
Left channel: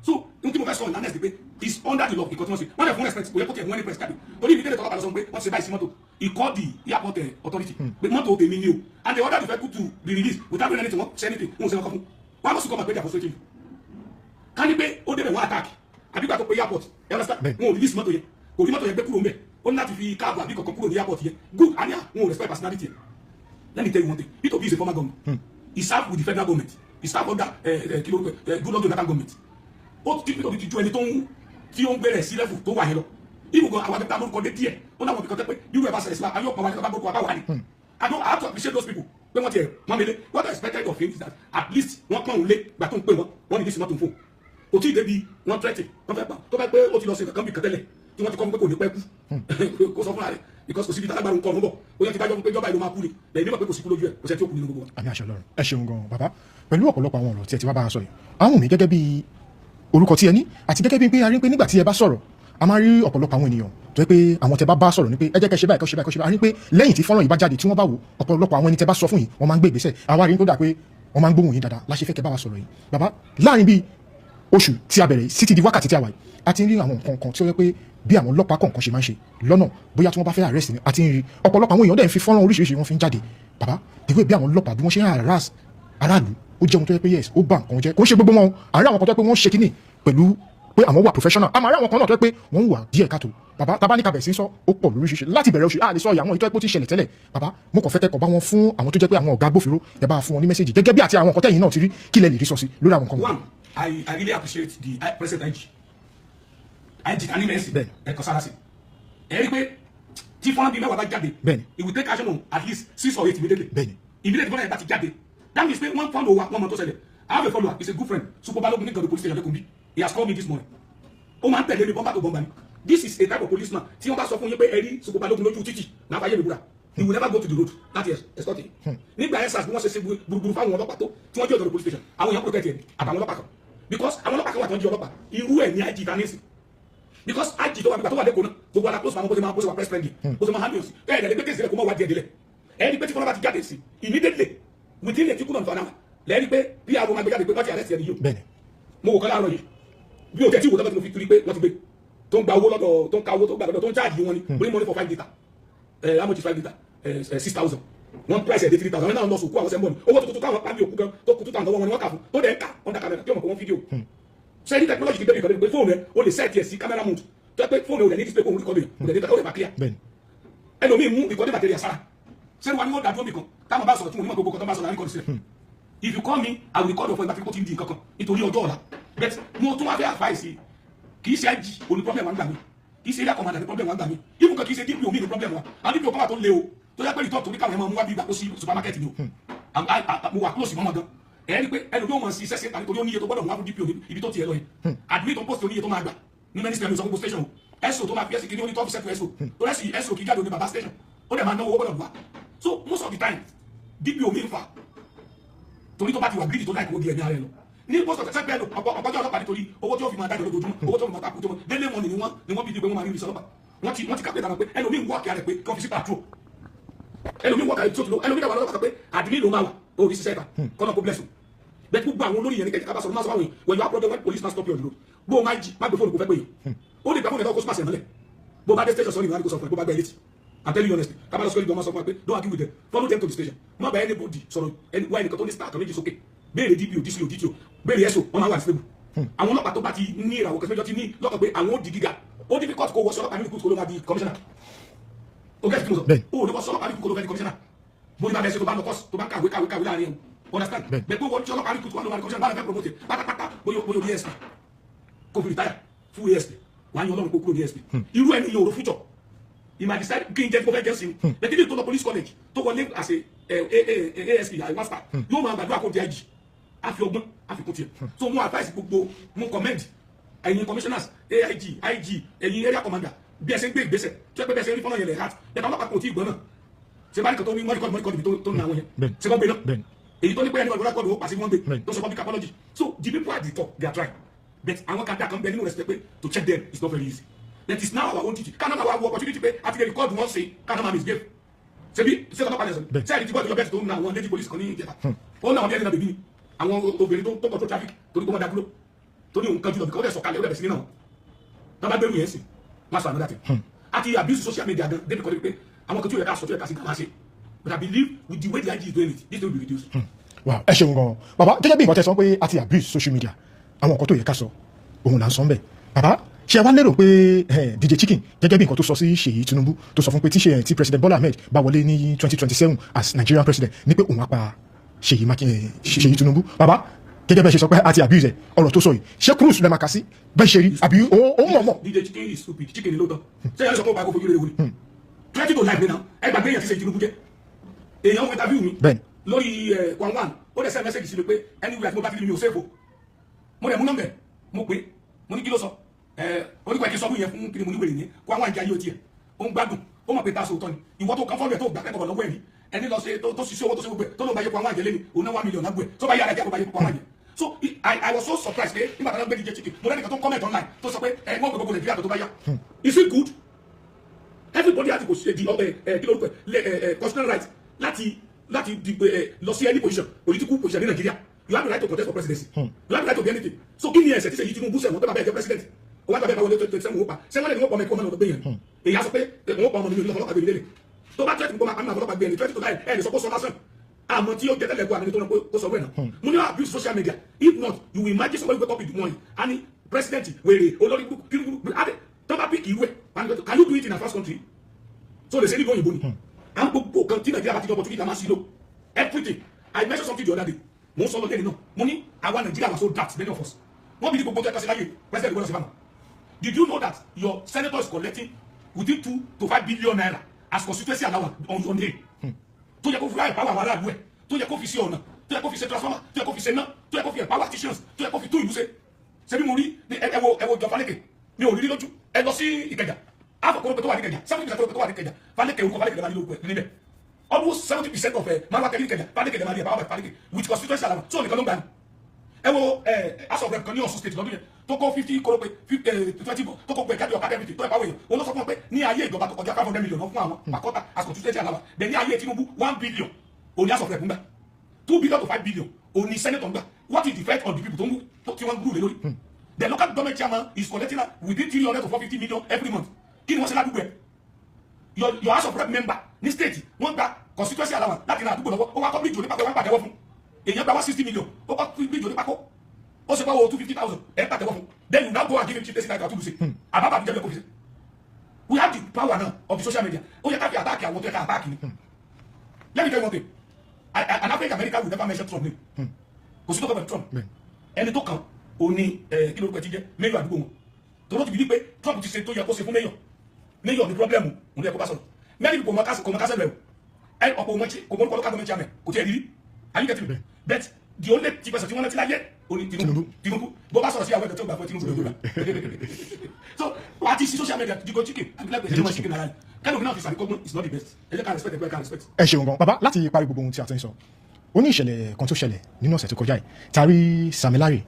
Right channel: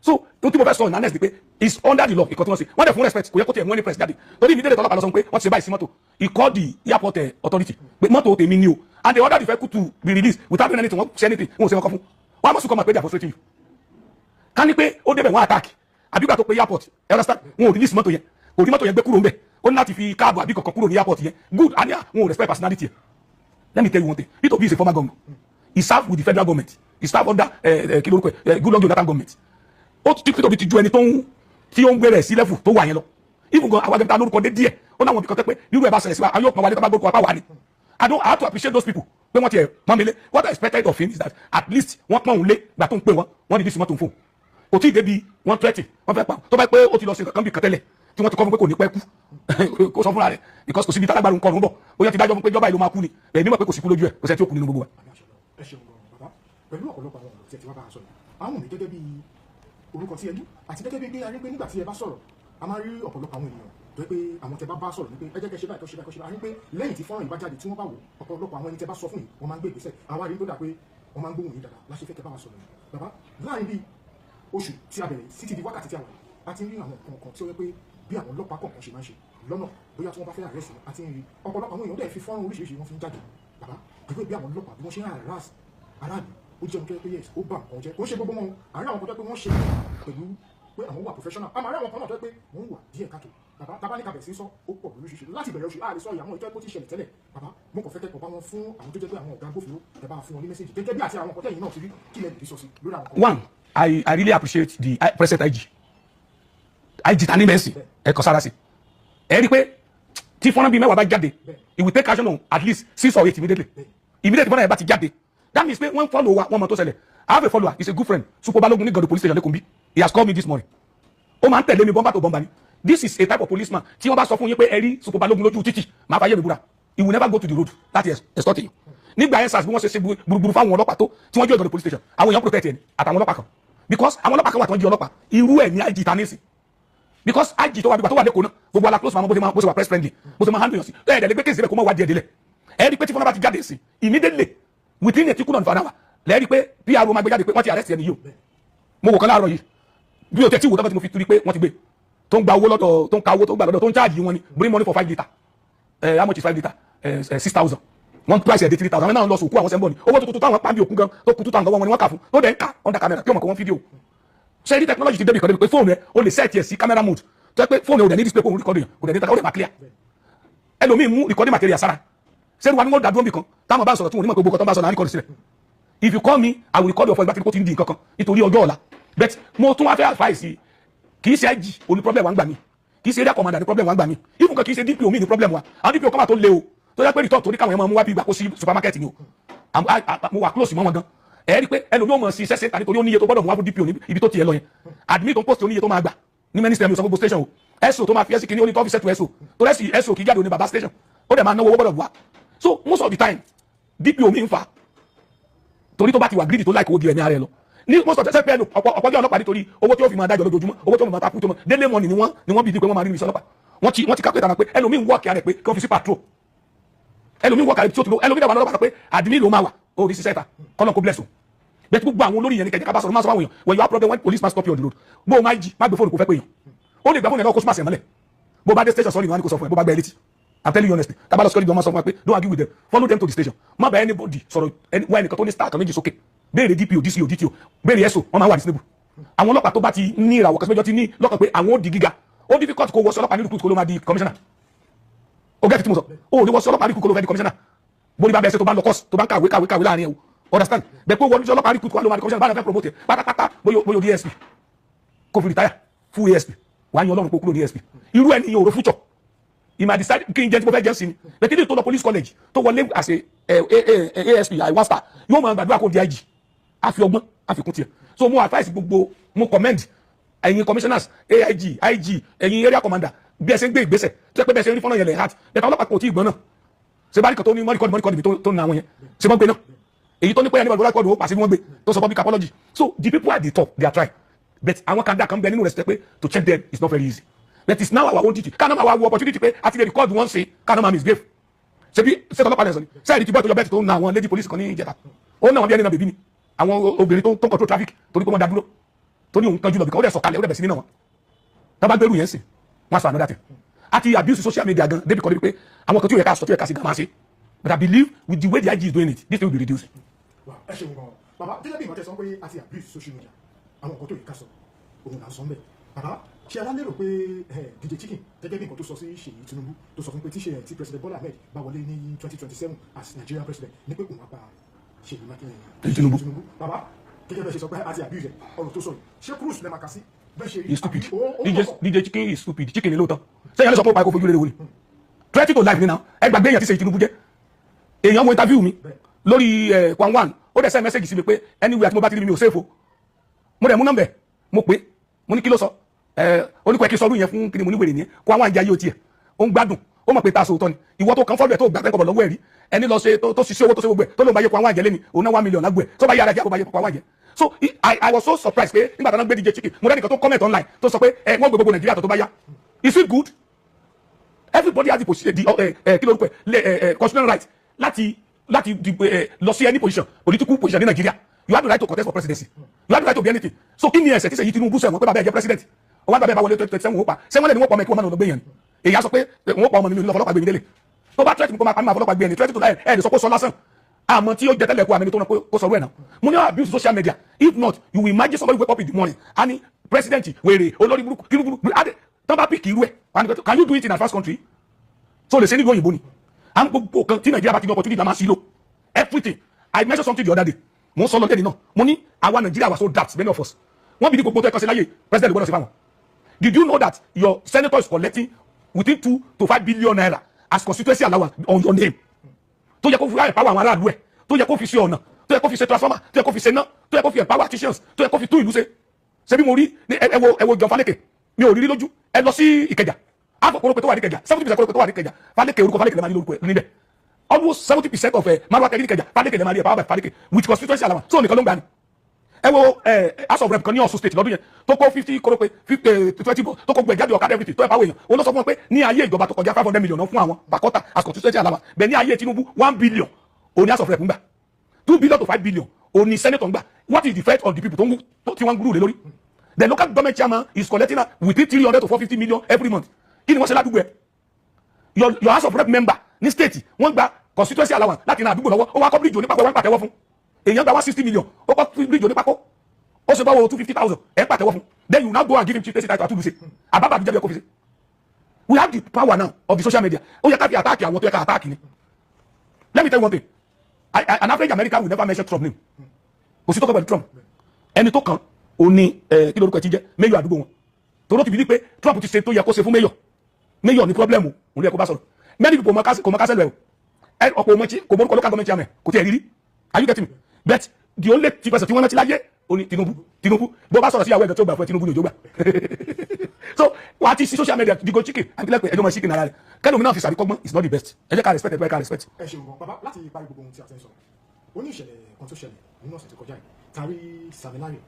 so n tí mo fẹ́ sọ ìnáná ni pé it's under the law ìkọ́ tí wọ́n ṣe wọ́n dẹ̀ fún respect kò yẹ kó tiẹ̀ mú ẹni press jáde torí ibi tẹ́lẹ̀ tọ́lọ́pàá lọ sọ pé wọ́n ti ṣe báyìí sí mọ́tò he called the airport authority pé mọ́tò tèmi ni o and they ordered the vehicle to be released without doing anything wọ́n ṣe anything wọ́n ṣe kọ́kọ́ fún wọ́n á mọ̀ sí kọ́ máa pé they are frustrating you ká ní pé ó débẹ̀ wọ́n attack àbígbà tó pé airport ẹ understand wọn ò release mọ́tò yẹn kò rí mọ́tò yẹn gbé kúrò ńbẹ̀ ó ní láti fi káàbọ̀ àbí kankan kúrò ní airport yẹn good and wọn ò respect personality yẹn let me tell you one thing P2B is a former governor he served with the federal government he served under Goodluck Jonathan government ó ti P2B ti ju ẹni tí ó ń gbé rẹ̀ sí level tó wà yẹn lọ even gan àwọn agbẹ̀ta lórúkọ dé díẹ̀ ó náwọn ibìkan tẹ́ pé nírú ẹ̀ bá ṣẹlẹ̀ sí wa ayọ́ kan wálé tó bá gbórúkọ apá wà ní I have to appreciate those people pé wọ́n ti ẹ̀ pọ́n mi lé what I expected of him is that at least wọ́n pọ́n òun lé gbà tó ń pè wọ́n ní dísìmọ́ tó ń fò kò tí ì débi wọ́n tẹ́tì wọ́n fẹ́ pa tó bá pé ó ti lọ sí kankan bí kẹtẹ́lẹ̀ tí wọ́n ti kọ́ fún pé kò ní pẹ́ kú kó sọ fúnra rẹ̀ because kò síbi tálágbára ń kọ́ ọ̀run bọ̀ ó yẹ ti dájọ́ fún pé ìjọba ìlú máa kú ni èmi mọ̀ pé kò sí kú lójú ẹ̀ kò sẹ́ tí ó kú nínú gbogbo wa. àmì àṣẹ Ọlọ́run ẹ ṣeun gan bàbá pẹ̀lú ọ̀pọ̀lọpọ̀ àwọn ọ̀rọ̀ tí ẹ ti wá bá a sọ yìí àwọn mi gẹ́gẹ́ bí orúkọ tí ẹ ní àti gẹ́gẹ́ bí pé a rí pé nígbà tí ẹ bá sọ̀rọ̀ a máa rí ọ̀pọ̀lọpọ̀ àwọn ènìyàn tó yẹ pé àwọn tẹ bá sọ̀rọ̀ ni pé ẹ jẹ́ kẹ́ ṣe báyìí kẹ́ ṣe báyìí kẹ́ ṣe báyìí a rí pé lẹ́yìn tí fọ́nrán yìí bá jáde tí wọ́n bá wò ọ̀pọ̀lọpọ̀ àwọn ẹni tẹ bá sọ fún yìí wọ́n máa ń gbé ìgbésẹ̀ àwa rí tó dà pé wọ́n máa ń gbóhùn yín dáadáa láṣẹ fẹ́ kẹ́ bá wa sọ̀rọ̀ yìí bàbá láàrin bíi oṣù tí a bẹ̀rẹ̀ sí ti di wákàtí tí a wà yìí a ti ń rí àwọn nǹkan kan tí ó yẹ pé bí àwọn ọlọ́pàá kọ̀ọ̀kan ṣe máa ń ṣe lọ́nà bóyá tí wọ́n bá fẹ́ arrest ni a ti ń rí ọ̀pọ̀lọpọ̀ àwọn èèyàn dẹ̀ ń fi fọ́nrán oríṣiríṣi wọn fi ń jáde bàbá ìwé bí àwọn ọlọ́pàá bí wọ́n ṣe ń harass aráàlú ó jẹ́ ohun tó yẹ pé yes ó bá nǹkan jẹ́ kò ń ṣe gbogbo wọn àárẹ̀ àwọn kan tó yẹ pé wọ́n ṣe kíní pẹ̀lú pé àwọn wà professional àmọ́ àárẹ̀ àwọn kan náà tó yẹ pé wọ́n wà díẹ̀ káàtó bàbá tábà ní kabẹ̀ sí sọ ó pọ̀ lóríṣiríṣi láti bẹ̀rẹ̀ oṣù àlè sọ ìyàwó ìtọ́ ẹ̀pọ̀ tí ṣẹlẹ̀ tẹ́lẹ̀ bàbá mo kàn fẹ́ kẹ́kọ̀ọ́ bá wọn fún àwọn tó jẹ́ pé àwọn ọ̀gá agbófinró ẹ bá fún wọn ní mẹ́sẹ̀jì gẹ́gẹ́ bí àti àwọn nǹkan tẹ́yìn náà ti rí kí lẹ lè rí sọ sí lórí àwọn nǹkan. one I really appreciate the present IG tani mẹ́sì ẹ kọ sára sí ẹ rí i pé tí fọ́nrán bíi mẹ́wàá bá jáde it will take action on at least 6 or 8 immediately fọ́nrán yẹn bá ti jáde that means pé wọ́n follow wa wọ́n mọ̀ tó ṣẹlẹ̀ I have a follower he's a good friend Supo Balogun ní Gando police station lẹ́kùnbí he has called me this morning ó máa ń tẹ̀lé mi bọ́mbà tó bọ́mbà ni this is a type of policeman tí wọ́n bá sọ fún yín pé ẹ rí Supo Balogun lójú títì máa fàyè mi búra he will never go to the road láti escort you nígbà yẹn sars bí wọ́n ṣe gbùrùgbùrù fáwọn ọlọ́pàá tó tí wọ́n jí Gando police station àwọn èèyàn protect ẹni àtàwọn ọlọ́pàá kan because àwọn ọlọ́pàá kan wà tó ń jí ọlọ́pàá irú ẹ̀ ní IG ta ní sí because IG tó wà nígbà tó wà lẹ́kọ̀ọ́ náà gbogbo ala close fún àwọn bó ṣe wà press friendly bó ṣe máa handle yàn sí ẹ̀ẹ́dẹ̀ gbé kéèsì rẹ̀ kó má wá díẹ̀ délẹ̀ ẹ̀ẹ́dì pé tí fúnra bá ti jáde sí immediately within a tickle of an hour lẹ́ẹ̀rí pé PRO máa gbé jáde pé wọ́n ti arrest ẹni yìí o mo wò kan láàárọ̀ yìí bí o tẹ̀ tí wò tọ́pẹ́ tí mo fi turi pé wọ́n ti gbé tó ń gba owó lọ́dọ̀ tó ń ka owó tó gbà lọ́dọ̀ tó ń charge wọn ni bring money for 5 litre how much is 5 litre 6,000 one price ẹ̀ dé 3,000 àwọn náà lọ sùn kú àwọn sẹ́ńbọ̀ ni owó tuntun táwọn pàmì òkú gan tó kú tó tàn lọ́wọ́ wọn ni wọ́n kà fún tó dẹ̀ ń kà under camera kí ọmọ kan wọ́n fídíò ṣe ní technology ti débi kan débi pé fóònù rẹ o lè set ẹ̀ sí camera mode tó yẹ pé fóònù rẹ ò dẹ̀ ní display kó o record yẹn o dẹ̀ ní ta o lè máa clear ẹlòmíì mú recording material sára ṣé wàá ní wọ́n dàdúró nìkan táwọn bá sọ̀rọ̀ tí wọ́n ní mọ̀ pé gbogbo kan tó bá sọ̀rọ̀ náà record sílẹ̀ if you call me I will record your phone ìgbà tí kò ti ń di nǹkan kan nítorí ọjọ́ ọ̀la but mo tún wá fẹ́ advice kì í ṣe IG òní problem wa ń gbà mí kì í ṣe area commander ní problem wa ń gbà mí even kan kì í ṣe DPO mi ní problem wa àwọn DPO kan wà tó le o tó yẹ pé report torí káwọn èèyàn máa mú wá bí ìgbà kó sí supermarket ni o mo wà close mọ́ wọn gan ẹ rí i pé ẹlòmíì ò mọ̀ sí sẹ́sẹ́ tàbí torí ó níye tó gbọ́dọ̀ mú wá fún DPO ibi tó tiẹ̀ lọ yẹn admin tó ń post oníye tó máa gbà ní ministry of gbogbo station o SO tó máa fi ẹsì kìíní oní tó fi sẹ́tù SO tó rẹ́sì SO kì í jáde oní baba station ó dẹ̀ máa náwó owó gbọ́dọ̀ wá so most of the time DPO mi ń fa torí tó bá ti wà greedy tó láìkó owó di ẹ̀mí ara ẹ lọ ní most of the time ọ̀pọ̀ jẹ́ ọlọ́pàá nítorí owó tí ó fi máa dájọ́ lójoojúmọ́ owó tó máa takú tó máa délé mọ́ni ni wọ́n bí di pé wọ́n máa rí ìrísí ọlọ́pàá wọ́n ti calculate ara pé ẹlòmíì ń wọ́ọ̀kì ara ẹ̀ pé kí wọ́n fi sí patrol ẹlòmíì wọ́ọ̀kì ara ẹ̀ tí ó ti lọ ẹlòmíì dàwọn ọlọ́pàá pé àdìmí ló máa wà ó rí sísẹ́ ta kọ́nà kó bless o bẹ́ẹ̀ gbogbo àwọn olórí yẹn ní kẹ̀kẹ́ ká bá sọ̀rọ̀ máa sọ fáwọn èèyàn when you have problem when police man stop you on the road gbóhùn IG má gbé fóònù kó fẹ́ pé èèyàn ó lè gbà fóònù ẹ̀ náà kó súnmọ́ àṣẹ mọ́lẹ̀ bó bá dé station sọ́ọ́nì wọn ni kò sọ fún ẹ bó bá gbẹ létí I'm telling you honestly tabalo security ọmọ sọ fún wa pé don't argue with them follow them to the station má bá anybody sọ̀rọ̀ wá ẹnìkan tó ní star kan méjì sókè béèrè DPO DCO DTO béèrè SO wọn máa wà reasonable àwọn ọlọ́pàá tó bá ti ní ìràwọ̀ kẹsìmẹ́jọ ti ní lọ́kàn pé àwọn ó di gíga ó difficult kó wọṣọ ọlọ́pàá nílùú kúrò kó ló máa di commissioner ó gẹ́gẹ́ tí mo sọ ó ní wọṣọ ọlọ́pàá nílùú kúrò ló fẹ́ di commissioner bó ní bá bẹ́ẹ̀ ṣe tó bá ń lọ course tó bá ń kàwé láàrin ẹ̀ o understand bẹ́ẹ̀ pé wọ́n ní ọlọ́pàá nílùú kúrò ló máa di commissioner bá fẹ́ promote pátápátá bóyá DSP kó fi retire full ASP wàá yan ọlọ́run kó kúrò DSP irú ẹni yóò ro future he might decide kí n jẹ́ tí mo fẹ́ jẹ́ sí ni but kí ni tó lọ police college tó wọlé as a ASP I1 star yóò máa gbàdúrà kó di IG àfi ọgbọ́n àfikún tiẹ̀ so mo advice gbogbo mo commend ẹ̀yin commissioners AIG IG ẹ̀yin area commander bí ẹ ṣe ń gbé ìgbésẹ̀ tó yẹ pé bẹ́ẹ̀ ṣe ń rí fọ́nà yẹn lẹ̀ heart bẹ́ẹ̀ ọlọ́pàá kò tí ì gbọ́n náà ṣe bá rí kan tó ní mọ́ríkọ́dì mi tó na àwọn yẹn ṣe wọ́n gbé náà èyí tó ní pé ẹni bọ̀dọ̀ record ó pàṣẹ bí wọ́n gbé tó sọ public apology. So the people at the top they are trying, but àwọn kan dà kan bẹ nínú respect pé to check them is not very easy. That is now our own duty. Kánà máa wá wo opportunity pé àti lè record one say kánà máa misbehave. Ṣebí ṣètò ọlọ́pàá lẹ́sọ̀ ni sẹ́yìn tí bọ́ọ̀tù lọ bẹ́ẹ̀ tó ń na àwọn lady police kan ní ìjẹta ó ń na àwọn bí ẹni náà bèbí ni àwọn obìnrin tó control traffic torí pé wọ́n dá dúró tó ní òun kanjú lọ bìkan ó dẹ̀ sọ̀kalẹ̀ ó dẹ̀ bẹ̀ sí nínú wọn tábà gbẹrù yẹn sì wọ́n sọ another thing àti abuse social media gan débi kan débi pé àwọn kan tí ó yẹ ká sọ tí ó yẹ ká sí gan máa ṣe but I believe with the way the IG is doing it this will be reduced. Wow, ẹ ṣeun gan bàbá gẹ́gẹ́ bí ìwọ́n tẹ sọ pé àti abuse social media àwọn nǹkan tó yẹ ká sọ òun là ń sọ ń bẹ̀ bàbá ṣe wá lérò pé DJ Chicken gẹ́gẹ́ bí nǹkan tó sọ sí Ṣèyí Tinubu tó sọ fún pé tí President Bola Ahmed bá wọlé ní 2027 as Nigerian president ní pé òun á pa Ṣèyí Tinubu bàbá gẹ́gẹ́ bẹ́ẹ̀ ṣe sọ pé àti abuse ọ̀rọ̀ tó sọ yìí ṣé cruise lẹ́ẹ̀ máa kà sí bẹ́ẹ̀ ṣe rí àbí ó mọ̀. DJ Chicken is stupid Chicken ni lóòótọ́ sẹ́yìn lẹ́sọ̀ pé ó pa ẹ̀kọ́ fojú lé wọlé threat to life nínú ẹ gbàgbé èèyàn tí Ṣèyí Tinubu jẹ́ èèyàn mo interview mi lórí one ó dẹ̀ send message sí mi pé anywhere tí mo bá ti rí mi ò safe o mo dẹ̀ mú nọ́mbẹ̀ mo pé mo ní kí ló sọ oníkọ̀ ẹ̀kí sọdún yẹn fún kí ni mo níwèrè ní kó àwọn àjẹ́ ayé òtí ẹ̀ ó ń gbádùn ó mọ̀ pé ta sòótọ́ ni ìwọ tó kàn fọ́lù ẹ̀ tó gbà tẹ́kọ̀ọ́ lọ́wọ́ ẹ̀ rí ẹni lọ ṣe tó ṣiṣẹ́ owó tó ṣe gbogbo ẹ̀ tó ló ń bá yẹ kó àwọn àjẹ́ lé ní òun náà 1 million lágbó ẹ̀ tó bá yára jẹ́ kó bá yẹ kó àwọn àjẹ́. So I was so surprised pé nígbà tó ń gbé DJ Chicken mo rẹ́nìkan tó comment online tó sọ pé wọ́n gbogbo Nàìjíríà tó bá yá is it good? Everybody has the kí lórúkọ ẹ̀ constitutional right láti lọ sí any position political position ní Nàìjíríà. You have the right to contest for presidency. You have the right to be anything. So kí ni ẹ̀ṣẹ̀ tí Ṣèyí Tinubu sẹ̀wọ̀n pé bàbá ẹ̀ jẹ́ president ó wá bàbá ẹ̀ bá wọlé 27 wọ́n pa sẹ́wọ́n lẹ́ni wọ́n pa ọmọ ẹ̀kọ́ ọmọ náà lọ́gbẹ́ yẹn èyí á sọ pé wọ́n pa ọmọ mi lọ́fọlọ́pàá gbé mi délé tó bá tẹ́tí mi kó máa pa mí àfọlọ́pàá gbé ẹni tẹ́tí tó láì ẹ̀ sọ pé sọ lásán àmọ́ tí ó jẹ́ tẹ́lẹ̀ kó àmì tó náà kó sọ̀rọ̀ ẹ̀ náà mo ní abuse social media if not you will imagine somebody wake up in the morning and president wèrè olórí burúkú kí burúkú adé tó bá pick irú ẹ̀ can you do it in a fast country so lè ṣe nílùú òyìnbó ni àmì gbogbo kan tí Nàìjíríà bá ti ní opportunity máa sí lò everything I mentioned something the other day mo sọ lọ́tẹ́ni náà mo ní àwa Nàìjíríà were so daft many of us wọ́n bí ní gbogbo tó ẹ̀kọ́ sí láyé president gbọ́dọ̀ sí fáwọn. Did you know that your senator is collecting within 2 to 5 billion naira as constituency allowance on your name? Tó yẹ kó fi empower àwọn aráàlú ẹ̀, tó yẹ kó fi ṣe ọ̀nà, tó yẹ kó fi ṣe transformer, tó yẹ kó fi ṣe iná, tó yẹ kó fi empower artisans, tó yẹ kó fi tún ìlú ṣe. Ṣé bí mo rí ẹ wo John Faleke mi ò rí lójú ẹ lọ sí Ìkẹjà àbọ̀ kórópè tó wà ní Ìkẹjà 70% kórópè tó wà ní Ìkẹjà Faleke orúkọ Faleke lè máa ní lórúkọ níbẹ̀ almost 70% of Marwa Kẹ́mi Ìkẹjà Faleke lè máa ní empower by Faleke with constituency allowance so nìkan ló ń gbà ní. Ẹ wo House of Rep kan ní Ọ̀ṣun state lọ́dún yẹn tó kó 50 kórópè 20 tó kó gbẹ̀jáde ọ̀kadà everything tó ẹ̀ pàwọ̀ èèyàn òun ló sọ fún wọn pé ní ayé ìjọba tó kọjá 500 million fún àwọn pàkọ́tà as constituency allowance bẹ́ẹ̀ ní ayé Tinubu 1 billion òní House of Rep ń gbà 2 billion to 5 billion òní senator ń gbà what is the threat of the people tí wọ́n ń gúrú lé lórí the local government chairman is collecting within 300 to 450 million every month kí ni wọ́n ṣe ládùúgbò ẹ̀ your House of Rep member ní state wọ́n gba constituency allowance láti ran àdúgbò lọ́wọ́ ó wá kọ́ bíríjì onípàkọ́ wọn pàtẹ́wọ́ fún èèyàn gba 160 million ó kọ́ bíríjì onípàkọ́ ó ṣe bá wọ 250,000 ẹ̀ pàtẹ́wọ́ fún then you now go and give him chief president title àtúndùsẹ̀ àbábà àbíjẹ́ bí ọkọ̀ fi ṣe we have the power now of the social media ó yẹ ká fi attack àwọn tó yẹ ká attack ni let me tell you one thing an average American will never mention Trump name kò sí tó kọ́ pẹ̀lú Trump ẹni tó kàn ó ní kí lórúkọ ẹ ti jẹ́ mayor àdúgbò wọn tòró ti bí pé Trump ti ṣe tó yẹ kó ṣe fún mayor ní problem òun yẹ kó bá sọ̀rọ̀ many people kò mọ kásẹ̀ lẹ̀ o ọ̀pọ̀ ọmọchi kò mọ local government chairman kò tiẹ̀ rírí are you getting me but the only person tí wọ́n rántí láyé ó ní Tinubu bó bá sọ̀rọ̀ sí ìyàwó ẹ̀dọ̀ tó gbà fún Tinubu ní ìjọba so wà á ti sí social media digo chicken àbílẹ̀ pé ẹjọ́ mọ̀ chicken ara rẹ̀ kẹ́lómi náà fi sàríkọ́gbọ́n is not the best ẹ jẹ́ ká respect ẹ ká respect. ẹ ṣeun gan bàbá láti parí gbogbo ohun tí a ti ń sọ ó ní ìṣẹ̀lẹ̀ kan tó ṣẹlẹ̀ nínú ọ̀sẹ̀ tó kọjá yìí tari Samilari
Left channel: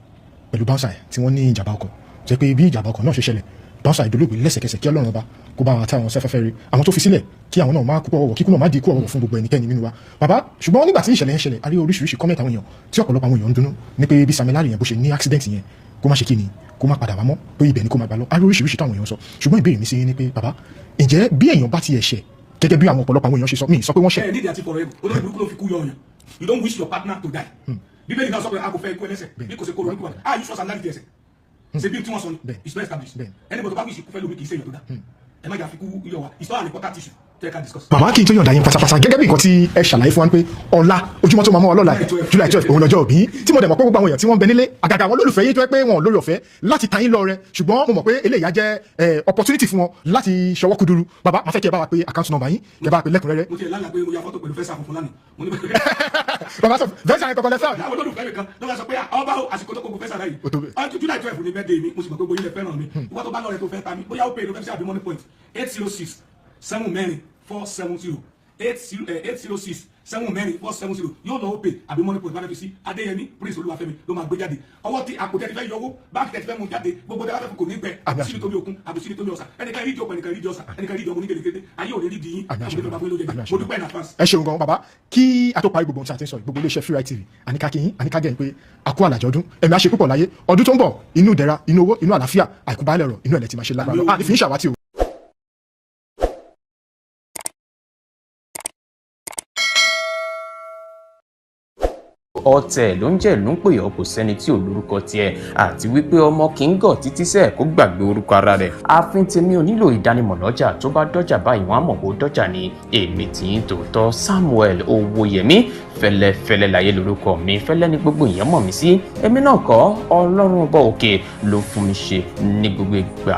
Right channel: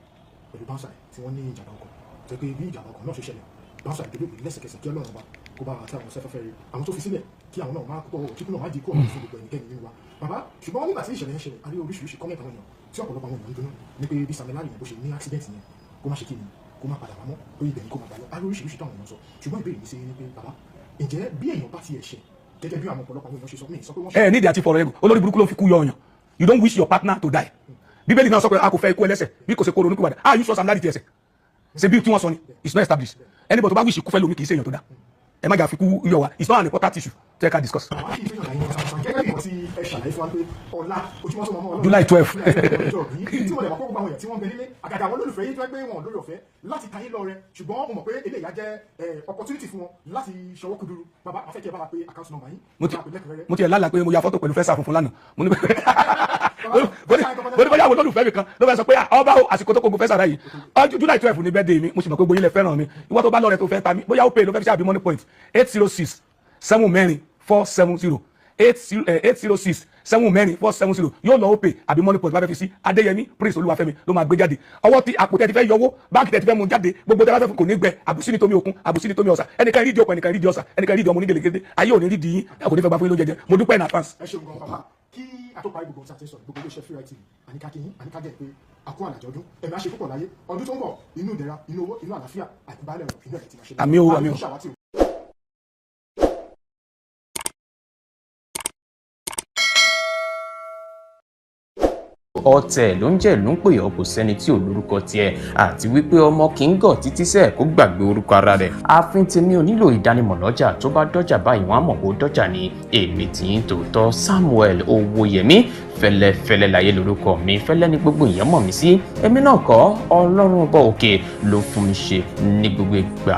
pẹ̀lú Bouncer tí wọ́n ní ìjàmbá ọkọ̀ jẹ́ pé bí ìjàmbá ọkọ̀ náà ṣe ṣẹlẹ̀ Bouncer ìdólógbé lẹ́sẹ̀kẹsẹ̀ kí Ọlọ́run ọba kó bá wọn táwọn sẹ́fẹ́fẹ́ rí àwọn tó fi sílẹ̀ kí àwọn náà máa kúkú ọwọ́ kíkú náà má di ikú ọ̀run fún gbogbo ẹnikẹ́ni nínú wa bàbá ṣùgbọ́n nígbà tí ìṣẹ̀lẹ̀ yẹn ṣẹlẹ̀ a rí oríṣiríṣi kọ́mẹ̀tì àwọn èèyàn tí ọ̀pọ̀lọpọ̀ àwọn èèyàn ń dunnú ní pé bí Samilari yẹn bó ṣe ní accident yẹn kó má ṣe kí ni kó má padà wá mọ́ pé ibẹ̀ ni kó má gbà lọ a rí oríṣiríṣi táwọn èèyàn sọ ṣùgbọ́n ìbéèrè mi sí ni pé bàbá ǹjẹ́ bí èèyàn bá ti ẹ̀ṣẹ̀ gẹ́gẹ́ bí àwọn ọ̀pọ̀lọpọ̀ àwọn èèyàn ṣe sọ mí sọ pé wọ́n ṣe. ẹ nídìí àti fọ̀rọ̀ olórí burúkú ló fi kú yọ ọyàn you don't wish your partner to die bíbélì náà sọ pé a kò fẹ́ ikú ẹlẹ́ṣẹ̀ bí kò ṣe kó ronú kúwàdà ah you sọ Samilari ti ẹ̀ṣẹ̀ ṣe bí tí wọ́n sọ ni it's not established anybody tó bá wish ikú fẹ́ lómi kì í ṣe èèyàn tó dá ẹ má jà fi kú yọ wa it's not an important issue tẹ́ ká discuss. bàbá kí n tó yọ̀ǹda yín pátápátá gẹ́gẹ́ bí nǹkan tí ẹ ṣàlàyé fún wa pé ọ̀la ojúmọ́ tó máa mọ́ ọlọ́la July 12 òun lọ́jọ́ òbí tí mo dẹ̀ mọ̀ pé gbogbo àwọn èèyàn tí wọ́n ń bẹ nílé àgàgà àwọn olólùfẹ́ yín tó yẹ pé wọn ò lórí ọ̀fẹ́ láti ta yín lọ rẹ ṣùgbọ́n mo mọ̀ pé eléyìí á jẹ́ opportunity fún wọn láti ṣọwọ́ kúdúrú bàbá máa fẹ́ kí ẹ bá wa pé account number yín ẹ bá wa pé lẹ́kùnrẹ́rẹ́. mo ti ẹ̀ lálàá pé mo ya fọ́tò pẹ̀lú fẹ́sà funfun lánàá mo ní bàbá tó fẹ́sà yẹn kọ́kọ́ lẹ́fẹ́. bóyá àwọn olólùfẹ́ mi kan ló fẹ́ sọ pé ọba àsìkò tó kókó fẹ́sà rẹ̀ yìí July 12 ní birthday mi mo sì mọ̀ pé gbóyin lẹ fẹ́ràn mi ìwọ́n tó bá lọ́rẹ̀ tó fẹ́ ta mi bóyá ó pè ló fẹ́ fi ṣe àbí money point 806 7 470 806 7 yóò lọ Opay àbí money point bá fẹ́ fi sí Adéyẹmí Prince Olúwafẹ́mi ló máa gbé jáde ọwọ́ tí àpò tẹ́ ti fẹ́ yọwọ́ báńkì tẹ́ ti fẹ́ mú jáde gbogbo tẹ́ bá fẹ́ fún kò ní gbẹ àbùsí ní tómi òkun àbùsí ní tómi ọ̀sà ẹnìkan rí di ọkọ ẹnìkan rí di ọ̀sà ẹnìkan rí di ọmọ onígẹlẹgẹdẹ ayé òní rí di yín àbò ní fẹ́ bá fún yín lóúnjẹ jẹ mo dúpẹ́ in advance. ẹ ṣeun gan bàbá kí a tó parí gbogbo ohun tí a ti ń sọ gbogbo iléeṣẹ́ Freeride TV àníkàgẹ́yìn pé àkó àlàjọ ọdún ẹ̀mí àṣẹ púpọ̀ láyé ọdún tó ń bọ̀ inú ìdẹ̀ra inú owó inú àlàáfíà àìkúbálẹ̀ ọ̀rọ̀ inú ẹ̀lẹ́ ti máa ṣe lára àìfín ṣàwátì o. ọ̀tẹ̀ ló ń jẹ́ ló ń pè ọ́ kò sẹ́ni tí ò lórúkọ tiẹ̀ àti wípé ọmọ kì í gọ̀ títí sẹ́ẹ̀ kó gbàgbé orúkọ ara rẹ̀ ààfin tèmi ò nílò ìdánimọ̀ lọ́jà tó bá dọ́jà báyìí wọ́n á mọ̀ kó dọ́jà ní èmi tí ń tòótọ́ Samuel Owóyẹmí fẹ́lẹ́fẹ́lẹ́ láyé lórúkọ mi fẹ́lẹ́ ní gbogbo èèyàn mọ̀ mí sí èmi náà kọ́ Ọlọ́run ọba òkè ló fún mi ṣe ní gbogbo ìgbà.